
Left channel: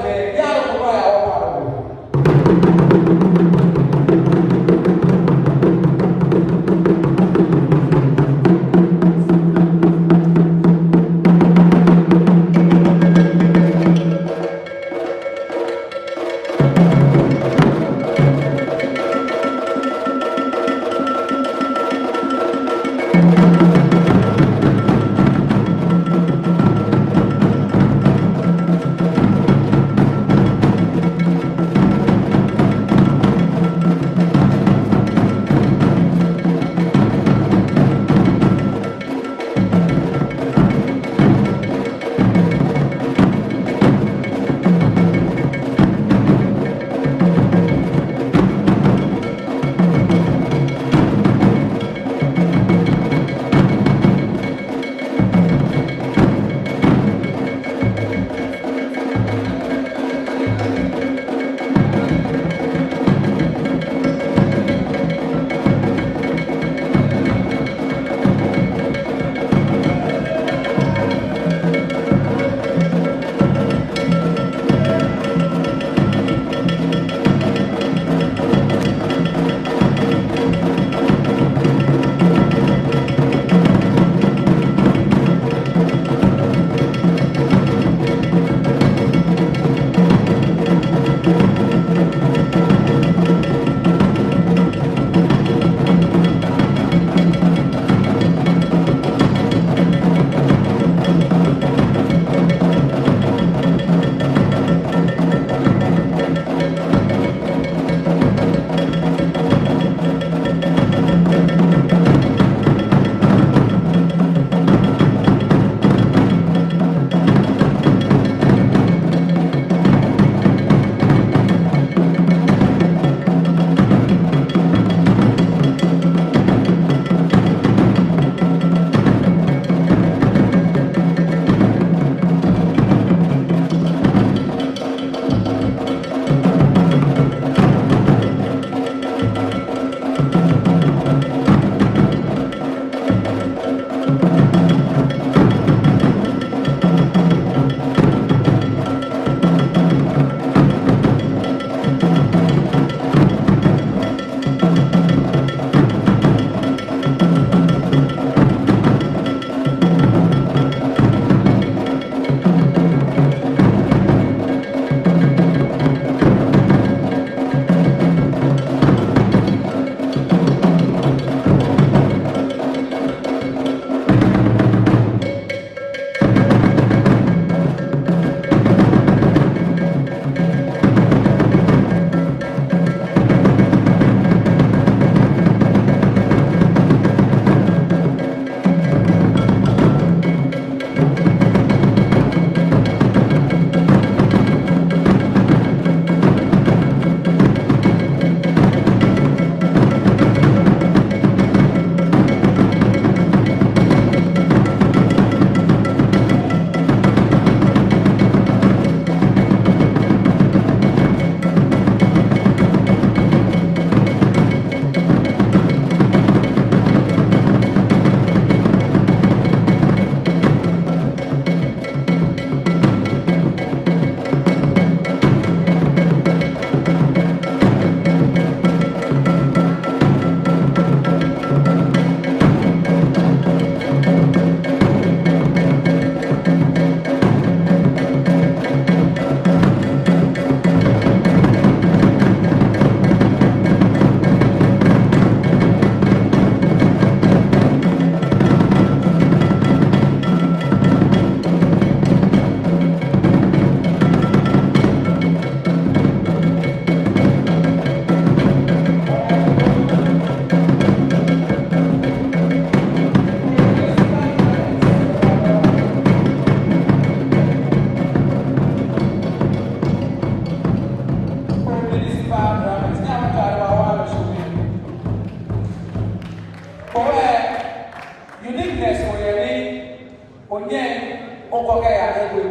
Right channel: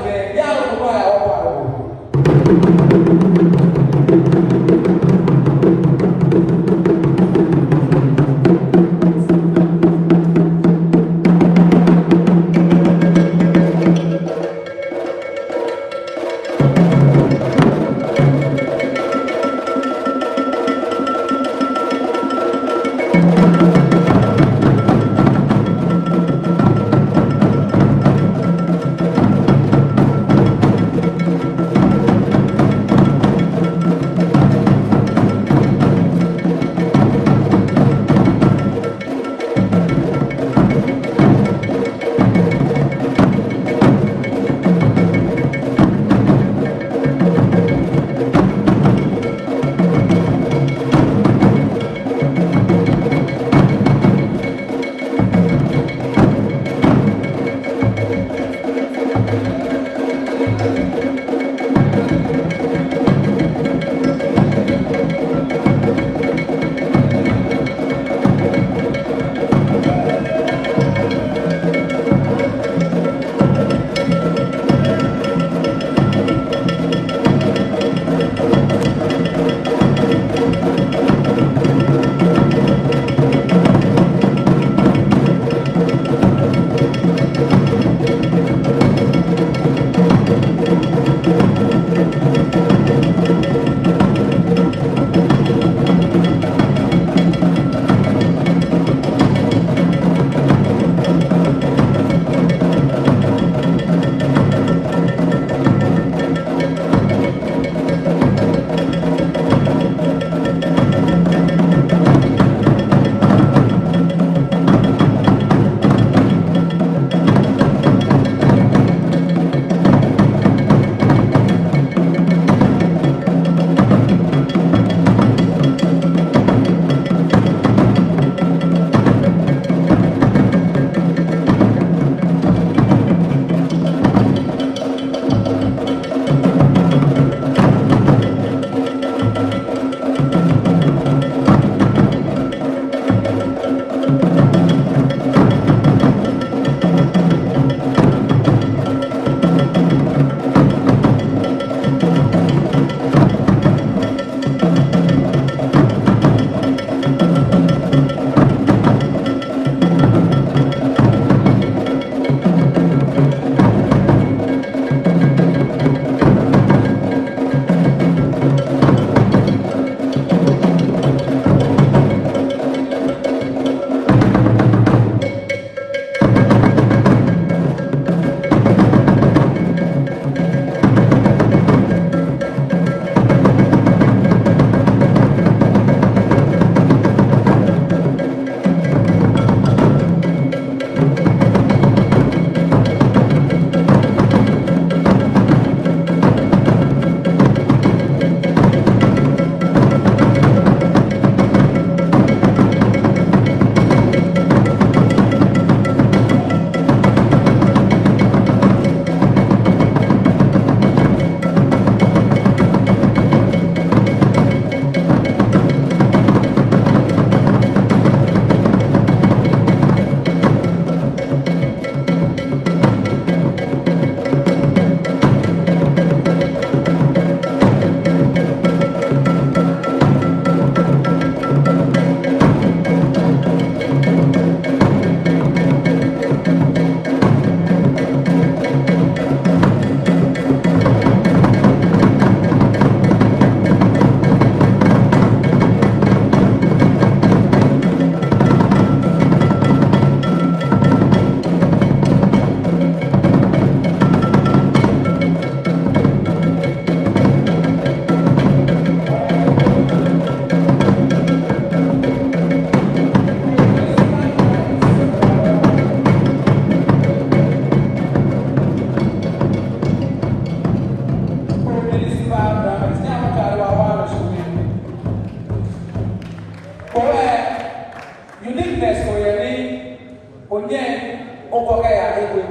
okay, I will.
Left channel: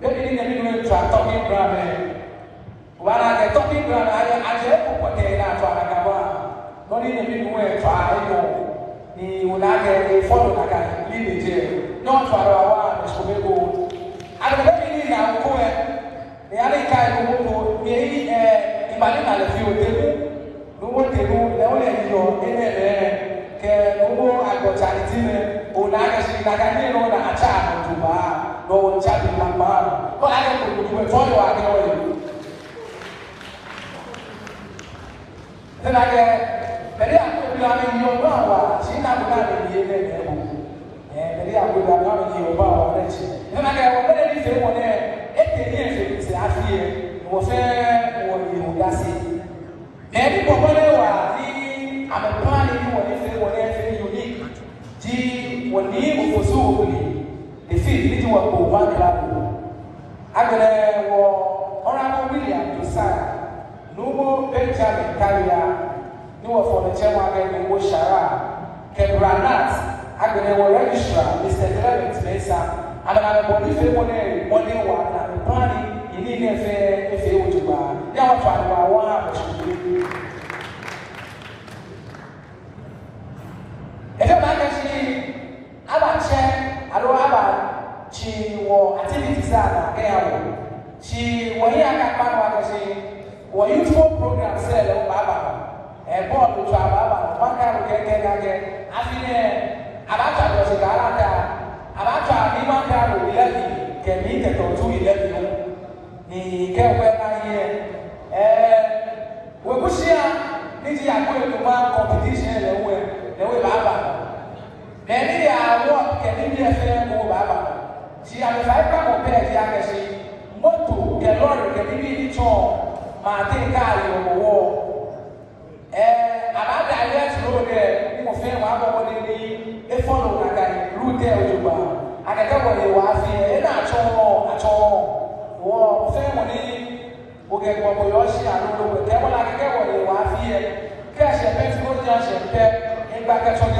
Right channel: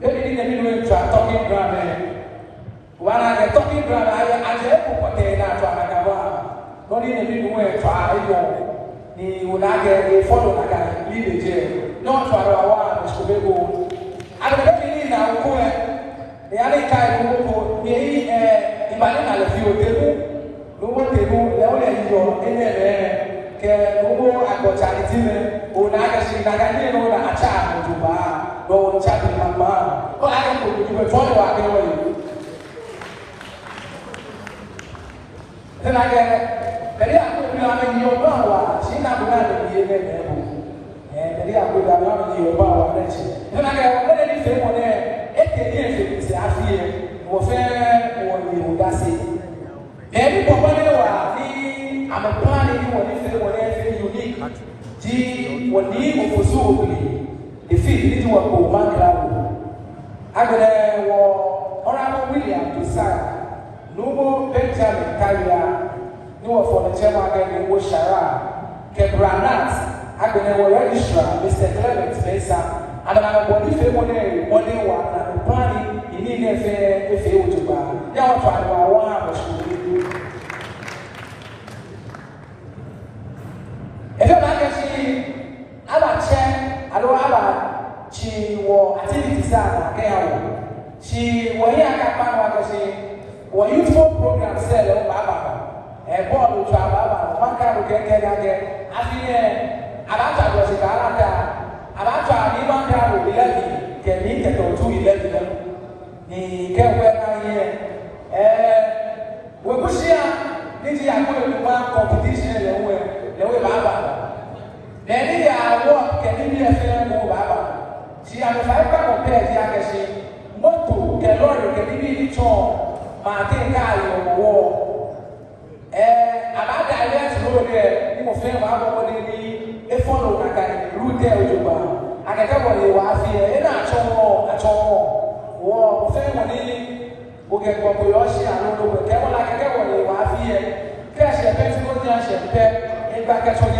Maybe in the talking ground. While I get talking ground, I just put a not in the middle way, try he would not get a follow like I leave the jail. Not for our school. I don't think I will go. The other kind of go, in my little few no one they do, they only your in there. Can go and go to or not see that I didn't know that a child to buy, no child in my bar. But I don't know you follow I go. Then I get very up in your power. She not going to be and very up in your power. Then I get already say one there. If they I feel or fair or you that's it. Every I'm a planning for unique. G when you for so the feed into a one club. I will Honorable William to sign. No Benjamin Carrier, no for the chairman in Woshara, Kebranat, I will register Mr. Clement Mesa, and I will leave it one day, one and the planning in Indian fair if they would buy. Now, I want if you like to see, I don't check, I don't have she will activities that she will hear a say. When youthful program said, Baba, and born to Baba, one kind of get again. I feel Alata was a Alata, Alata, even down with 11, can meet at 211. He can't wear here. We push here, this is a good competition, no Baba. Maybe I want can be a fair no Baba. She has 5 compared Yakashi, what to the Lord, the Billy Chong. I think I will about the ideas go there, you will feel a follow that root there with you. And I got what you are here, and at all. Or family will get population, I don't know, get what you are here. Cash a pet for the ocean, in back at your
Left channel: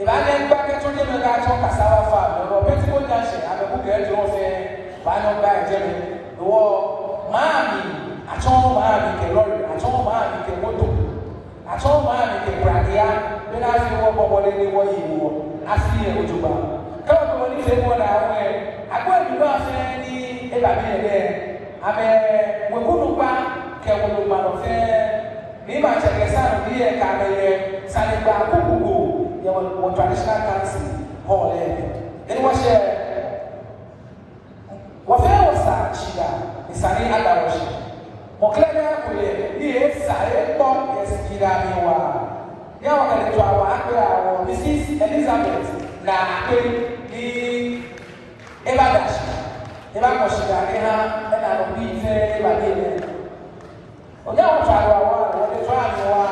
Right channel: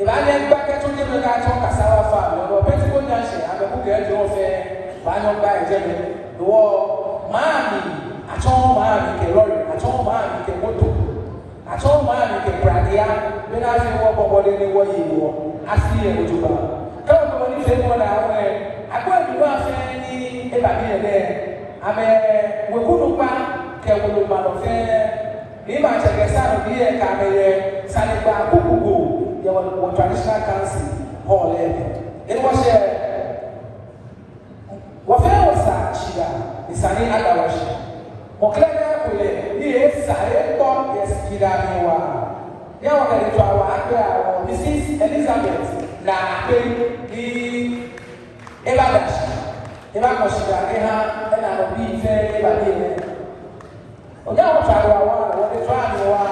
if I get back at your I talk as our farm, or pet for the ocean, I will get your fair, by no guy, the war, mommy. I told my lorry, I told my moto, I told my Pradia, when I feel what they were you, I feel it to her. Come on, say what I wear. I go to love any there. I mean, we couldn't buy Kabuman fair. Maybe I check a son here, Camille, Saliba, Kuku, your traditional council, all there. It was what was that? She is an other. Moklega kule ni sare to esiraniwa ya wakati wa Mrs. Elizabeth na ni Ebabashi Ebabashi na obi fe Ebabele oja wa twa wa twa wa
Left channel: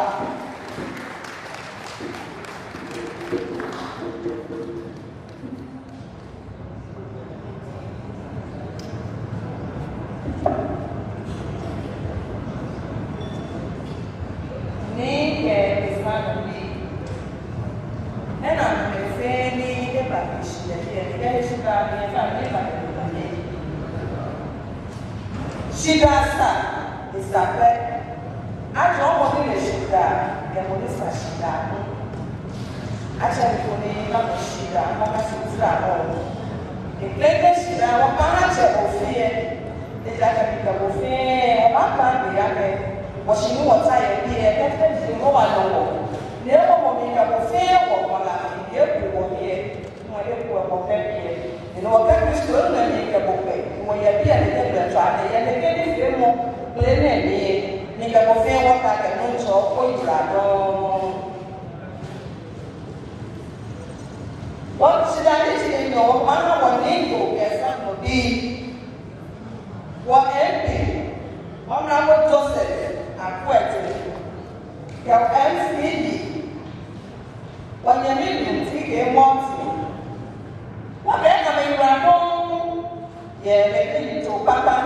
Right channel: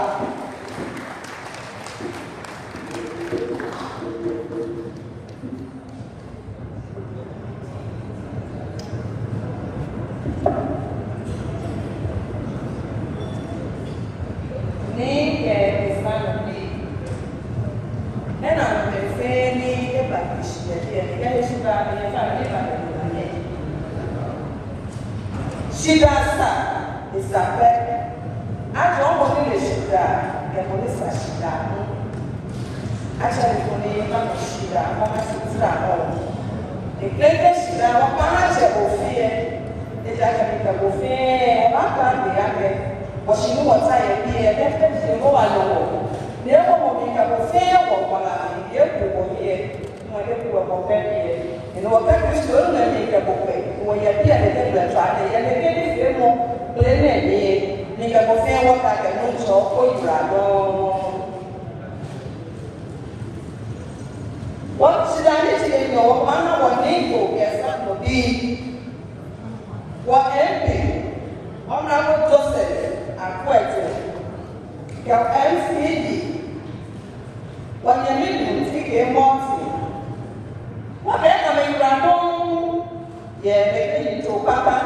Shida is a pet. I don't want to shida, and when it's a shida. Actually, for me, I'm a shida, I'm a shida. The greatest shida, I'm a shida. It's like a buffet, I'm a buffet, but she knew what I be, and that's the more I know. The other woman, a buffet, or what I hear, my little buffet. You know, what kind of school I make a buffet? When you're there, they're trying to get it more. Play me, a buffet, what I can know, so point what should I say? No, man, one name to be a son of thee. What MP? One hour Joseph, and Quet. Your MCD. When you're living, take a monthly. What better when you are home? Yeah, making it to Papa,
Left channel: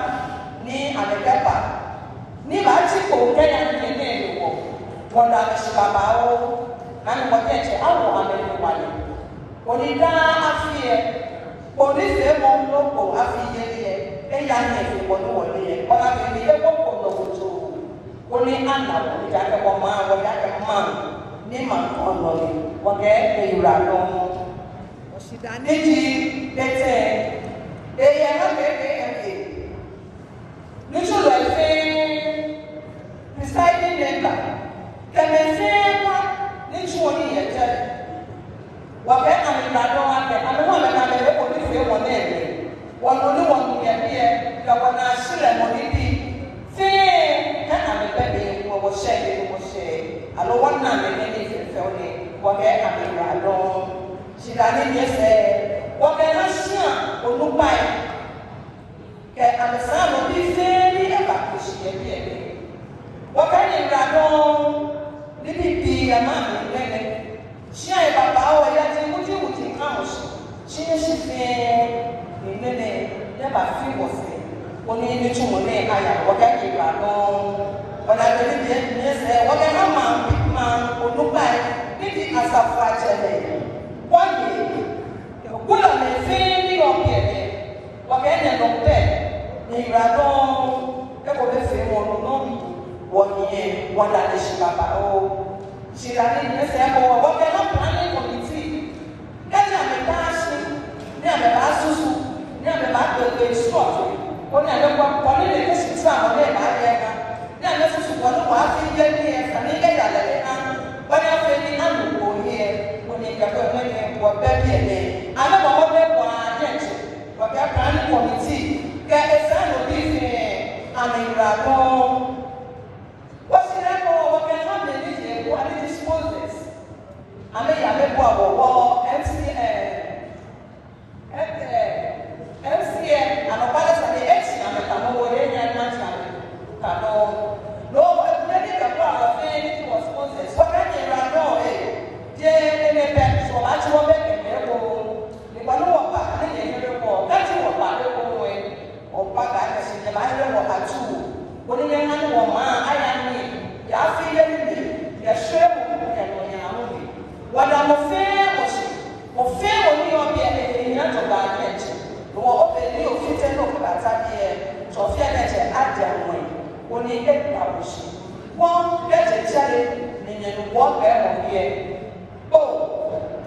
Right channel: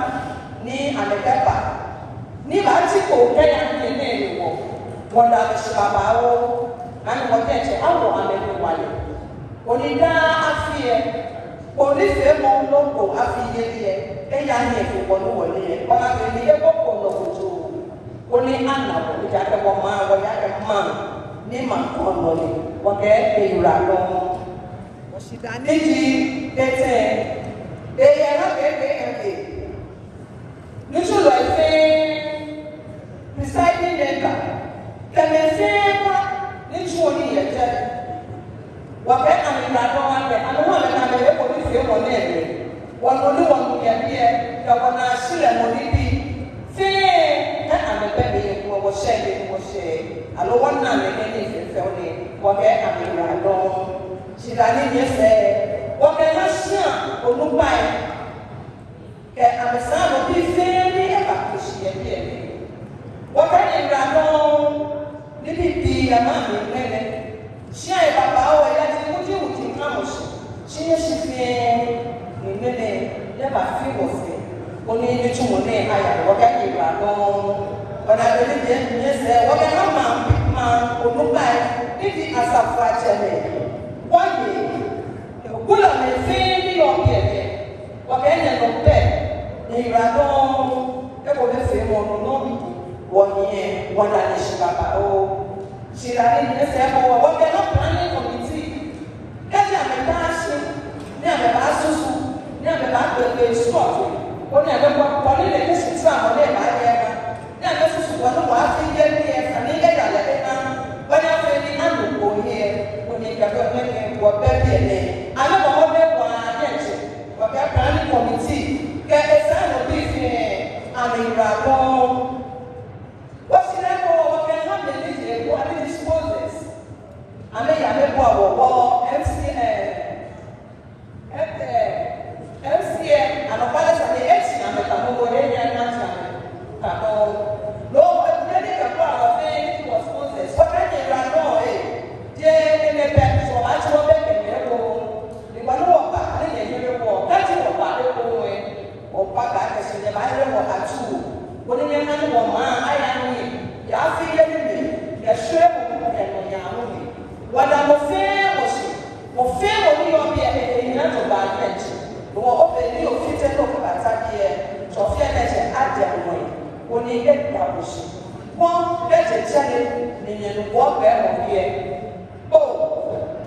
knee and a pepper. Nibachi ko kaya ni neno. Wala shibabao. Ani wakati au ame Onida afie Police emo loco afiyeye eyani ekwono wole o afiyeye ekoko no wuto oni ana o ja ke mo ma o ja ke ma ni ma ono le o ke ira lo o sidani ji tete eye na be ni so le fe deciding member can say ni so ni ye je wa ke amira lo wa ke amira na le ko ni fe mo ne le wa no ni won ye ye ka wa na shire mo ni bi fe na amira de mo she alo wa na le ni fe fe o ni wa ke amira lo shidani ni se wa ke na shia o nu ba ke amisa mo bi fe ni e ba ko shi ye bi wa ke ni ra lo ni bi ama ni ne ṣé bàbá wa ya ti mójú òtí kámọ̀ ṣe ṣe fi ìmẹ́lẹ̀ dábàá fi wọ̀ sí ó ní ní túmọ̀ ní àyà ọ̀gá ìgbà gan-an ọ̀nà àbẹ̀lẹ̀ jẹ́ ẹsẹ̀ ọ̀gá náà máa olúgbà níbi àṣàfù àjẹlẹ̀ wọ́n yẹ kúlọ̀ ní fi ní ọ̀gẹ̀dẹ̀ ọ̀gá ẹ̀nẹ̀ lọ bẹ́ẹ̀ ní ìgbà gan-an ẹ̀kọ́ bẹ́ẹ̀ fi wọn lọ́nà wọ̀n yẹn wọ́n dà ní ṣe bàbá ó. Shirani ni se ko wo ke no planning committee e na me ba shi ni ame ba susu ni ame ba pe sport o ni ame ko ni le shi sa mo le ba ye ni ame susu ko no wa fi ye ni e ani e ya le na wa ni afi ni na lu ko ni e o ni ka ko me ko be bi e ame ko mo be ko ani che ko ka planning committee ke e sa no bi fi ani ra ko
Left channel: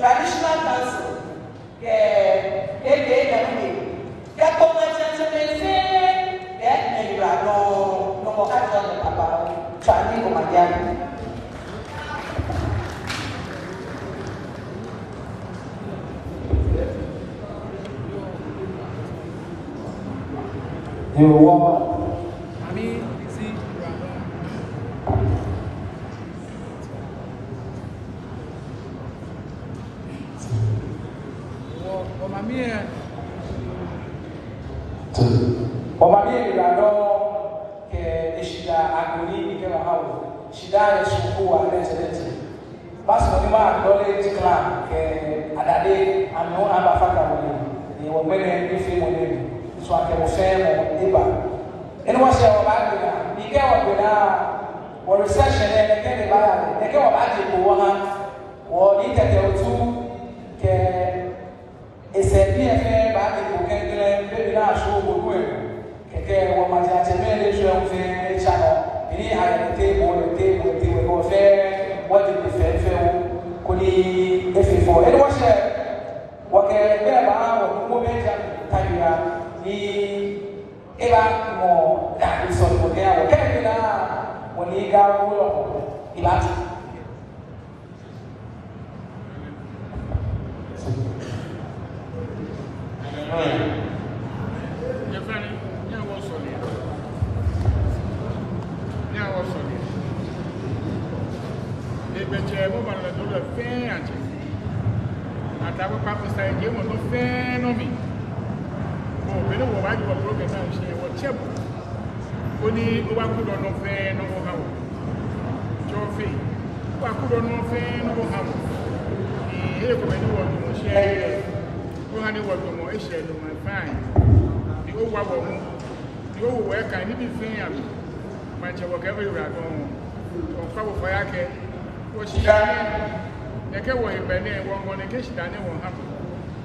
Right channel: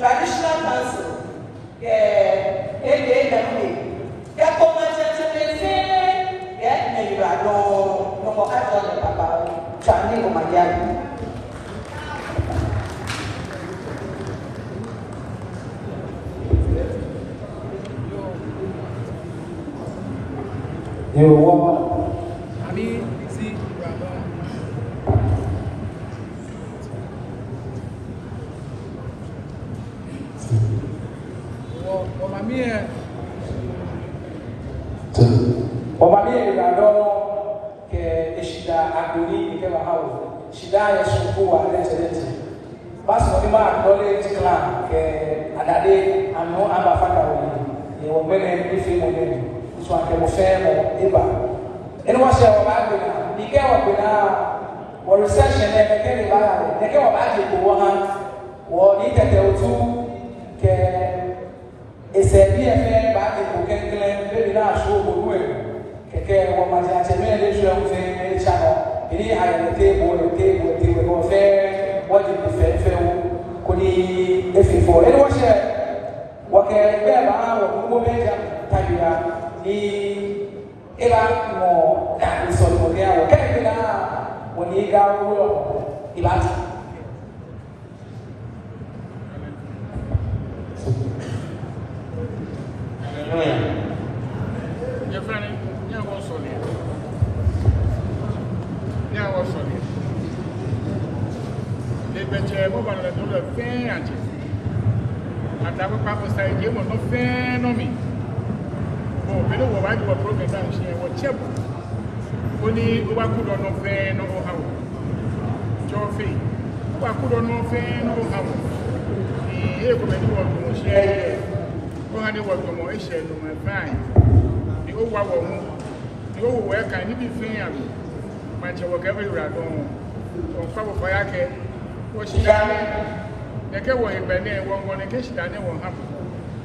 traditional council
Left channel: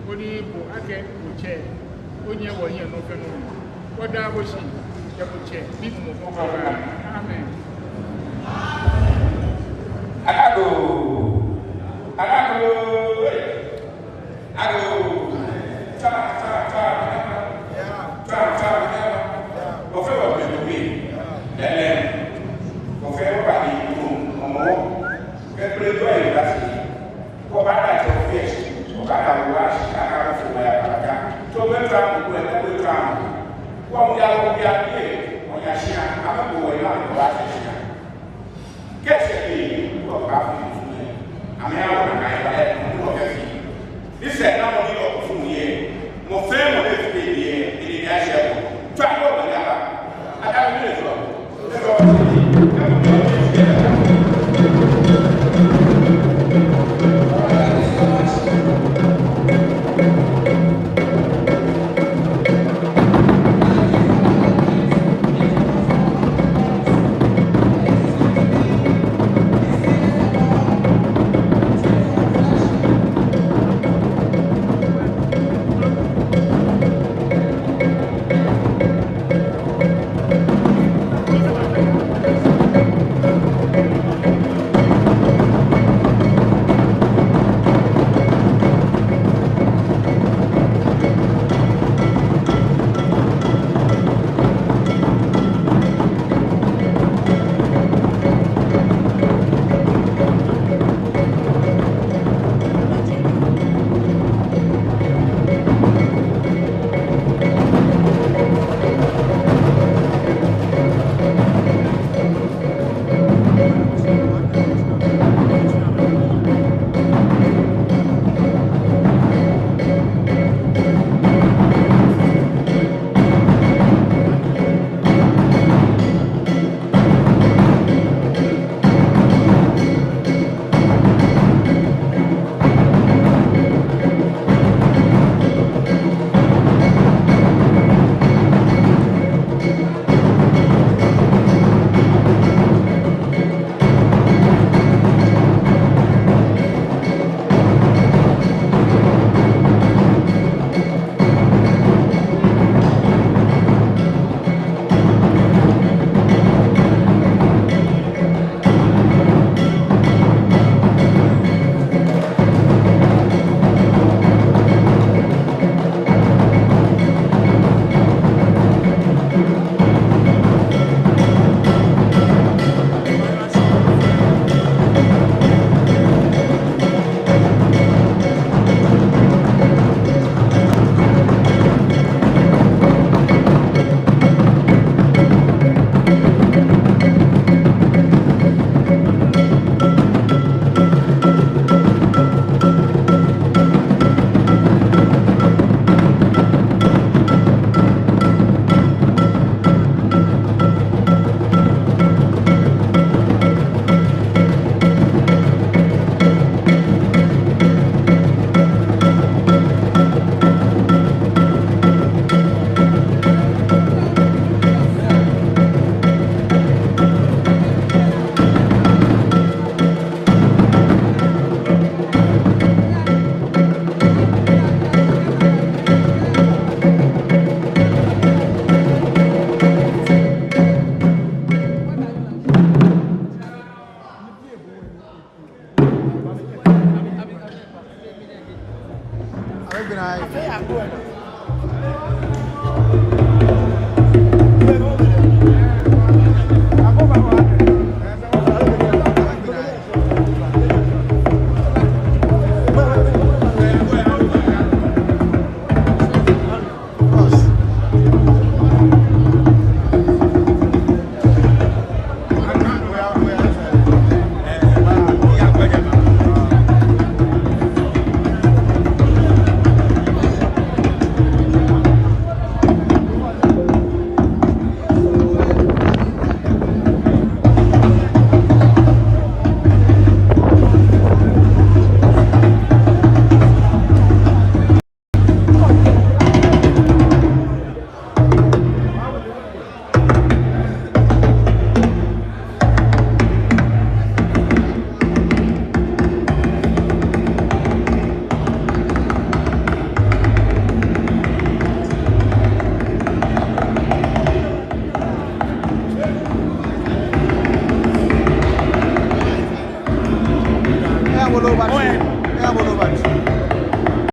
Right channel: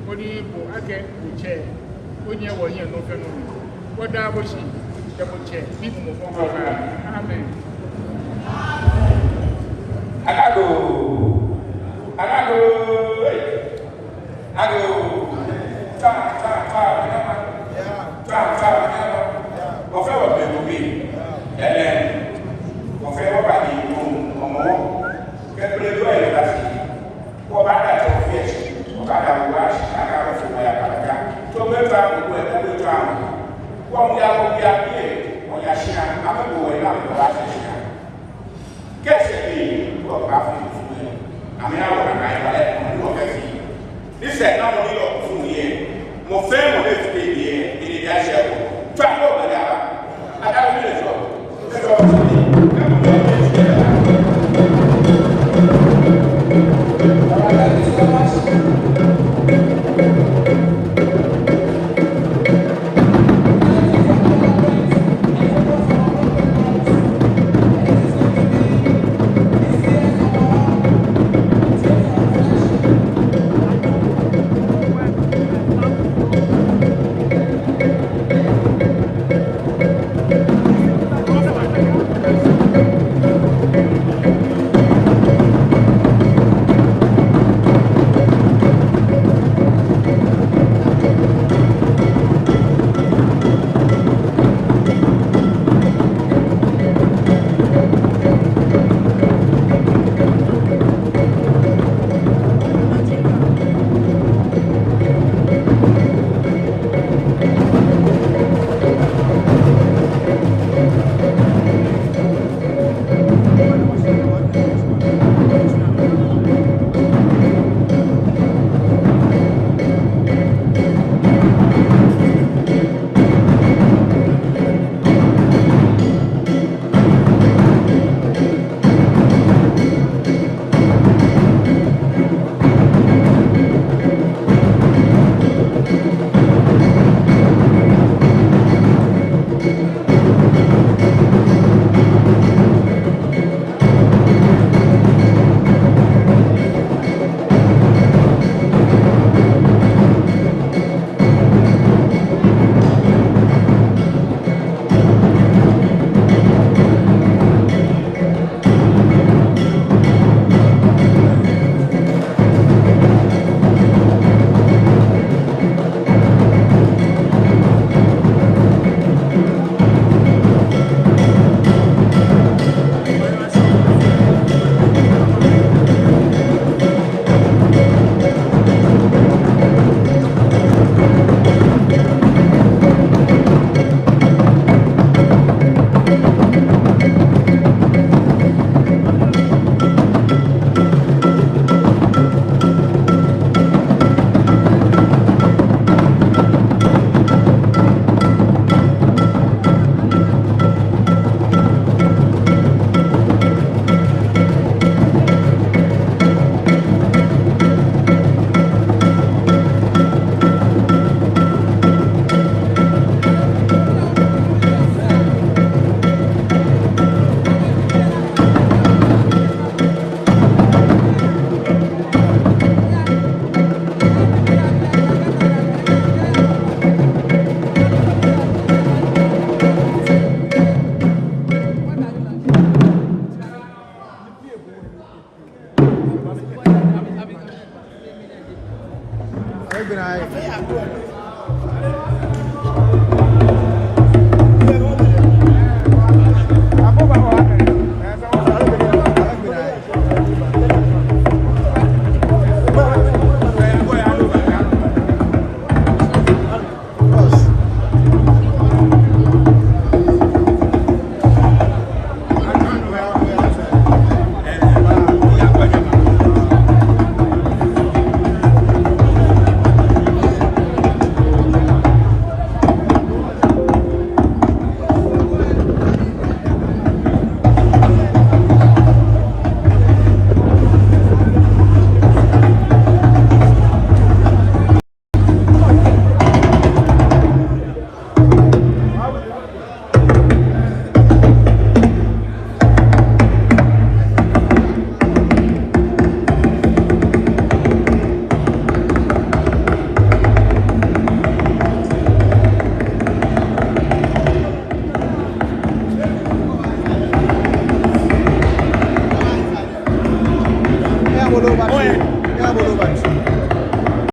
Only Ake will chair. Only one year no phenomenon. What double she? Double chair. People move over. Amen. Ago. Well,